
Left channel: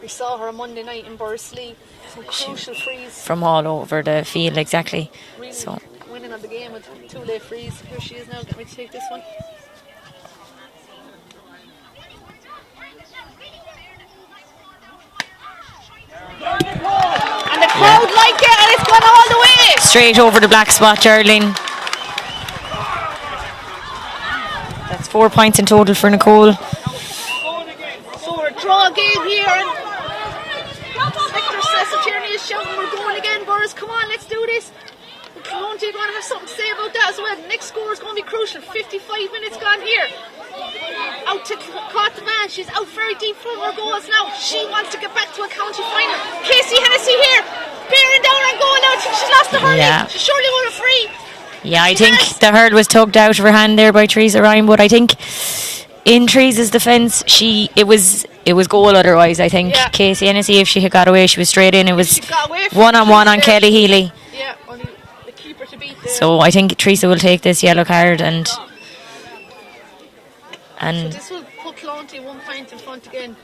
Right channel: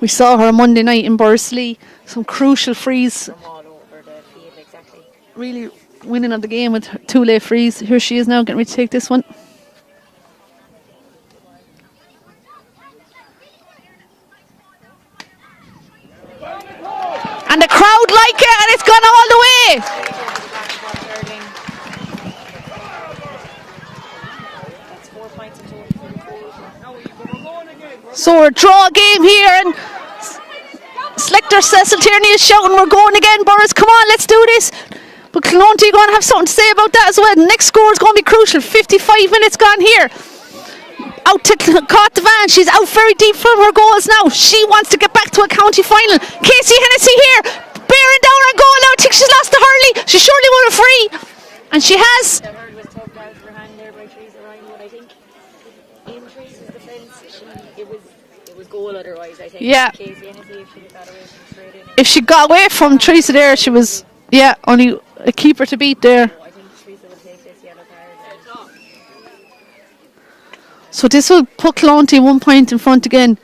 We saw her Monday night in Bursley, some crucial frees from all over the field, exactly. Really winning of the game with two late frees. Here she is now getting ready to take this one. And the crowd like it, and it's gone all the way. Straight over the black spot, Geraldine. 4 points in total for Nicole. So a draw game here, and Selector Cecil Tierney is shouting, we're going again, Boris, come on, let's do this. But Clonty are going to have something to say about that as well. The next score is going to be crucial. 55 minutes gone here. Out to Caught she's out very deep from her goals now. She wants to get back to a county final. Casey Hennessy here, bearing down her goal now. I think she's lost the hurley. Yeah. She surely won it free. Yeah, and she I think has. the hurl was tugged out of her hand there by Teresa Ryan, but I think in Teresa's defence, it was goal otherwise. I think Yeah. Casey Hennessy, if she had got away, she was straight in. It was If she got away from one-on-one Teresa on there, Kelly she was, Healy. yeah, only a keeper to beat there. So I think Teresa will take this yellow card and So this will put Clonty 1 point in front again.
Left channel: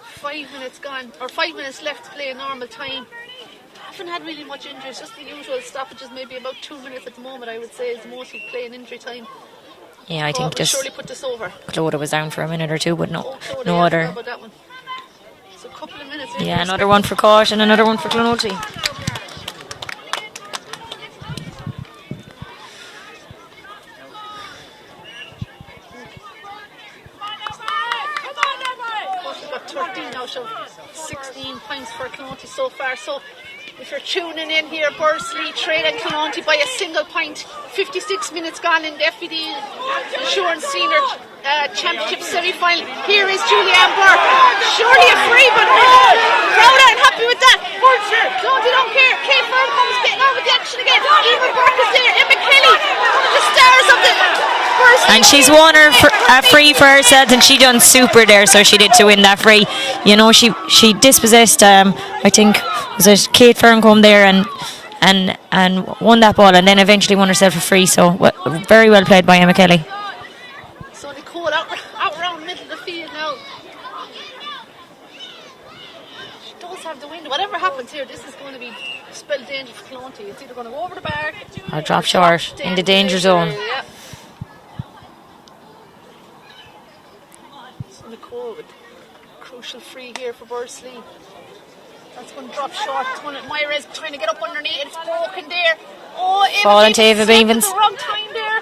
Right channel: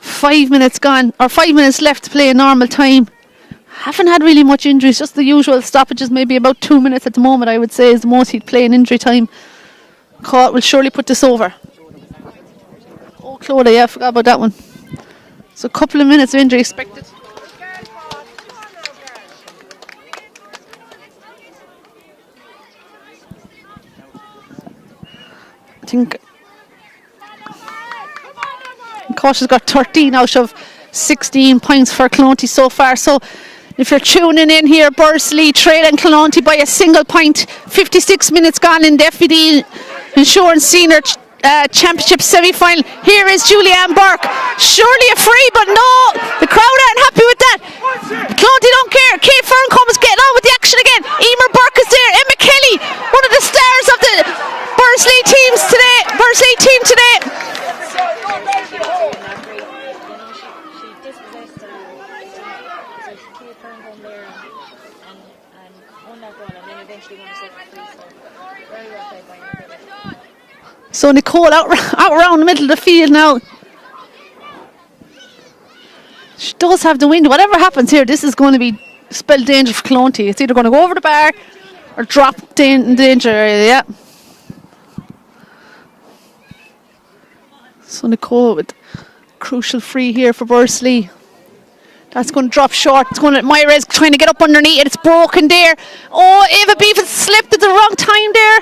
5 minutes gone, or 5 minutes left to play in normal time. Haven't had really much injuries, just the usual stoppages, maybe about 2 minutes at the moment, I would say, is the most he'd play in injury time. yeah, I Caught think will surely put this over. Clodagh was down for a minute or two, but no. Clodagh, no yeah, I other. forgot about that one. So a couple of minutes of Yeah, injuries. another one for Caught and another one for Clonty. I think Caught has got 13 out of 16 points for Clonty so far. So if you're tuning in here, Bursley trailing Clonty by a single point. 56 minutes gone in the FBD Insurance Senior Championship semi-final. Here is Julianne Burke. Surely a free, but no, the crowd aren't happy with that. Clonty don't care. Kate Ferncombe is getting on with the action again. Emer Burke is there. Emma Kelly, one of the stars of the Bursley And she's teams won today. a free team for today. herself, and she done super there, so she did to win that free. You know, she dispossessed, I think, was it Kate Ferncombe there, and won that ball, and then eventually won herself a free. So very well played by Emma Kelly. So Nicole out around the middle of the field now. She does have the wind. Whatever happens here, this is going to be spell danger for Clonty. It's either going to go over the bar Or drop or short drop in the danger zone. area. Yeah. So Nicole with crucial free here for Bursley. That's going to drop short. It's going to Myra's trying to get up underneath it. It's broken there. Oh, Ava Oh, Beavens Ava slipped at Beavens. the wrong time there.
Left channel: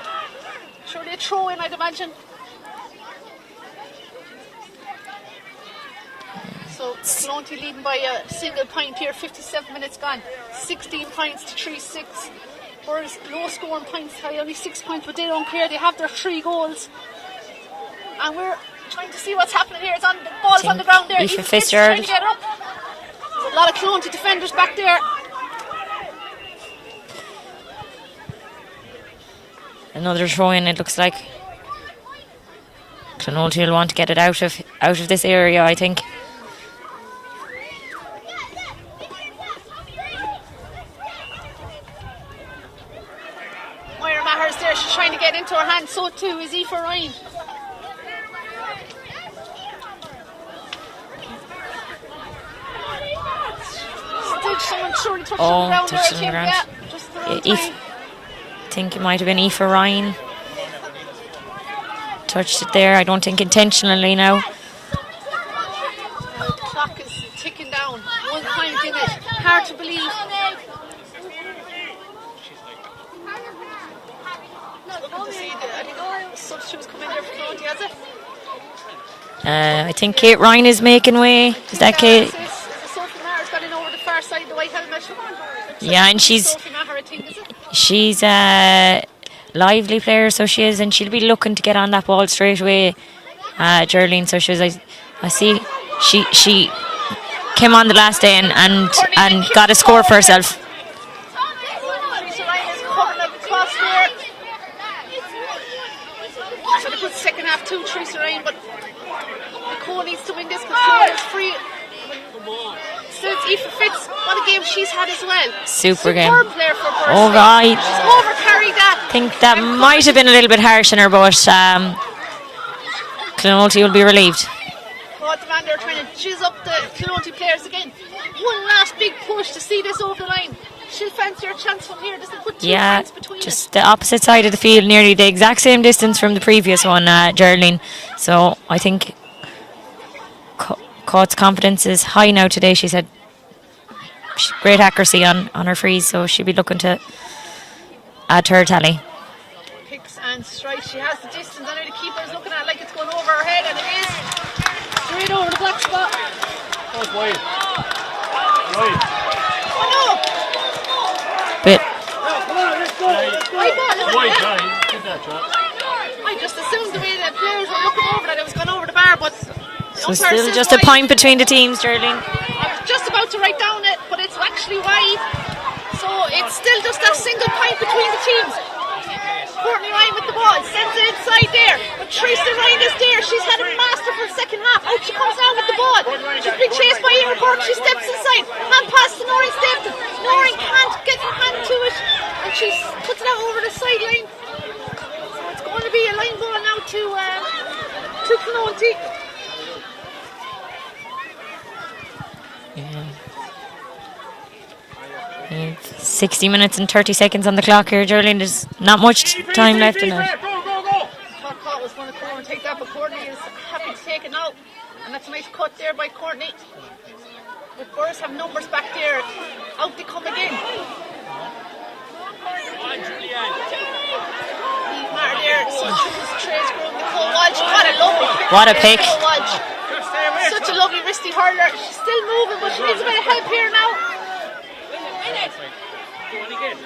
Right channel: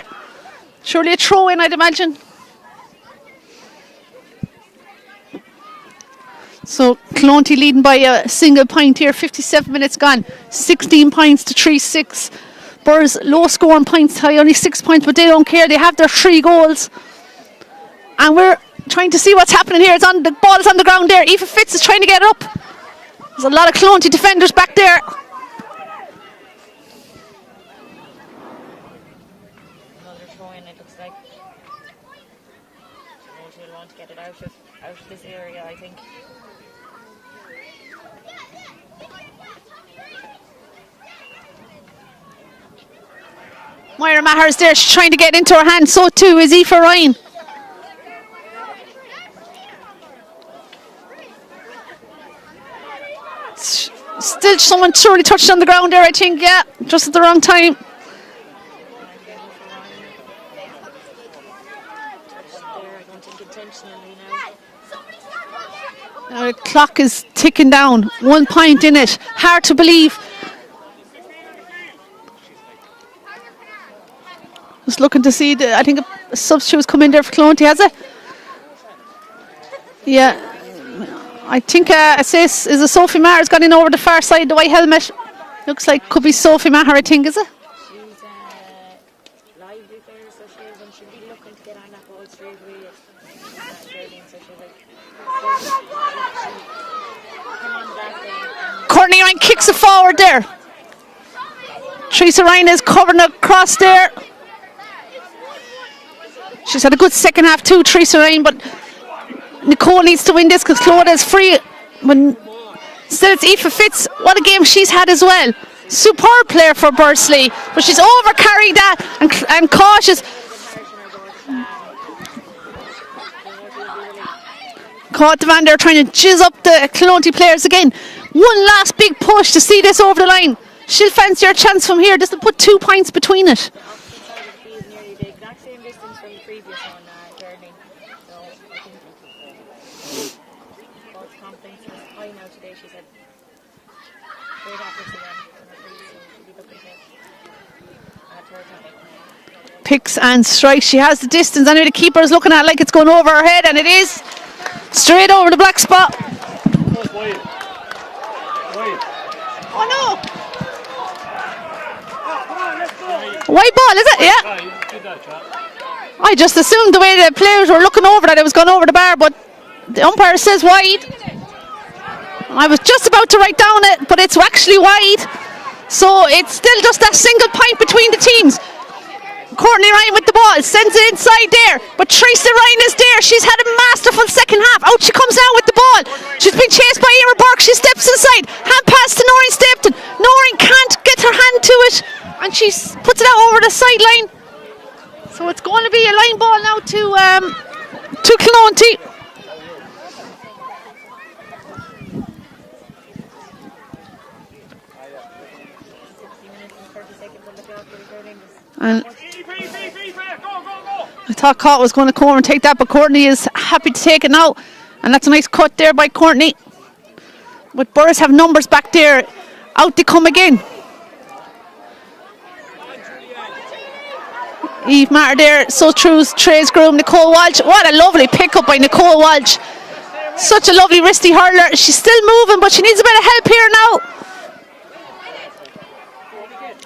Surely a throw in, I'd imagine. So Clonty leading by a single point here. 57 minutes gone. 16 points to 3-6. Burrs low scoring points high, only 6 points, but they don't care. They have their 3 goals. And we're trying to see what's happening here. The ball's on the ground there. Aoife Fitz is trying to get it up. There's a lot of Clonty defenders back there. Another throw in, it looks like. Clonty will want to get it out of this area, I think. Moira Maher's there. She's trying to get into her hand. So too is Aoife Ryan. Still someone surely touched on the ground there, I think. Yeah, just at the wrong time. I think it might have been Aoife Ryan. Touched it there, I don't think intentionally now. The clock is ticking down. 1 point in it. Hard to believe. Just looking to see, I think a substitute's come in there for Clonty, has it? I think Yeah. Kate Ryan is making way. I think That is a Sophie Maher's gone in over the far side, the white helmet. Looks like Yeah, it and could be she's- Sophie Maher, I think, is it? She's a lively player, so she is, and she'll be looking to get on that ball straight away, Geraldine. So she was, I see, she came on the last day and Courtney Ryan kicks got a it score for forward there. herself. Teresa Ryan is covering across there. She's had a good second half too, Teresa Ryan, but Nicole needs to win this because Clodagh is free. Still, it's Aoife Fitz. What a game she's had as well. Superb player for Bursley, right. but she's overcarried that. I think that and might have cautious. been a little bit harsh on her, but Clonty will be relieved. Caught the van there trying to jizz up the Clonty players again. One last big push to see this over the line. She'll fancy her chance from here. Just to put 2 points between it. The opposite side of the field, nearly the exact same distance from the previous one, Geraldine. So I think Caught's confidence is high now today. She's had great accuracy on her frees, so she'll be looking to add to her tally. picks and strikes. She has the distance. Anyway, the keeper is looking at it like it's going over her head, and it is straight over the black spot. Bit. White ball, is it? Yeah. I just assumed the way the players were looking over that it was going over the bar, but the umpire says just wide. a point between the teams, Geraldine. I was just about to write down it, but it's actually wide. So it's still just that single point between the teams. Courtney Ryan with the ball, sends it inside there, but Teresa Ryan is there. She's had a masterful second half. Out she comes now with the ball. She's been chased by Emer Burke. She steps inside, hand pass to Noreen Stapleton. Noreen can't get her hand to it, and she puts it out over the sideline. So it's going to be a line ball now to Clonty. 60 minutes and 30 seconds on the clock here, Geraldine. There's not much time left in it. I thought Cott was going to come over and take that, but Courtney is happy to take it now. And that's a nice cut there by Courtney. But Burris have numbers back there. Out they come again. Eve Matter there, so true's Trey's groom, Nicole Walsh. What a lovely pick up by Nicole Walsh. Such a lovely wristy hurler. She's still moving, but she needs a bit of help here now.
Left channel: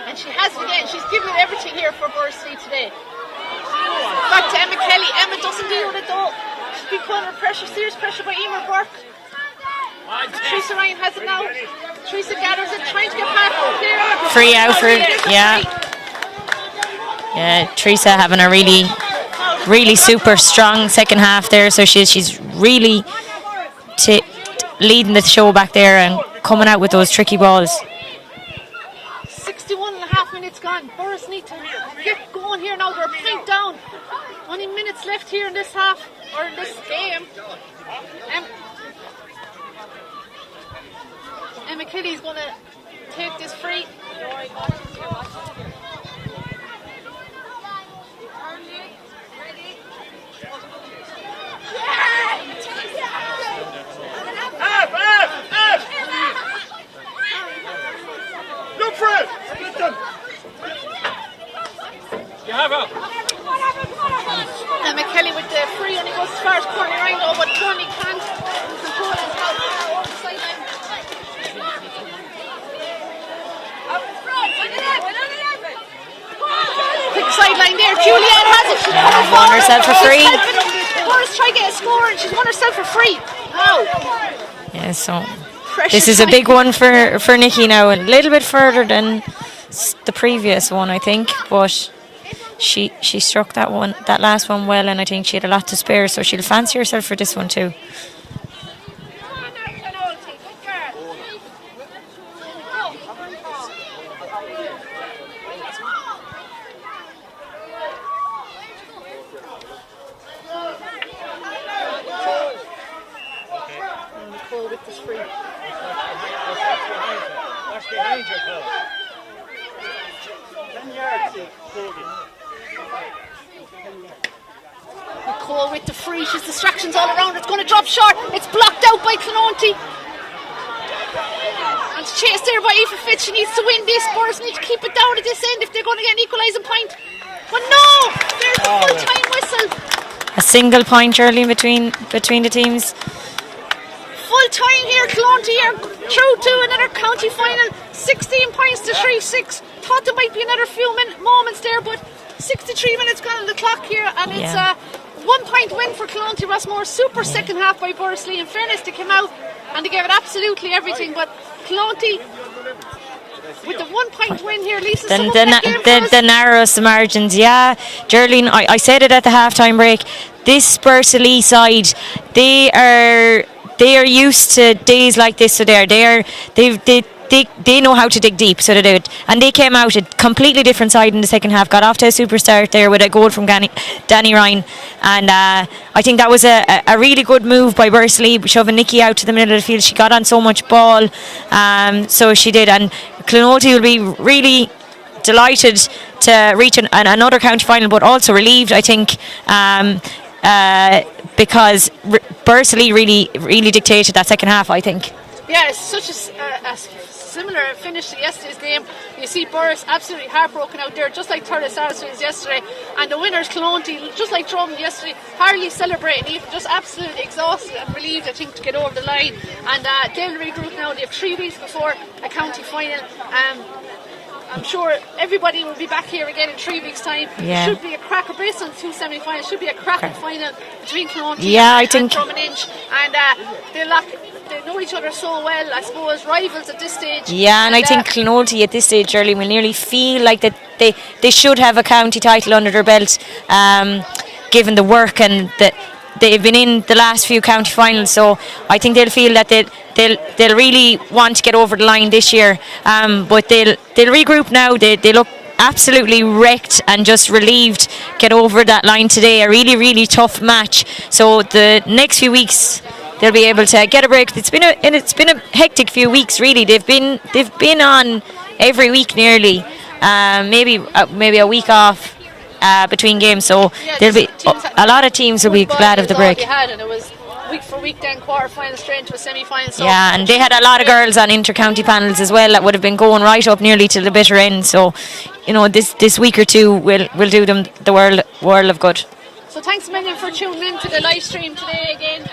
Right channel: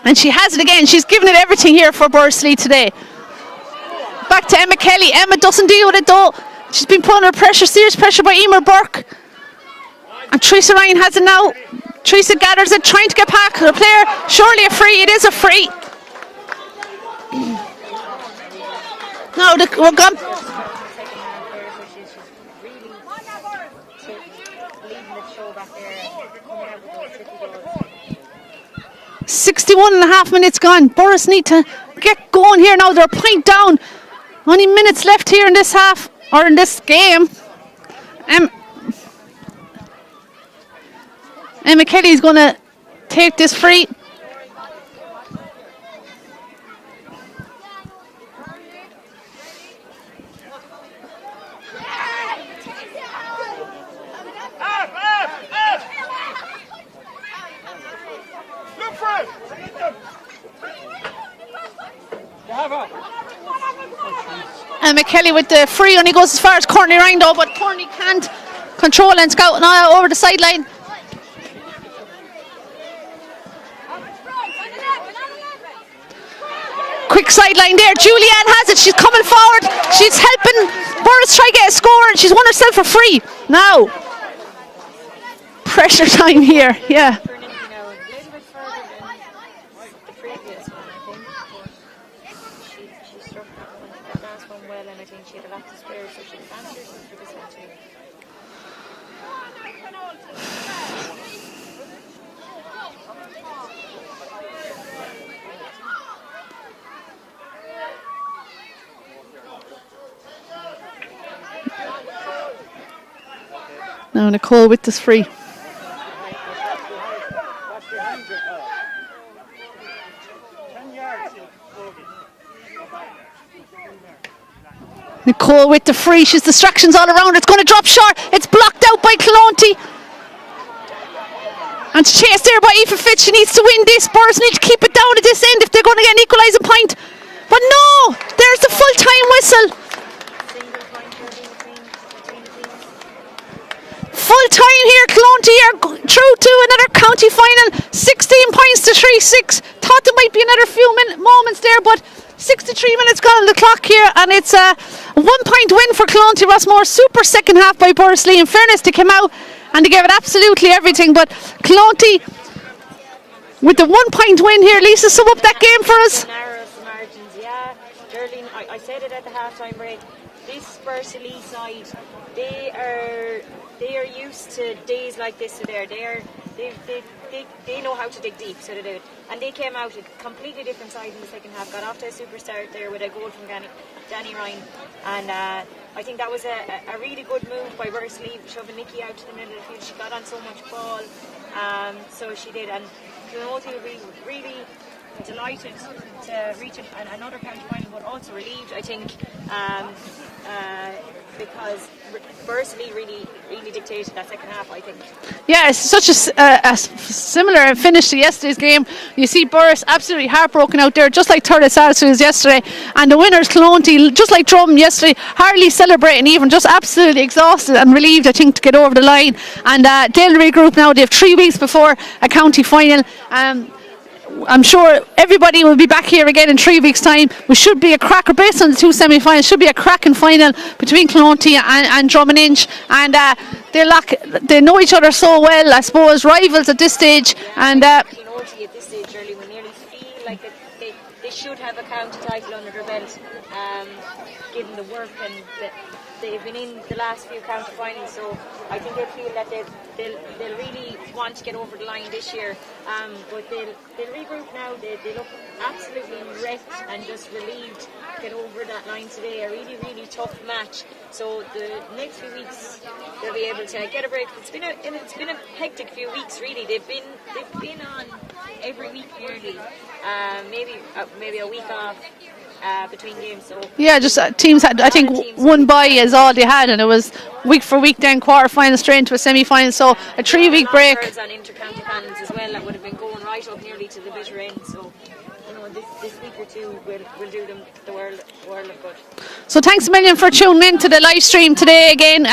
And she has it again. She's given it everything here for Bursley today. Back to Emma Kelly. Emma doesn't deal with it though. She's been put under pressure, serious pressure by Emer Burke. And Teresa Ryan has it now. Teresa gathers it, trying to get back her player. Surely a free. It is a free. Yeah, Teresa having a really really super strong second half there. So she's really leading the show back there and coming out with those tricky balls. 61.5 minutes gone. Burris need to get going here now. They're a point down. Only minutes left here in this half, or in this game. Emma Kelly's going to take this free. And McKelly with the free, only goes as far as Courtney Ryan though, but Courtney can't control and scout now over the sideline. Quick sideline there, Julianne has it, she's coming forward, she's helping Burris try to get a score, and she's won herself a free. Now, yeah, so pressure this is a big one here. for Nikki now, a little bit further than the previous one, I think, but she struck that last one well, and I think she had a lot to spare, so she'll fancy herself for this one too. Now Nicole with this free. Nicole with the free, she's distractions all around, it's going to drop short, it's blocked out by Clonty. And it's chased there by Aoife Fitz, she needs to win this, Burris need to keep it down at this end if they're going to get an equalising point. But no, there's the full-time whistle. A single point early between the teams. Full time here, Clonty are through to another county final, 16 points to 3-6. Thought there might be another few moments there, but 63 minutes gone on the clock here, and it's a 1 point win for Clonty Rossmore. Super second half by Bursley. In fairness, they came out and they gave it absolutely everything, but Clonty with the 1 point win here. Lisa, sum up that game for us. The narrowest margins, yeah. Geraldine, I said it at the half-time break, this Bursley side, they are used to days like this, so they know how to dig deep, so they do it. And they came out a completely different side in the second half, got off to a super start there with a goal from Danny Ryan, and I think that was a really good move by Bursley, shoving Nikki out to the middle of the field. She got on so much ball, so she did, and Clonty will be really delighted to reach another county final, but also relieved, I think, because Bursley really dictated that second half, I think. Yeah, it's such a similar finish to yesterday's game. You see Burris absolutely heartbroken out there, just like Thurles Sarsfields yesterday. And the winners, Clonty, just like Drum yesterday, hardly celebrating even, just absolutely exhausted and relieved, I think, to get over the line. And they'll regroup now. They have 3 weeks before a county final. I'm sure everybody will be back here again in 3 weeks' time. Yeah. It should be a cracker, based on the 2 semi-finals, should be a cracking final between Clonty and Drummond. And they know each other so well, I suppose, rivals at this stage. Yeah, and I think Clonty at this stage, Early, will nearly feel like that they should have a county title under their belt, given the work and that they've been in the last few county finals. So I think they'll feel that they'll really want to get over the line this year. But they'll regroup now. They look absolutely wrecked and just relieved get over that line today. A really, really tough match. So the next few weeks they'll be able to get a break. It's been a hectic few weeks, really. They've been on every week nearly. Maybe a week off between games. So yeah, teams had a lot of teams will be glad of the break. All they had, and it was week for week, then quarter-final straight into a semi-final. So yeah, and they had a lot of girls on inter-county panels as well that would have been going right up nearly to the bitter end. So, you know, this week or two will do them the world of good. So thanks a million for tuning in to the live stream today again.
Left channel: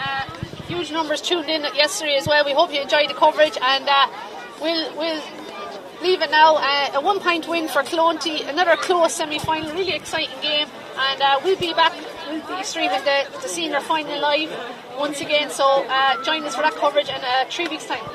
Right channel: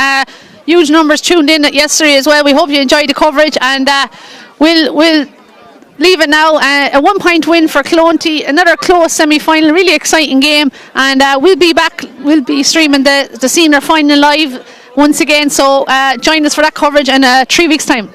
Huge numbers tuned in yesterday as well. We hope you enjoyed the coverage, and we'll leave it now. A 1-point win for Clonty, another close semi-final, really exciting game, and we'll be back. We'll be streaming the senior final live once again, so join us for that coverage in 3 weeks' time.